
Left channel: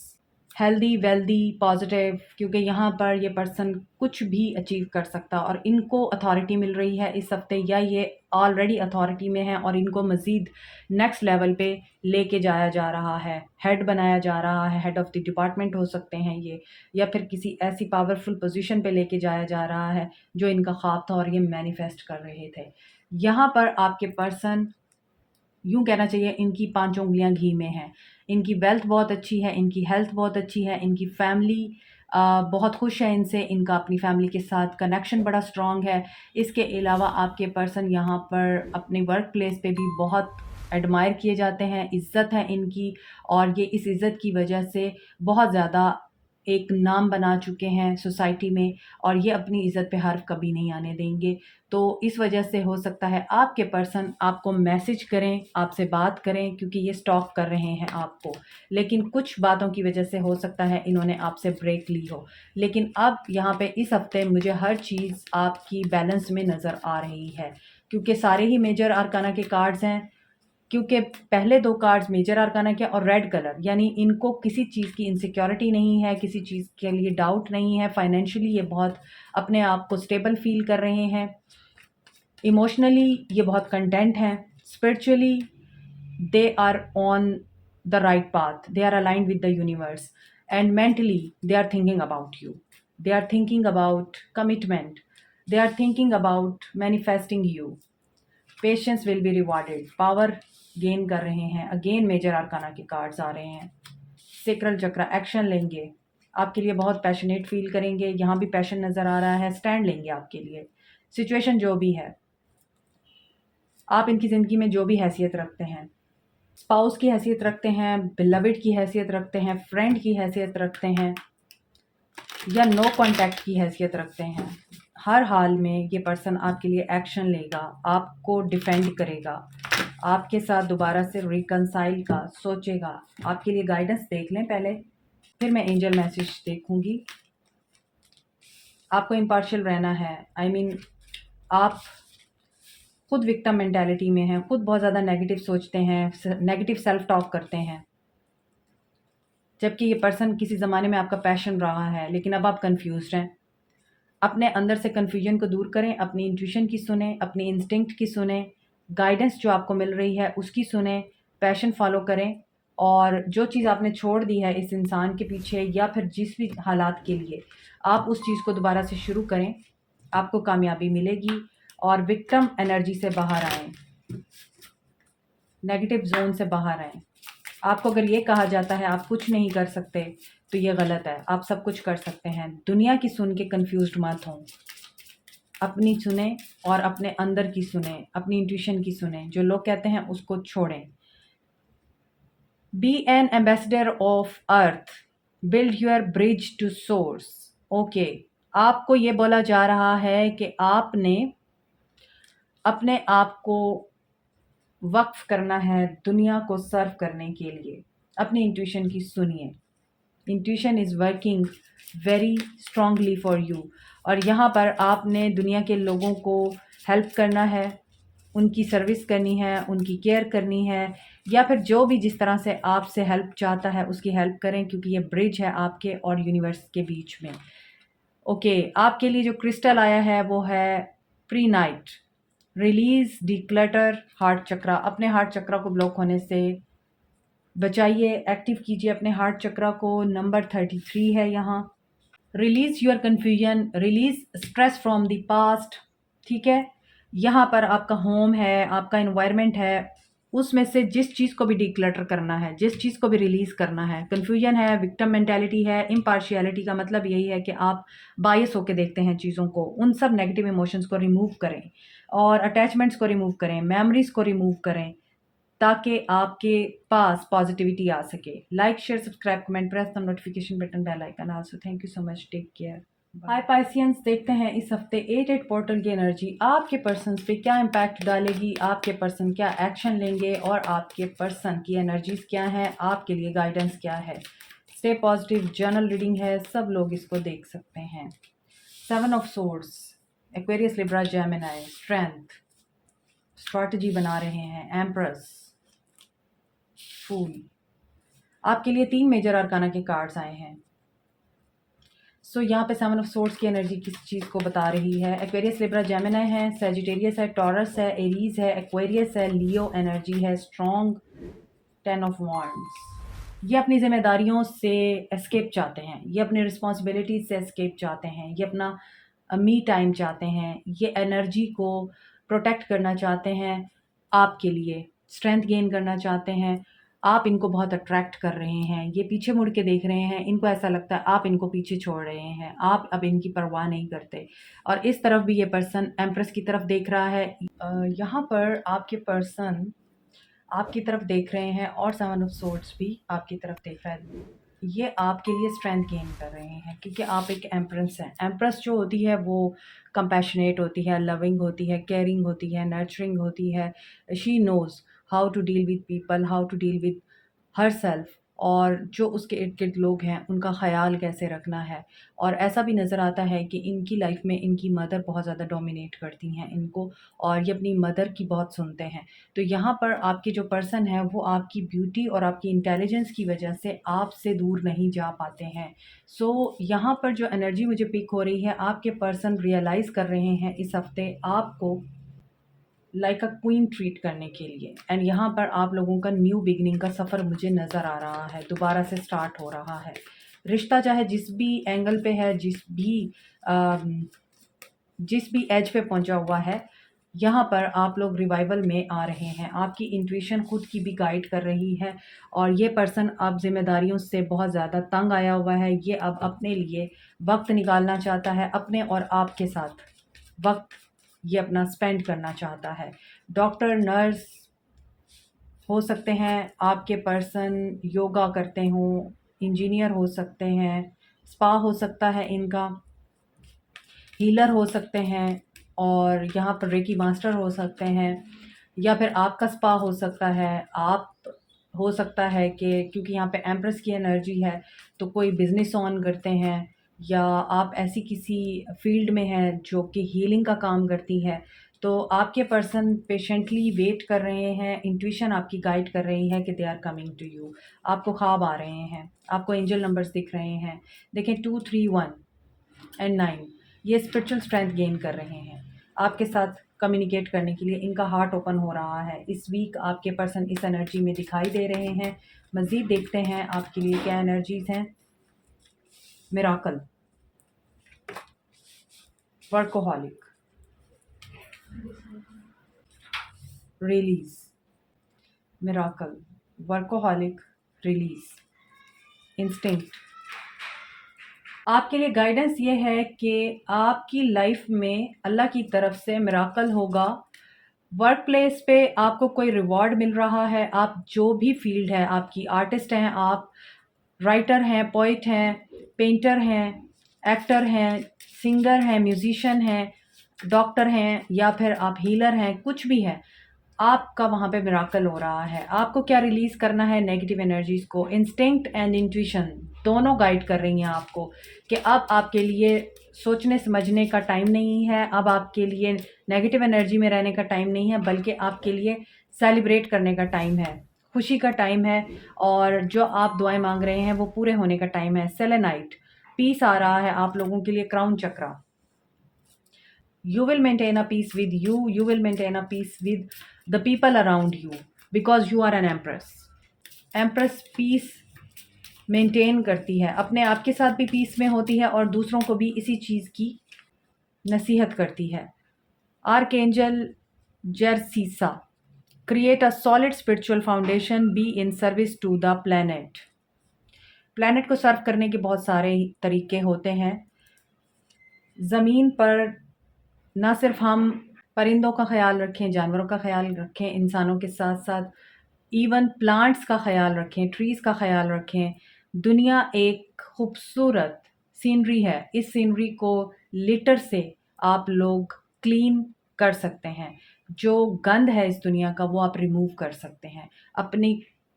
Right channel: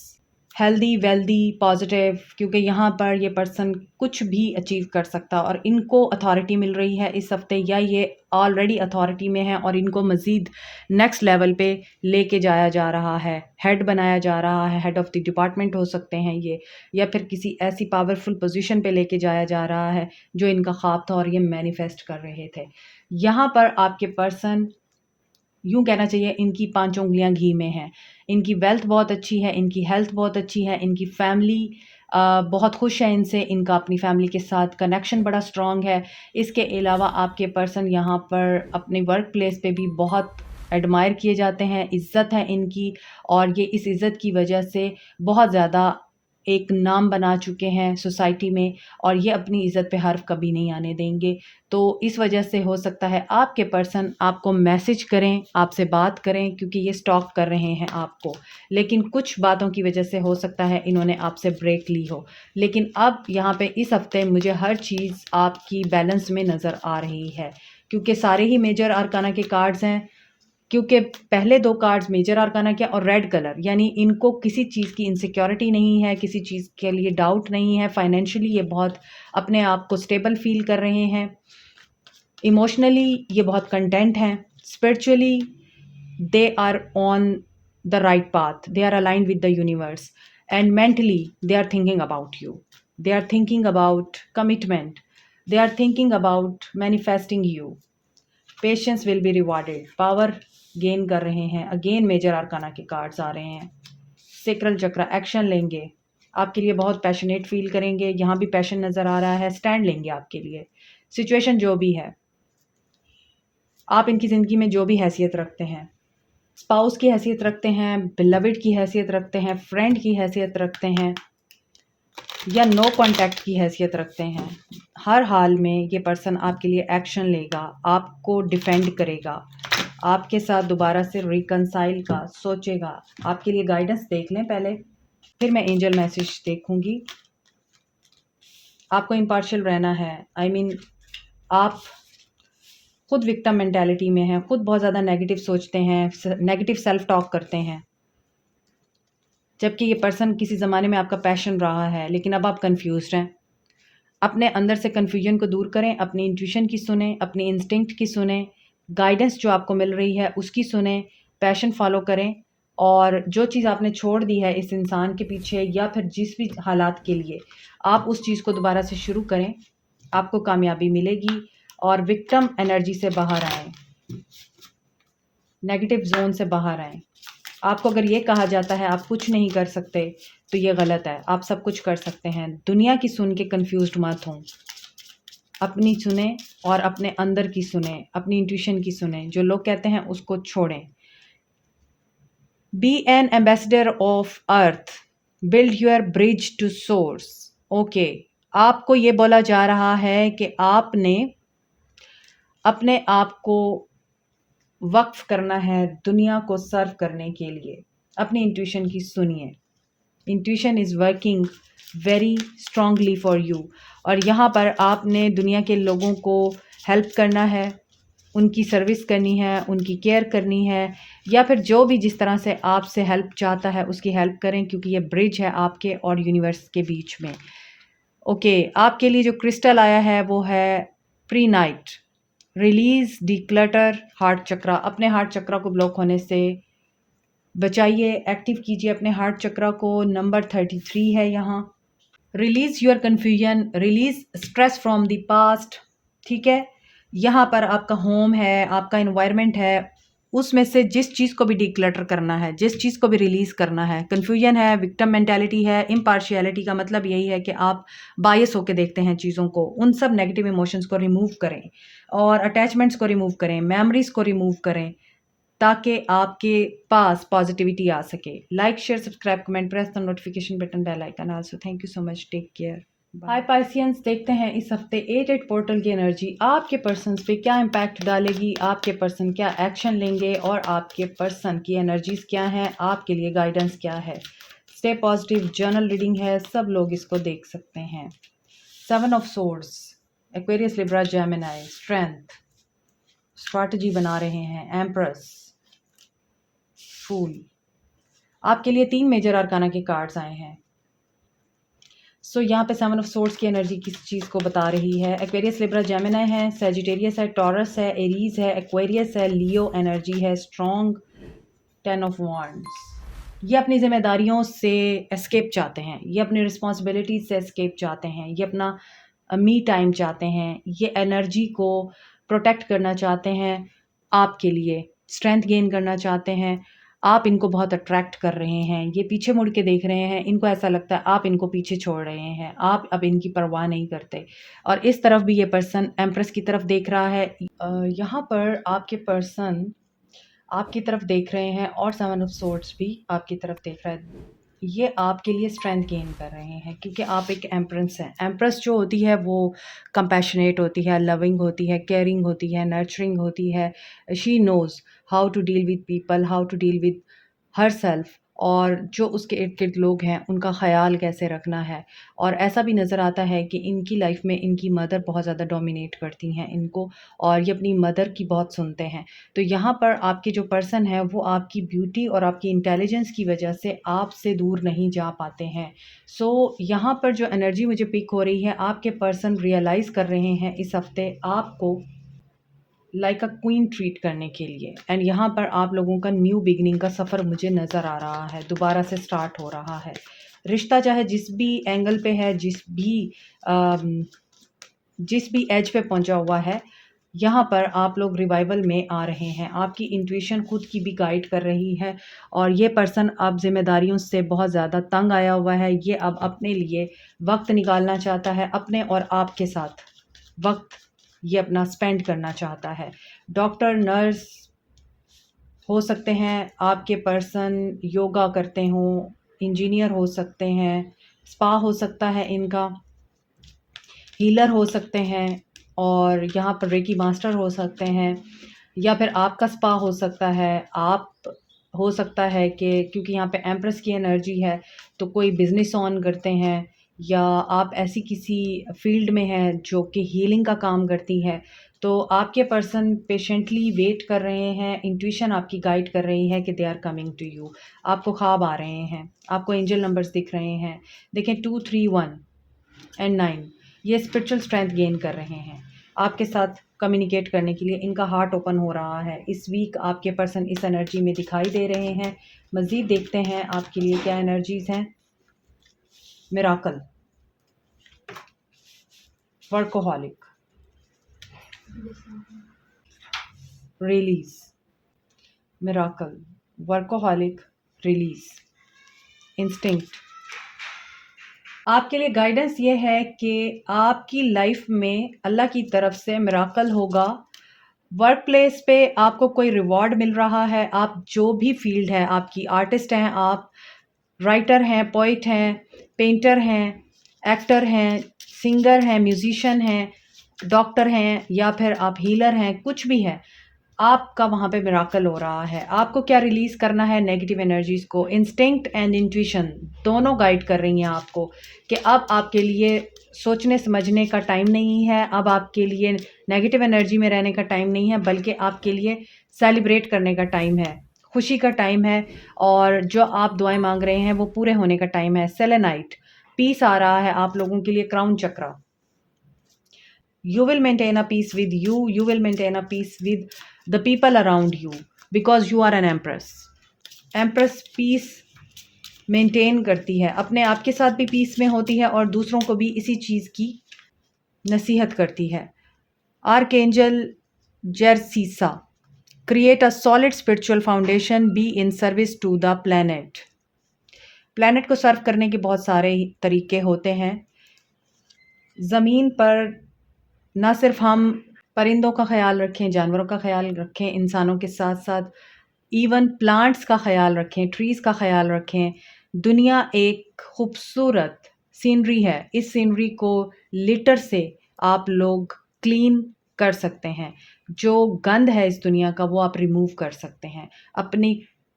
healthy, wealthy, positive, क्योंकि यहाँ पर ये पर्सन कुछ भी अचीव कर सकता है और इनको अथॉरिटी मिल रही है इस हफ्ते, या ये ऑलरेडी अथॉरिटी में है और इनको मज़ीद नेक्स्ट लेवल पे लेके जाया जा रहा है, हेड बनाया जा रहा है। हेड ऑफ़ द डिपार्टमेंट हो सकते हैं ये, या फिर किसी ऐसी पावरफुल पोजीशन पे लेके जाया जा रहा है जो इनका ख्वाब था और ये मैनिफेस्ट कर रहे थे। यहाँ पर आपके पर्सन, यूँ कहना चाहिए, इनकी 5 उँगलियाँ घी में हैं। इनकी वेल्थ बहुत अच्छी है, इनकी हेल्थ बहुत अच्छी है, इनकी फैमिली बहुत खुश है इनसे, इनका अपनी फैमिली के साथ कनेक्शन बड़ा स्ट्रॉन्ग है। इसके अलावा आपके पर्सन यहाँ पर अपने वर्क प्लेस पे भी बहुत एडमायर किए जाते हैं, इज़्ज़त है इनकी, और ये इस इज़्ज़त की वजह से बहुत ज़्यादा एक नाम बना चुके हैं सोसाइटी में, और ये अपनी इज़्ज़त पे हर्फ कभी नहीं आने देंगे। तो इस वजह से हो सकता है आपके पर्सन आपको मैसेज करें, आपसे बात करें, क्योंकि ये स्टॉक कर रहे हैं आपको। लेकिन कुछ बातों की वजह से हो सकता है इन्होंने आपसे ब्रेक ली हो। लेकिन अब यहाँ पे इस हफ्ते मुझे हर चीज़ आपकी बैलेंस में नज़र आ रही है, क्योंकि सारे ही मेजर अरकाना के कार्ड्स हैं। क्योंकि पहले 2 कार्ड्स मेजर अरकाना के और रेड कलर, यानी इनको किसी चीज़ की इनसिक्योरिटी नहीं है, किसी चीज़ के लिए डाउट नहीं है। फाइनेंशियली ये बहुत अपने आप को स्टेबल फ़ील कर रहे हैं। इमोशनली ये बहुत कंटेंट हैं। Spiritually they are on the right path, they are aligned with the universe, and mentally they are thinking about you, they are thinking about commitment, they are thinking about manifesting you. Patience will be rewarded, power gain कर रहे हैं। Again major arcana के cards आ रहे हैं। Sacral चक्र, action लेंगे, आपके लिए बहुत पैशनेट फ़ील करेंगे, यहाँ भी पैशन नज़र आ रहा है, स्टैंड लेंगे आपके लिए। सिचुएशन जो भी है, आप इनकी ज़िंदगी में जो भी हैसियत रखते हैं, स्पाउस की हैसियत रखते हैं, बिलवड की हैसियत रखते हैं, फ्रेंड की हैसियत रखते हैं या नो कॉन्टैक्ट की हैसियत रखते हैं, हर हाल में ये पर्सन आपके लिए एक्शन लेगा, आपको डिफेंड करेगा, आपके साथ दोबारा से रिकंसाइल का सोचेगा। आपके लिए गाइडेंस देख लें पहले, फिर मैं एंजल मैसेज देखूंगी। आपको इम्पार्शियल रहना है। आई मीन आप खुद विक्टिम मेंटालिटी में हैं, खुद बहुत ज़्यादा नेगेटिव सोचते हैं, नेगेटिव सेल्फ टॉक करते हैं, जबकि ये पर्सन किसी ज़माने में आपका पैशन रहा है, लेकिन अब आप कंफ्यूज्ड हैं। अपने अंदर से कन्फ्यूजन को दूर करें, अपनी इंट्यूशन की सुने, अपनी इंस्टिंक्ट की सुने, गाइडेंस जो आपको मिल रही है उसकी सुने, पैशन फॉलो करें और जो चीज़ आपने छोड़ दी है इस इंसान के पीछे या फिर जिस भी हालात के लिए, आप उस चीज़ को दोबारा से शुरू करें, आपको कामयाबी मिलेगी और विक्टिम एनर्जी से बाहर आएँ, नेगेटिव जोन से बाहर आएँ। आपको अगर ये कहा जाता है आप कुछ नहीं कर सकते, तो ये गलत है, आप सब कुछ कर सकते हैं। दुनिया की सुन के कन्फ्यूज़्ड मत हों, अपनी सुने और अपने अंदर की सुने, अपनी इंट्यूशन की सुने, जो लोग कहते हैं उसको छोड़ें। Be an ambassador of earth, build your bridge to source. Okay, आपको ये बोला जा रहा है कि आपने अपने आप को वक्फ करना है दुनिया को सर्व करने के लिए। अपनी इंट्यूशन की सुनिए, intuition is working very strongly for you और यहाँ पर आपने दुनिया के लोगों को हेल्प करना है, उनकी सर्विस करनी है, उनकी केयर करनी है या फिर जो भी जिस तरह से आपसे हेल्प चाहता है उसकी हेल्प करें, क्योंकि ये ब्रिज है आपके और यूनिवर्स के बीच में। ओके, आपके लिए जो क्रिस्टल आया है वो है prehnite. Release declutter heart chakra, अपने हार्ट चक्रा को ब्लॉक होने से बचाइए, एक्टिव कीजिए अपने हार्ट चक्रा को। नंबर 33 है यहाँ। Release your confusion, release stress from the past. ठीक है, यहाँ पर आपका होम है, आपका इन्वायरमेंट है, उसमें से जिस चीज़ को भी डिक्लटर करना है, जिस चीज़ को भी रिलीज़ करना है। कन्फ्यूजन है, विक्टिम मेंटालिटी है, इम्पार्शियलिटी का मतलब यही है कि आप बायस होकर देखते हैं चीज़ों को। उन सब नेगेटिव इमोशंस को रिमूव करें और अटैचमेंट्स को रिमूव करें, मेमोरीज को रिमूव करें, ताकि आपके पास पॉजिटिविटी आ सके। Like, share, subscribe, comment, press the notification button, bell icon also. Thank you so much, take care. Hi Pisceans, देखते हैं इस हफ्ते 8 पोर्टल की एनर्जी आपके पर्सन्स पे क्या इम्पैक्ट डालेगी, आपके पर्सन क्या एक्शन लेंगे और आपके पर्सन की एनर्जीज क्या हैं, आपके लिए गाइडेंस क्या है। स्टे पॉजिटिव, जर्नल रीडिंग है, सब लोग इसको देख सकते हैं। 7 of swords, Aquarius, Libra, Gemini, strength, strategy बना रहे हैं, एम्प्रेस, फूल। आपके लिए 3 मेजर आर्काना के कार्ड्स आए हैं। सो यहाँ पे 7 ऑफ सोर्ड्स की एनर्जी किस चीज़ को बता रही है। एक्वेरियस, लिब्रा, जेमिनी है, सजिटेरियस है, टॉरस है, एरीज है, एक्वेरियस है, लियो एनर्जी है, स्ट्रॉन्ग, 10 ऑफ वांड्स। ये अपनी जिम्मेदारियों से एस्केप चाहते हैं, ये अपनी रिस्पॉन्सिबिलिटीज से एस्केप चाहते हैं, ये अपना मी टाइम चाहते हैं, ये एनर्जी को प्रोटेक्ट करना चाहते हैं, आपके लिए स्ट्रेंथ गेन करना चाहते हैं। आप इनको बहुत अट्रैक्ट कर रहे हैं, ये पीछे मुड़ के देख रहे हैं, इनको ऐसा लगता है आप इनको पीछे छोड़ रहे हैं, आप अब इनकी परवाह नहीं करते। और इस तरफ भी ये पर्सन एम्प्रेस की तरफ देख रहा है। यहाँ पर आपके पर्सन आपकी तरफ देख रहे हैं और 7 ऑफ सोर्ड्स भी आपकी तरफ देख रहा है। ये आपके लिए स्ट्रेंथ गेन कर रहे हैं क्योंकि आप एक एम्प्रेस हैं। एम्प्रेस जो होती है वो कंपैशनेट होती है, लविंग होती है, केयरिंग होती है, नर्चरिंग होती है। She knows how to deal with people, how to deal with herself, और जो उसके इर्द गिर्द लोग हैं उनका ख़याल कैसे रखना है। और ऐसा भी नज़र आता है कि इनकी लाइफ में इनकी मदर बहुत ज़्यादा डोमिनेट करती हैं इनको, और ये अपनी मदर की बहुत सुनते हैं। तो यहाँ पर आपके जो पर्सन है वो आपकी ब्यूटी और आपकी इंटेलिजेंस की वजह से आपसे दूर नहीं जा पाते हैं। सो यहाँ पर जो एनर्जी मुझे पिक हो रही है, आपके पर्सन रियलाइज़ कर रहे हैं इस हफ्ते आपको लाइक अ क्वीन ट्रीट करने के लिए। एंड यहाँ पर आप लोगों का न्यू बिगिनिंग का सफ़र मुझे नज़र आ रहा है, दोबारा से स्टार्ट हो रहा है। रिश्ता चाहे जिस भी एंगल पे है, जिस भी एज पे पहुँचा हुआ है, यहाँ पर आप लोग रिवाइवल में आ रहे हैं। आपकी इंट्यूशन खुद की भी गाइड कर रही है और ये पर्सन अब ज़िम्मेदारियों से बहुत ज़्यादा तंग आया हुआ है। ये अब अपने लिए वक़्त निकालना चाहता है, अपने और आपके साथ वक़्त ये अपना स्पेंड करना चाहता है। डॉक्टर, नर्स हो सकते हैं, आपके पर्सन योगा करते हों, इंजीनियर हो सकते हैं, स्पा हो सकता है इनका, हीलर हो सकते हैं और यहाँ पर रेकी मास्टर हो सकते हैं या फिर आपका स्पा हो सकता है। आप हो सकता है कि क्योंकि यहाँ पे एम्प्रेस की एनर्जी है तो कोई बिजनेस ऑन करते हैं या आप ऐसी किसी फील्ड में हैं जो कि हीलिंग का काम करती है। तो आपके पर्सन पेशेंटली वेट कर रहे हैं, इंट्यूशन आपकी गाइड कर रही है कि they are coming to you. आपको ख्वाब आ रहे हैं, आपको एंजल नंबर्स दिख रहे हैं। देखें 2, 3, 1 एंड 9 ये स्पिरिचुअल स्ट्रेंथ गेन कर रहे हैं आपके साथ कम्युनिकेट करने के लिए। इनका हार्ट ओपन हो रहा है। इस वीक आपके पर्सन इस एनर्जी में दिखाई दे रहे हैं। मज़ीद देखते हैं आपके लिए क्या एनर्जीज़ हैं। Miracle, workaholic, release, miracle, workaholic, release, instinct. आपके लिए गाइडेंस ये है कि आपकी लाइफ में अल्लाह की तरफ से मिराकल होगा। वर्क प्लेस पे आपको कोई रिवॉर्ड मिल रहा है। आप जो भी फील्ड है आपकी, आर्टिस्ट हैं आप, राइटर हैं, पोइट हैं, पेंटर हैं, एक्टर हैं, सिंगर हैं, म्यूजिशियन हैं, डॉक्टर हैं या फिर आप हीलर हैं, कुछ भी है, आपका वहाँ पे मिराकल हो रहा है। आपको क्या रिलीज़ करना है? नेगेटिव एनर्जीज़ को। इंस्टिंक्ट एंड इंट्यूशन दोनों गाइड कर रही हैं आपको कि अब आपके लिए सोचने समझने का टाइम नहीं है, अब आपके लिए नेगेटिव एनर्जी में रहने का टाइम नहीं है, बल्कि आपके लिए सेलिब्रेट करने का टाइम है, खुशी का टाइम है और जो आप दुआएं मांग रहे हैं वो पूरे होने का टाइम है। सेलेनाइट, पीस आ रहा है आप लोगों के लिए। Crown chakra, you will maintain a peace with you will maintain a peace with the people around you because you are an empress peace maintain करती है, अपने आप के साथ भी पीस में होती है और दूसरों को भी इसी चीज़ की नसीहत करती है। आर्कएंजल जर्सीसा, create a solid spiritual foundation, be in service to the planet. Planet को सर्व करने के बहुत सारे तरीके होते हैं। ज़मीन पर ना सिर्फ हम परिंदों का ख्याल रखें, जानवरों का ख्याल रखें, इंसानों के साथ साथ इवन प्लांट्स का ख्याल रखें, ट्रीज़ का ख्याल रखें। दुनिया एक खूबसूरत सीनरी है। इस सीनरी को लिटर से आप लोग क्लीन कर सकते हैं। जो गंद है इस दुनिया का वो आप रिमूव कर सकते हैं अपनी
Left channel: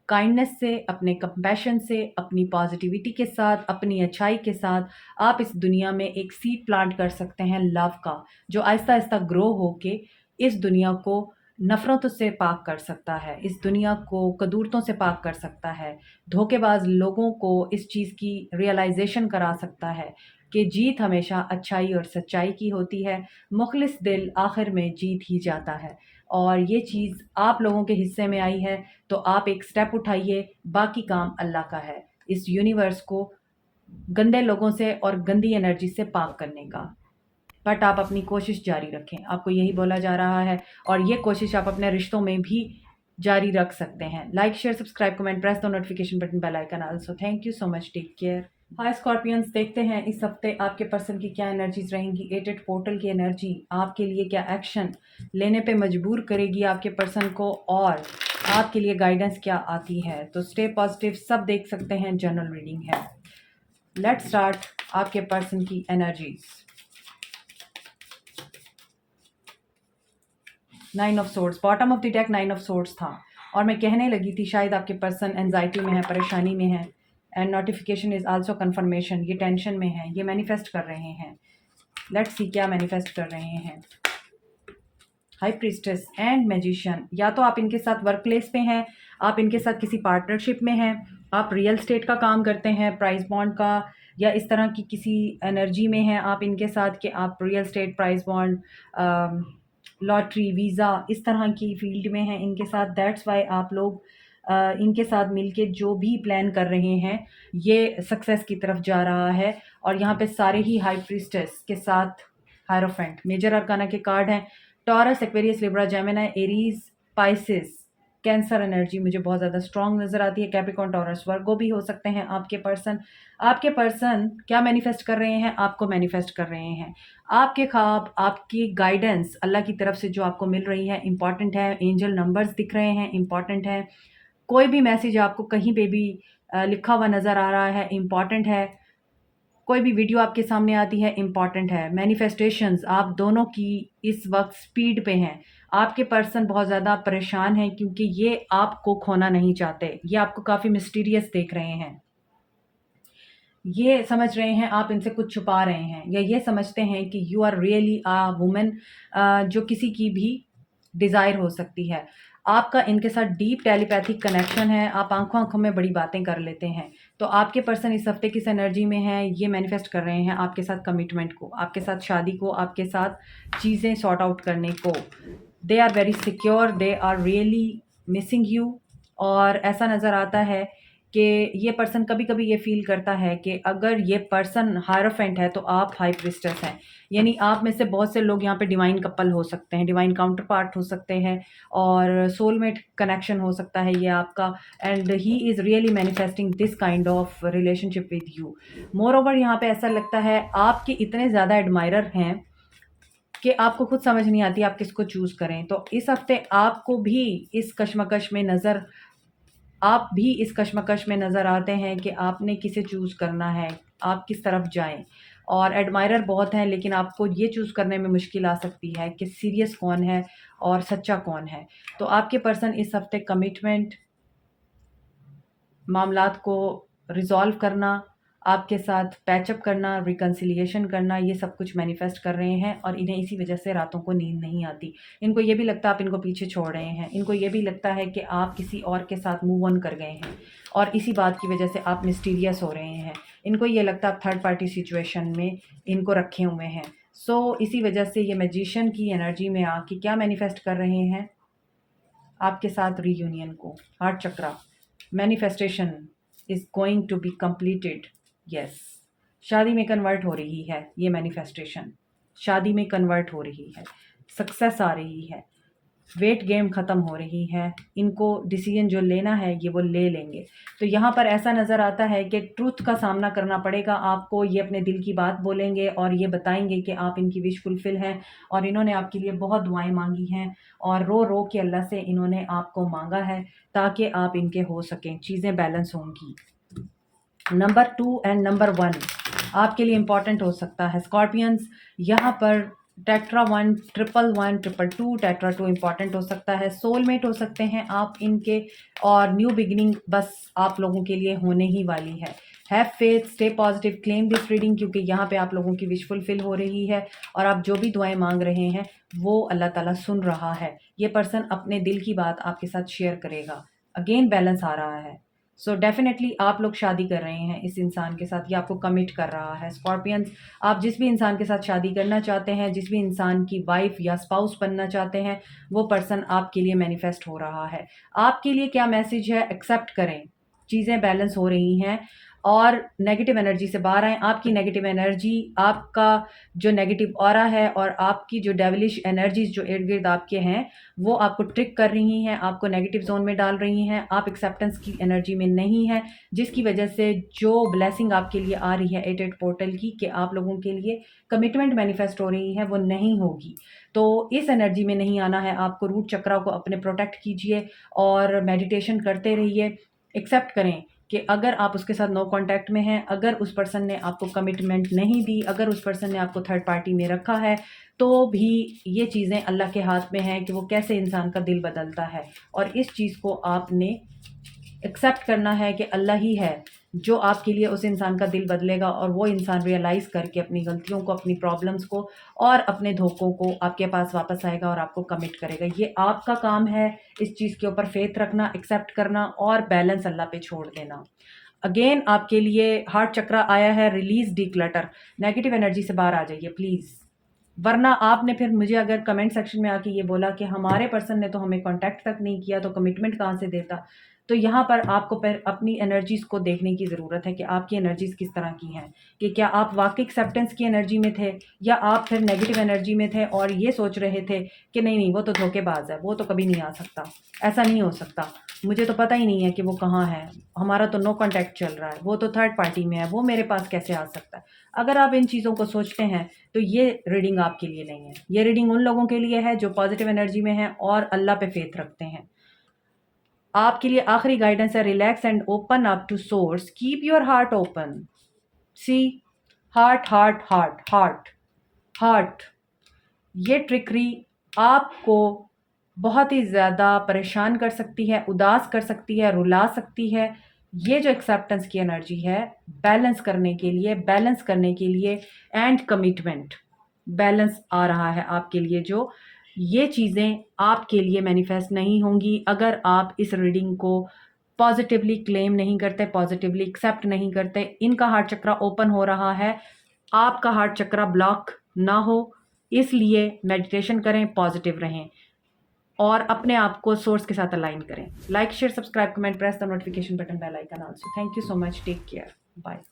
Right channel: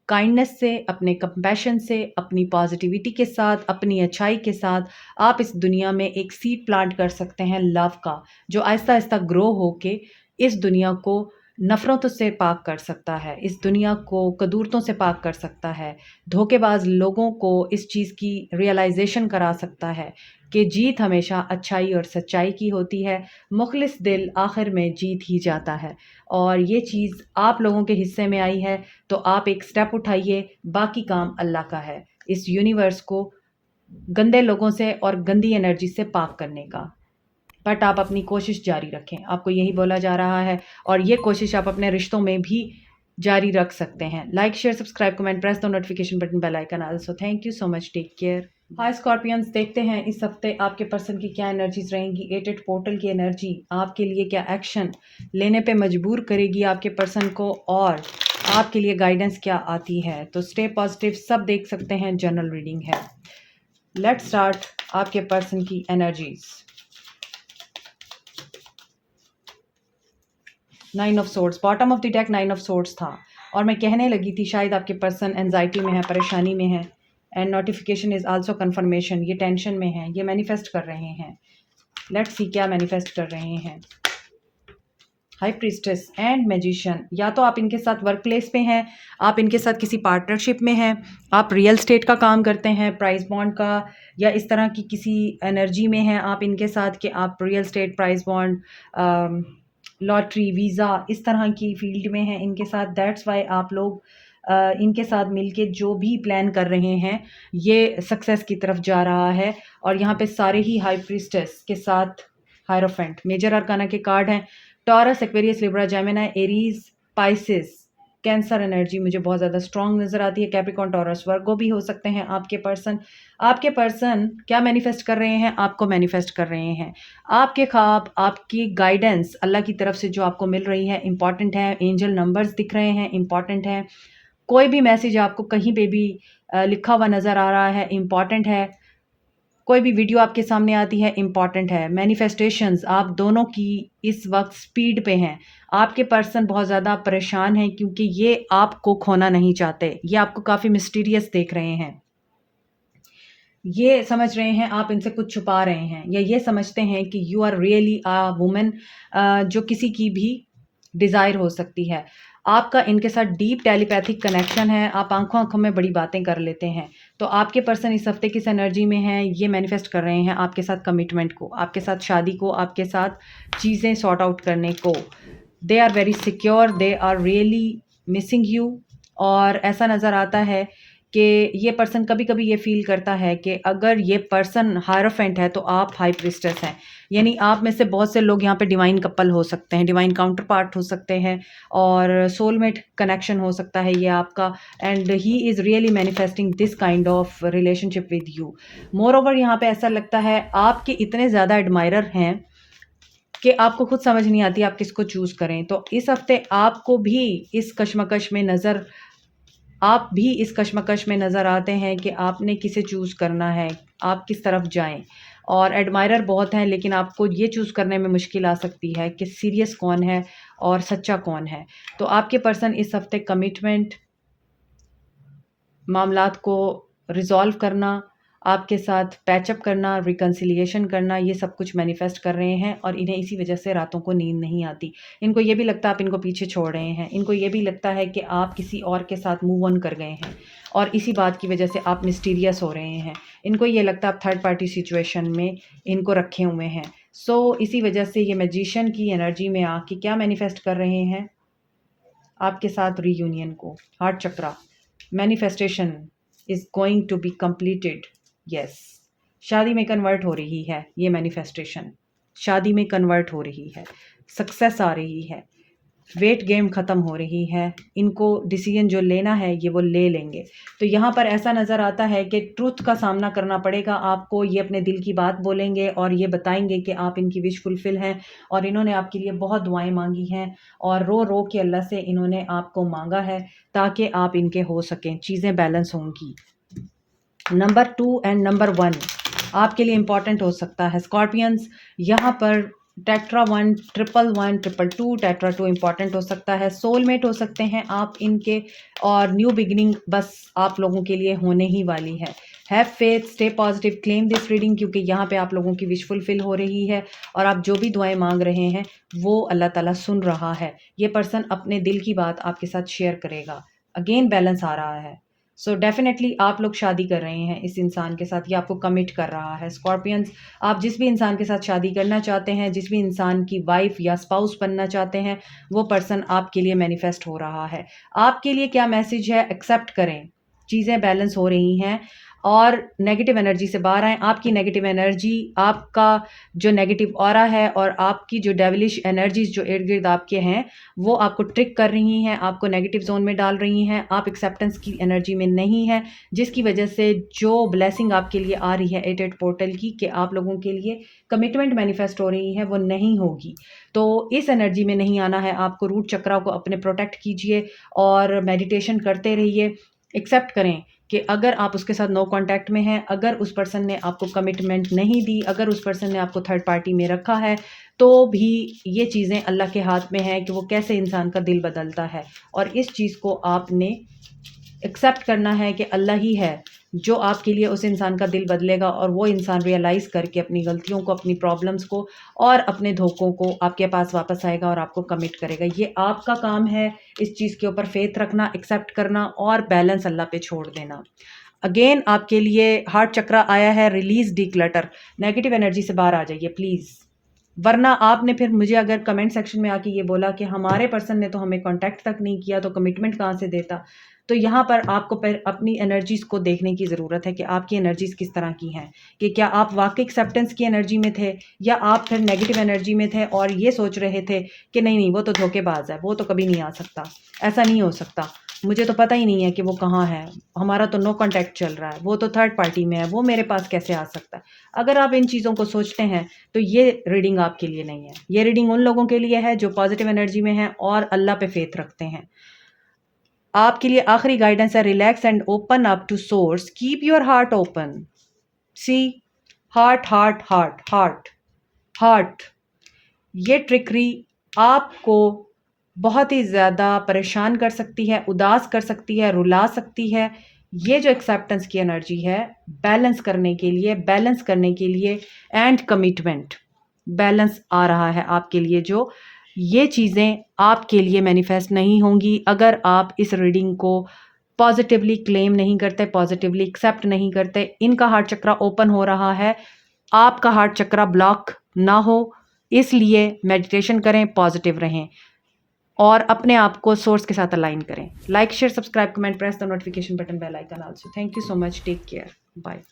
काइंडनेस से, अपने कंपैशन से, अपनी पॉजिटिविटी के साथ, अपनी अच्छाई के साथ। आप इस दुनिया में एक सीड प्लांट कर सकते हैं लव का, जो आहिस्ता आहिस्ता ग्रो होके इस दुनिया को नफ़रतों से पाक कर सकता है, इस दुनिया को कदूरतों से पाक कर सकता है, धोखेबाज लोगों को इस चीज़ की रियलाइजेशन करा सकता है कि जीत हमेशा अच्छाई और सच्चाई की होती है। मुखलिस दिल आखिर में जीत ही जाता है और ये चीज़ आप लोगों के हिस्से में आई है तो आप एक स्टेप उठाइए। बाकी काम अल्लाह का है, इस यूनिवर्स को गंदे लोगों से और गंदी एनर्जी से पाक करने का। बट आप अपनी कोशिश जारी रखें, आपको यही बोला जा रहा है और ये कोशिश आप अपने रिश्तों में भी जारी रख सकते हैं। Like, share, subscribe, comment, press the notification button, bell icon also. Thank you so much, take care. Hi Scorpions, देखते हैं इस हफ्ते आपके पर्सन की क्या एनर्जीज रहेंगी। 8 पोर्टल की एनर्जी आपके लिए क्या एक्शन लेने पे मजबूर करेगी आपके पर्सन को और आपके लिए गाइडेंस क्या आती है। तो स्टे पॉजिटिव, सब देख सकते हैं, जनरल रीडिंग है। लेट्स स्टार्ट आपके पर्सन की energies. 9 of swords, bottom of the deck 9 of swords था और मैं कहने लगी थी शायद आपके पर्सन एंजाइटी में है, परेशानी में है। And notification is also confirmation, ये टेंशन में है, ये मैनिफेस्ट कर रहे हैं। लेट्स सी क्या मैनिफेस्ट कर रहे हैं। हाई प्रीस्टेस एंड मैजिशियन, या तो आप इनके साथ वर्क प्लेस पे हैं, आप इनके साथ किसी पार्टनरशिप में हैं, आप रियल स्टेट का काम करते हैं, प्राइस बॉन्ड का या इस तरह की किसी एनर्जी में हैं आप इनके साथ कि आप real estate, price bond, lottery, visa, इस तरह की फील्ड में हैं इनके साथ। दैट्स वाई आप लोग इनके साथ मिलके जो भी प्लान कर रहे हैं ये सक्सेस की तरफ जा रहा है। और यहाँ पे सारे ही हाई प्रीस्टेस के साथ हायरोफेंट, मेजर अरकाना के कार्ड हैं। Taurus, Aquarius, Libra, Gemini, Aries, Pisces, cancer energy मुझे बहुत ज़्यादा स्ट्रॉन्ग नज़र आती है। कैप्रिकॉर्न, टॉरस, वर्गो भी हो सकते हैं आपके पर्सन। आपके पर्सन क्या मैनिफेस्ट कर रहे हैं? आपको मैनिफेस्ट कर रहे हैं। आपके ख्वाब, आपकी गाइडेंस अल्लाह की तरफ से जो आपको मिल रही है इंपॉर्टेंट है। एंजल नंबर्स दिख रहे हैं, इंपॉर्टेंट है। कोई भी मैसेज आपको कहीं पे भी लिखा हुआ नज़र आ रहा है, इंपॉर्टेंट है। कोई भी वीडियो आपके सामने आती है, इंपॉर्टेंट है। मैनिफेस्टेशंस आप दोनों की इस वक्त स्पीड पे हैं। आपके पर्सन बहुत ज़्यादा परेशान हैं क्योंकि ये आपको खोना नहीं चाहते। ये आपको काफ़ी मिस्टीरियस देख रहे हैं। ये समझ रहे हैं आप इनसे कुछ छुपा रहे हैं, या ये समझते हैं कि you are really a woman जो किसी की भी डिज़ायर हो सकती है। आपका इनके साथ डीप टेलीपैथिक कनेक्शन है। आप आँखों-आँखों में बड़ी बातें कर लेते हैं। तो आपके पर्सन इस हफ्ते किस एनर्जी में हैं, ये मैनिफेस्ट कर रहे हैं आपके साथ कमिटमेंट को, आपके साथ शादी को, आपके साथ चीज़ें सॉर्ट आउट करने को। They are very secure, they are really missing you. और ऐसा नज़र आता है कि ये पर्सन कभी-कभी ये फ़ील करता है कि अगर ये पर्सन हायरोफेंट है तो आप हाई प्रीस्टेस हैं। यानी आप में से बहुत से लोग यहाँ पे डिवाइन कपल हो सकते हैं, डिवाइन काउंटर पार्ट हो सकते हैं और सोलमेट कनेक्शन हो सकता है ये आपका। And he is really manifesting this kind of relationship with you. More over यहाँ पे ऐसा लगता है आपके इतने ज़्यादा एडमायरर हैं कि आपको खुद समझ नहीं आती आप किसको चूज़ करें। तो इस हफ्ते आपको भी इस कशमकश में नज़र आप भी इस कशमकश में नज़र आते हैं कि आपने किसे चूज़ करना है, आप किस तरफ जाएँ। और एडमायरर बहुत हैं, लेकिन आपको ये चूज़ करने में मुश्किल आ सकती है कि सीरियस कौन है और सच्चा कौन है। तो आपके पर्सन इस हफ्ते कमिटमेंट, मामलात को रिज़ॉल्व करना, आपके साथ पैचअप करना, रिकन्सिलिएशन करना, ये सब कुछ मैनिफेस्ट कर रहे हैं और इन्हें इसी वजह से रातों को नींद नहीं आती। इनको ये भी लगता है आप इनको पीछे छोड़ रहे हैं। इनको ये भी लगता है कि आप किसी और के साथ मूव ऑन कर गए हैं और इसी बात की वजह से आप मिस्टीरियस हो रहे हैं। इनको ये लगता है आप थर्ड पार्टी सिचुएशन में इनको रखे हुए हैं। इसी वजह से ये मैजिशियन की एनर्जी में आके क्या मैनिफेस्ट कर रहे हैं आपके साथ रीयूनियन को। Heart chakra, manifestation is going to be completed. Yes, शादी में कन्वर्ट हो रही है ये मैनिफेस्टेशन, शादी में कन्वर्ट हो रही है, सक्सेस आ रही है, वेट गेम ख़त्म हो रही है। इनको डिसीजन जो लेना है ये वो ले लेंगे। तो यहाँ पर ऐसा नज़र आता है कि ट्रुथ का सामना करना पड़ेगा आपको। ये अपने दिल की बात बोलेंगे और ये बताएंगे कि आप इनकी विश फुलफिल हैं और इन्होंने आपके लिए बहुत दुआएं मांगी हैं और रो रो के अल्लाह से इन्होंने आपको मांगा है ताकि आप इनके हो सकें, चीज़ें बैलेंस होंगी। नंबर 2 एंड नंबर 1 आपके लिए इंपॉर्टेंट हो सकता है स्कॉर्पियंस। यहाँ पर tetra 1, triple 1, triple 2, tetra 2 important हो सकता है। सोलमेट हो सकते हैं आप इनके और न्यू बिगिनिंग बस आप लोगों के लिए होने ही वाली है। Have faith, stay positive, claim this reading क्योंकि यहाँ पे आप लोगों की विश फुलफिल हो रही है और आप जो भी दुआएं मांग रहे हैं वो अल्लाह ताला सुन रहा है। ये पर्सन अपने दिल की बात आपके साथ शेयर करेगा। अगेन बैलेंस आ रहा है। डेफिनेटली आप लोग शादी कर रहे हैं इस इंसान के साथ, ये आपको कमिट कर रहा है। स्कॉर्पियंस, आप जिस भी इंसान के साथ शादी करना चाहते हैं, जिस भी इंसान की वाइफ या स्पाउस बनना चाहते हैं, वो पर्सन आपके लिए मैनिफेस्ट हो रहा है। आपके लिए क्या मैसेज है? एक्सेप्ट करें, चीज़ें बैलेंस हो रही हैं और नेगेटिव एनर्जी से बाहर आएँ। आपकी नेगेटिव एनर्जी, आपका जो नेगेटिव ऑरा है और आपकी जो डेविलिश एनर्जीज़ जो इर्द-गिर्द आपके हैं, वो आपको ट्रिक कर रही हैं, आपको नेगेटिव ज़ोन में डाल रही हैं। आप एक्सेप्टेंस की एनर्जी में नहीं हैं, जिसकी वजह से जो ब्लेसिंग आपके लिए आ रही है 88 पोर्टल की कि आप लोगों के लिए कमिटमेंट मैनिफेस्ट हो रही है, वो नहीं होगी। तो इस एनर्जी में नहीं आना है आपको। रूट चक्रा को अपने प्रोटेक्ट कीजिए और मेडिटेशन करते रहिए। एक्सेप्ट करें कि अगर आप उसके साथ नो कांटेक्ट में हैं, अगर उस पर्सन ने आपको कमिटमेंट नहीं दी, अगर उस पर्सन ने आपको थर्ड पार्टी में रखा है, तो भी ये चीज़ें अल्लाह के हाथ में हैं कि वो कैसे इंसान का दिल बदलता है। और इस चीज़ को आपने एक्सेप्ट करना है कि अल्लाह ही है जो आपके लिए उस इंसान का दिल बदलेगा और वो इंसान रियलाइज़ करके अपनी गलतियों को, अपनी प्रॉब्लम्स को और अपने धोखों को आपके पास वापस आएगा और आपको कमिट करेगा। ये आपका काम है इस चीज़ के ऊपर फेथ रखना, एक्सेप्ट करना और बैलेंस अल्लाह पे छोड़ देना। अगेन आपके लिए हार्ट चक्रा आया है, रिलीज़ डिक्लटर। नेगेटिव एनर्जी से बाहर आ जाइए प्लीज़, वरना आपने फिर मुझे अगर कमेंट सेक्शन में आके ये बोला कि हमारे पर्सन ने तो हमें कांटेक्ट तक नहीं किया तो कमिटमेंट कहाँ से देता। तो यहाँ पर आपको पर अपनी एनर्जीज़ को देखने की ज़रूरत है कि आपकी एनर्जीज़ किस तरह की हैं, कि क्या आप वाकई एक्सेप्टेंस की एनर्जी में थे या आप फिर नेगेटिव एनर्जी में थे और ये सोच रहे थे कि नहीं नहीं वो तो धोखेबाज है, वो तो कभी नहीं आ सकता, ऐसा नहीं हो सकता, मुझे तो पता ही नहीं है कि वो कहाँ है, हमारा तो नो कांटेक्ट चल रहा है, वो तो थर्ड पार्टी में है, वो मेरे पास कैसे आ सकता है। अगर आप इन चीज़ों को सोचते हैं तो ये रीडिंग आपके लिए नहीं है। ये रीडिंग उन लोगों के लिए है जो पॉजिटिव एनर्जी में हैं और अल्लाह पे फेथ रखते हैं। आपके लिए आखिरी गाइडेंस है, relax and open up to source, keep your heart open. See, heart heart heart heart heart, ये ट्रिकरी आपको बहुत ही ज़्यादा परेशान कर सकती है, उदास कर सकती है, रुला सकती है। ये जो एक्सेप्टेंस की एनर्जी है, बैलेंस करने के लिए एंड कमिटमेंट, बैलेंस आ रहा है आपके लिए, जो ये चीज़ें आपके लिए मैनिफेस्ट नहीं होंगी अगर आप इस रीडिंग को पॉजिटिवली क्लेम नहीं करते, पॉजिटिवली एक्सेप्ट नहीं करते। इनका हार्ट चक्रा ओपन हो रहा है, आपका हार्ट चक्रा ब्लॉक ना हो, इसलिए मेडिटेशन करें, पॉजिटिव रहें और अपने आप को सोर्स के साथ अलाइन करें। Like, share, subscribe, comment, press the notification button, bell icon also. Thank you so much, take care, bye.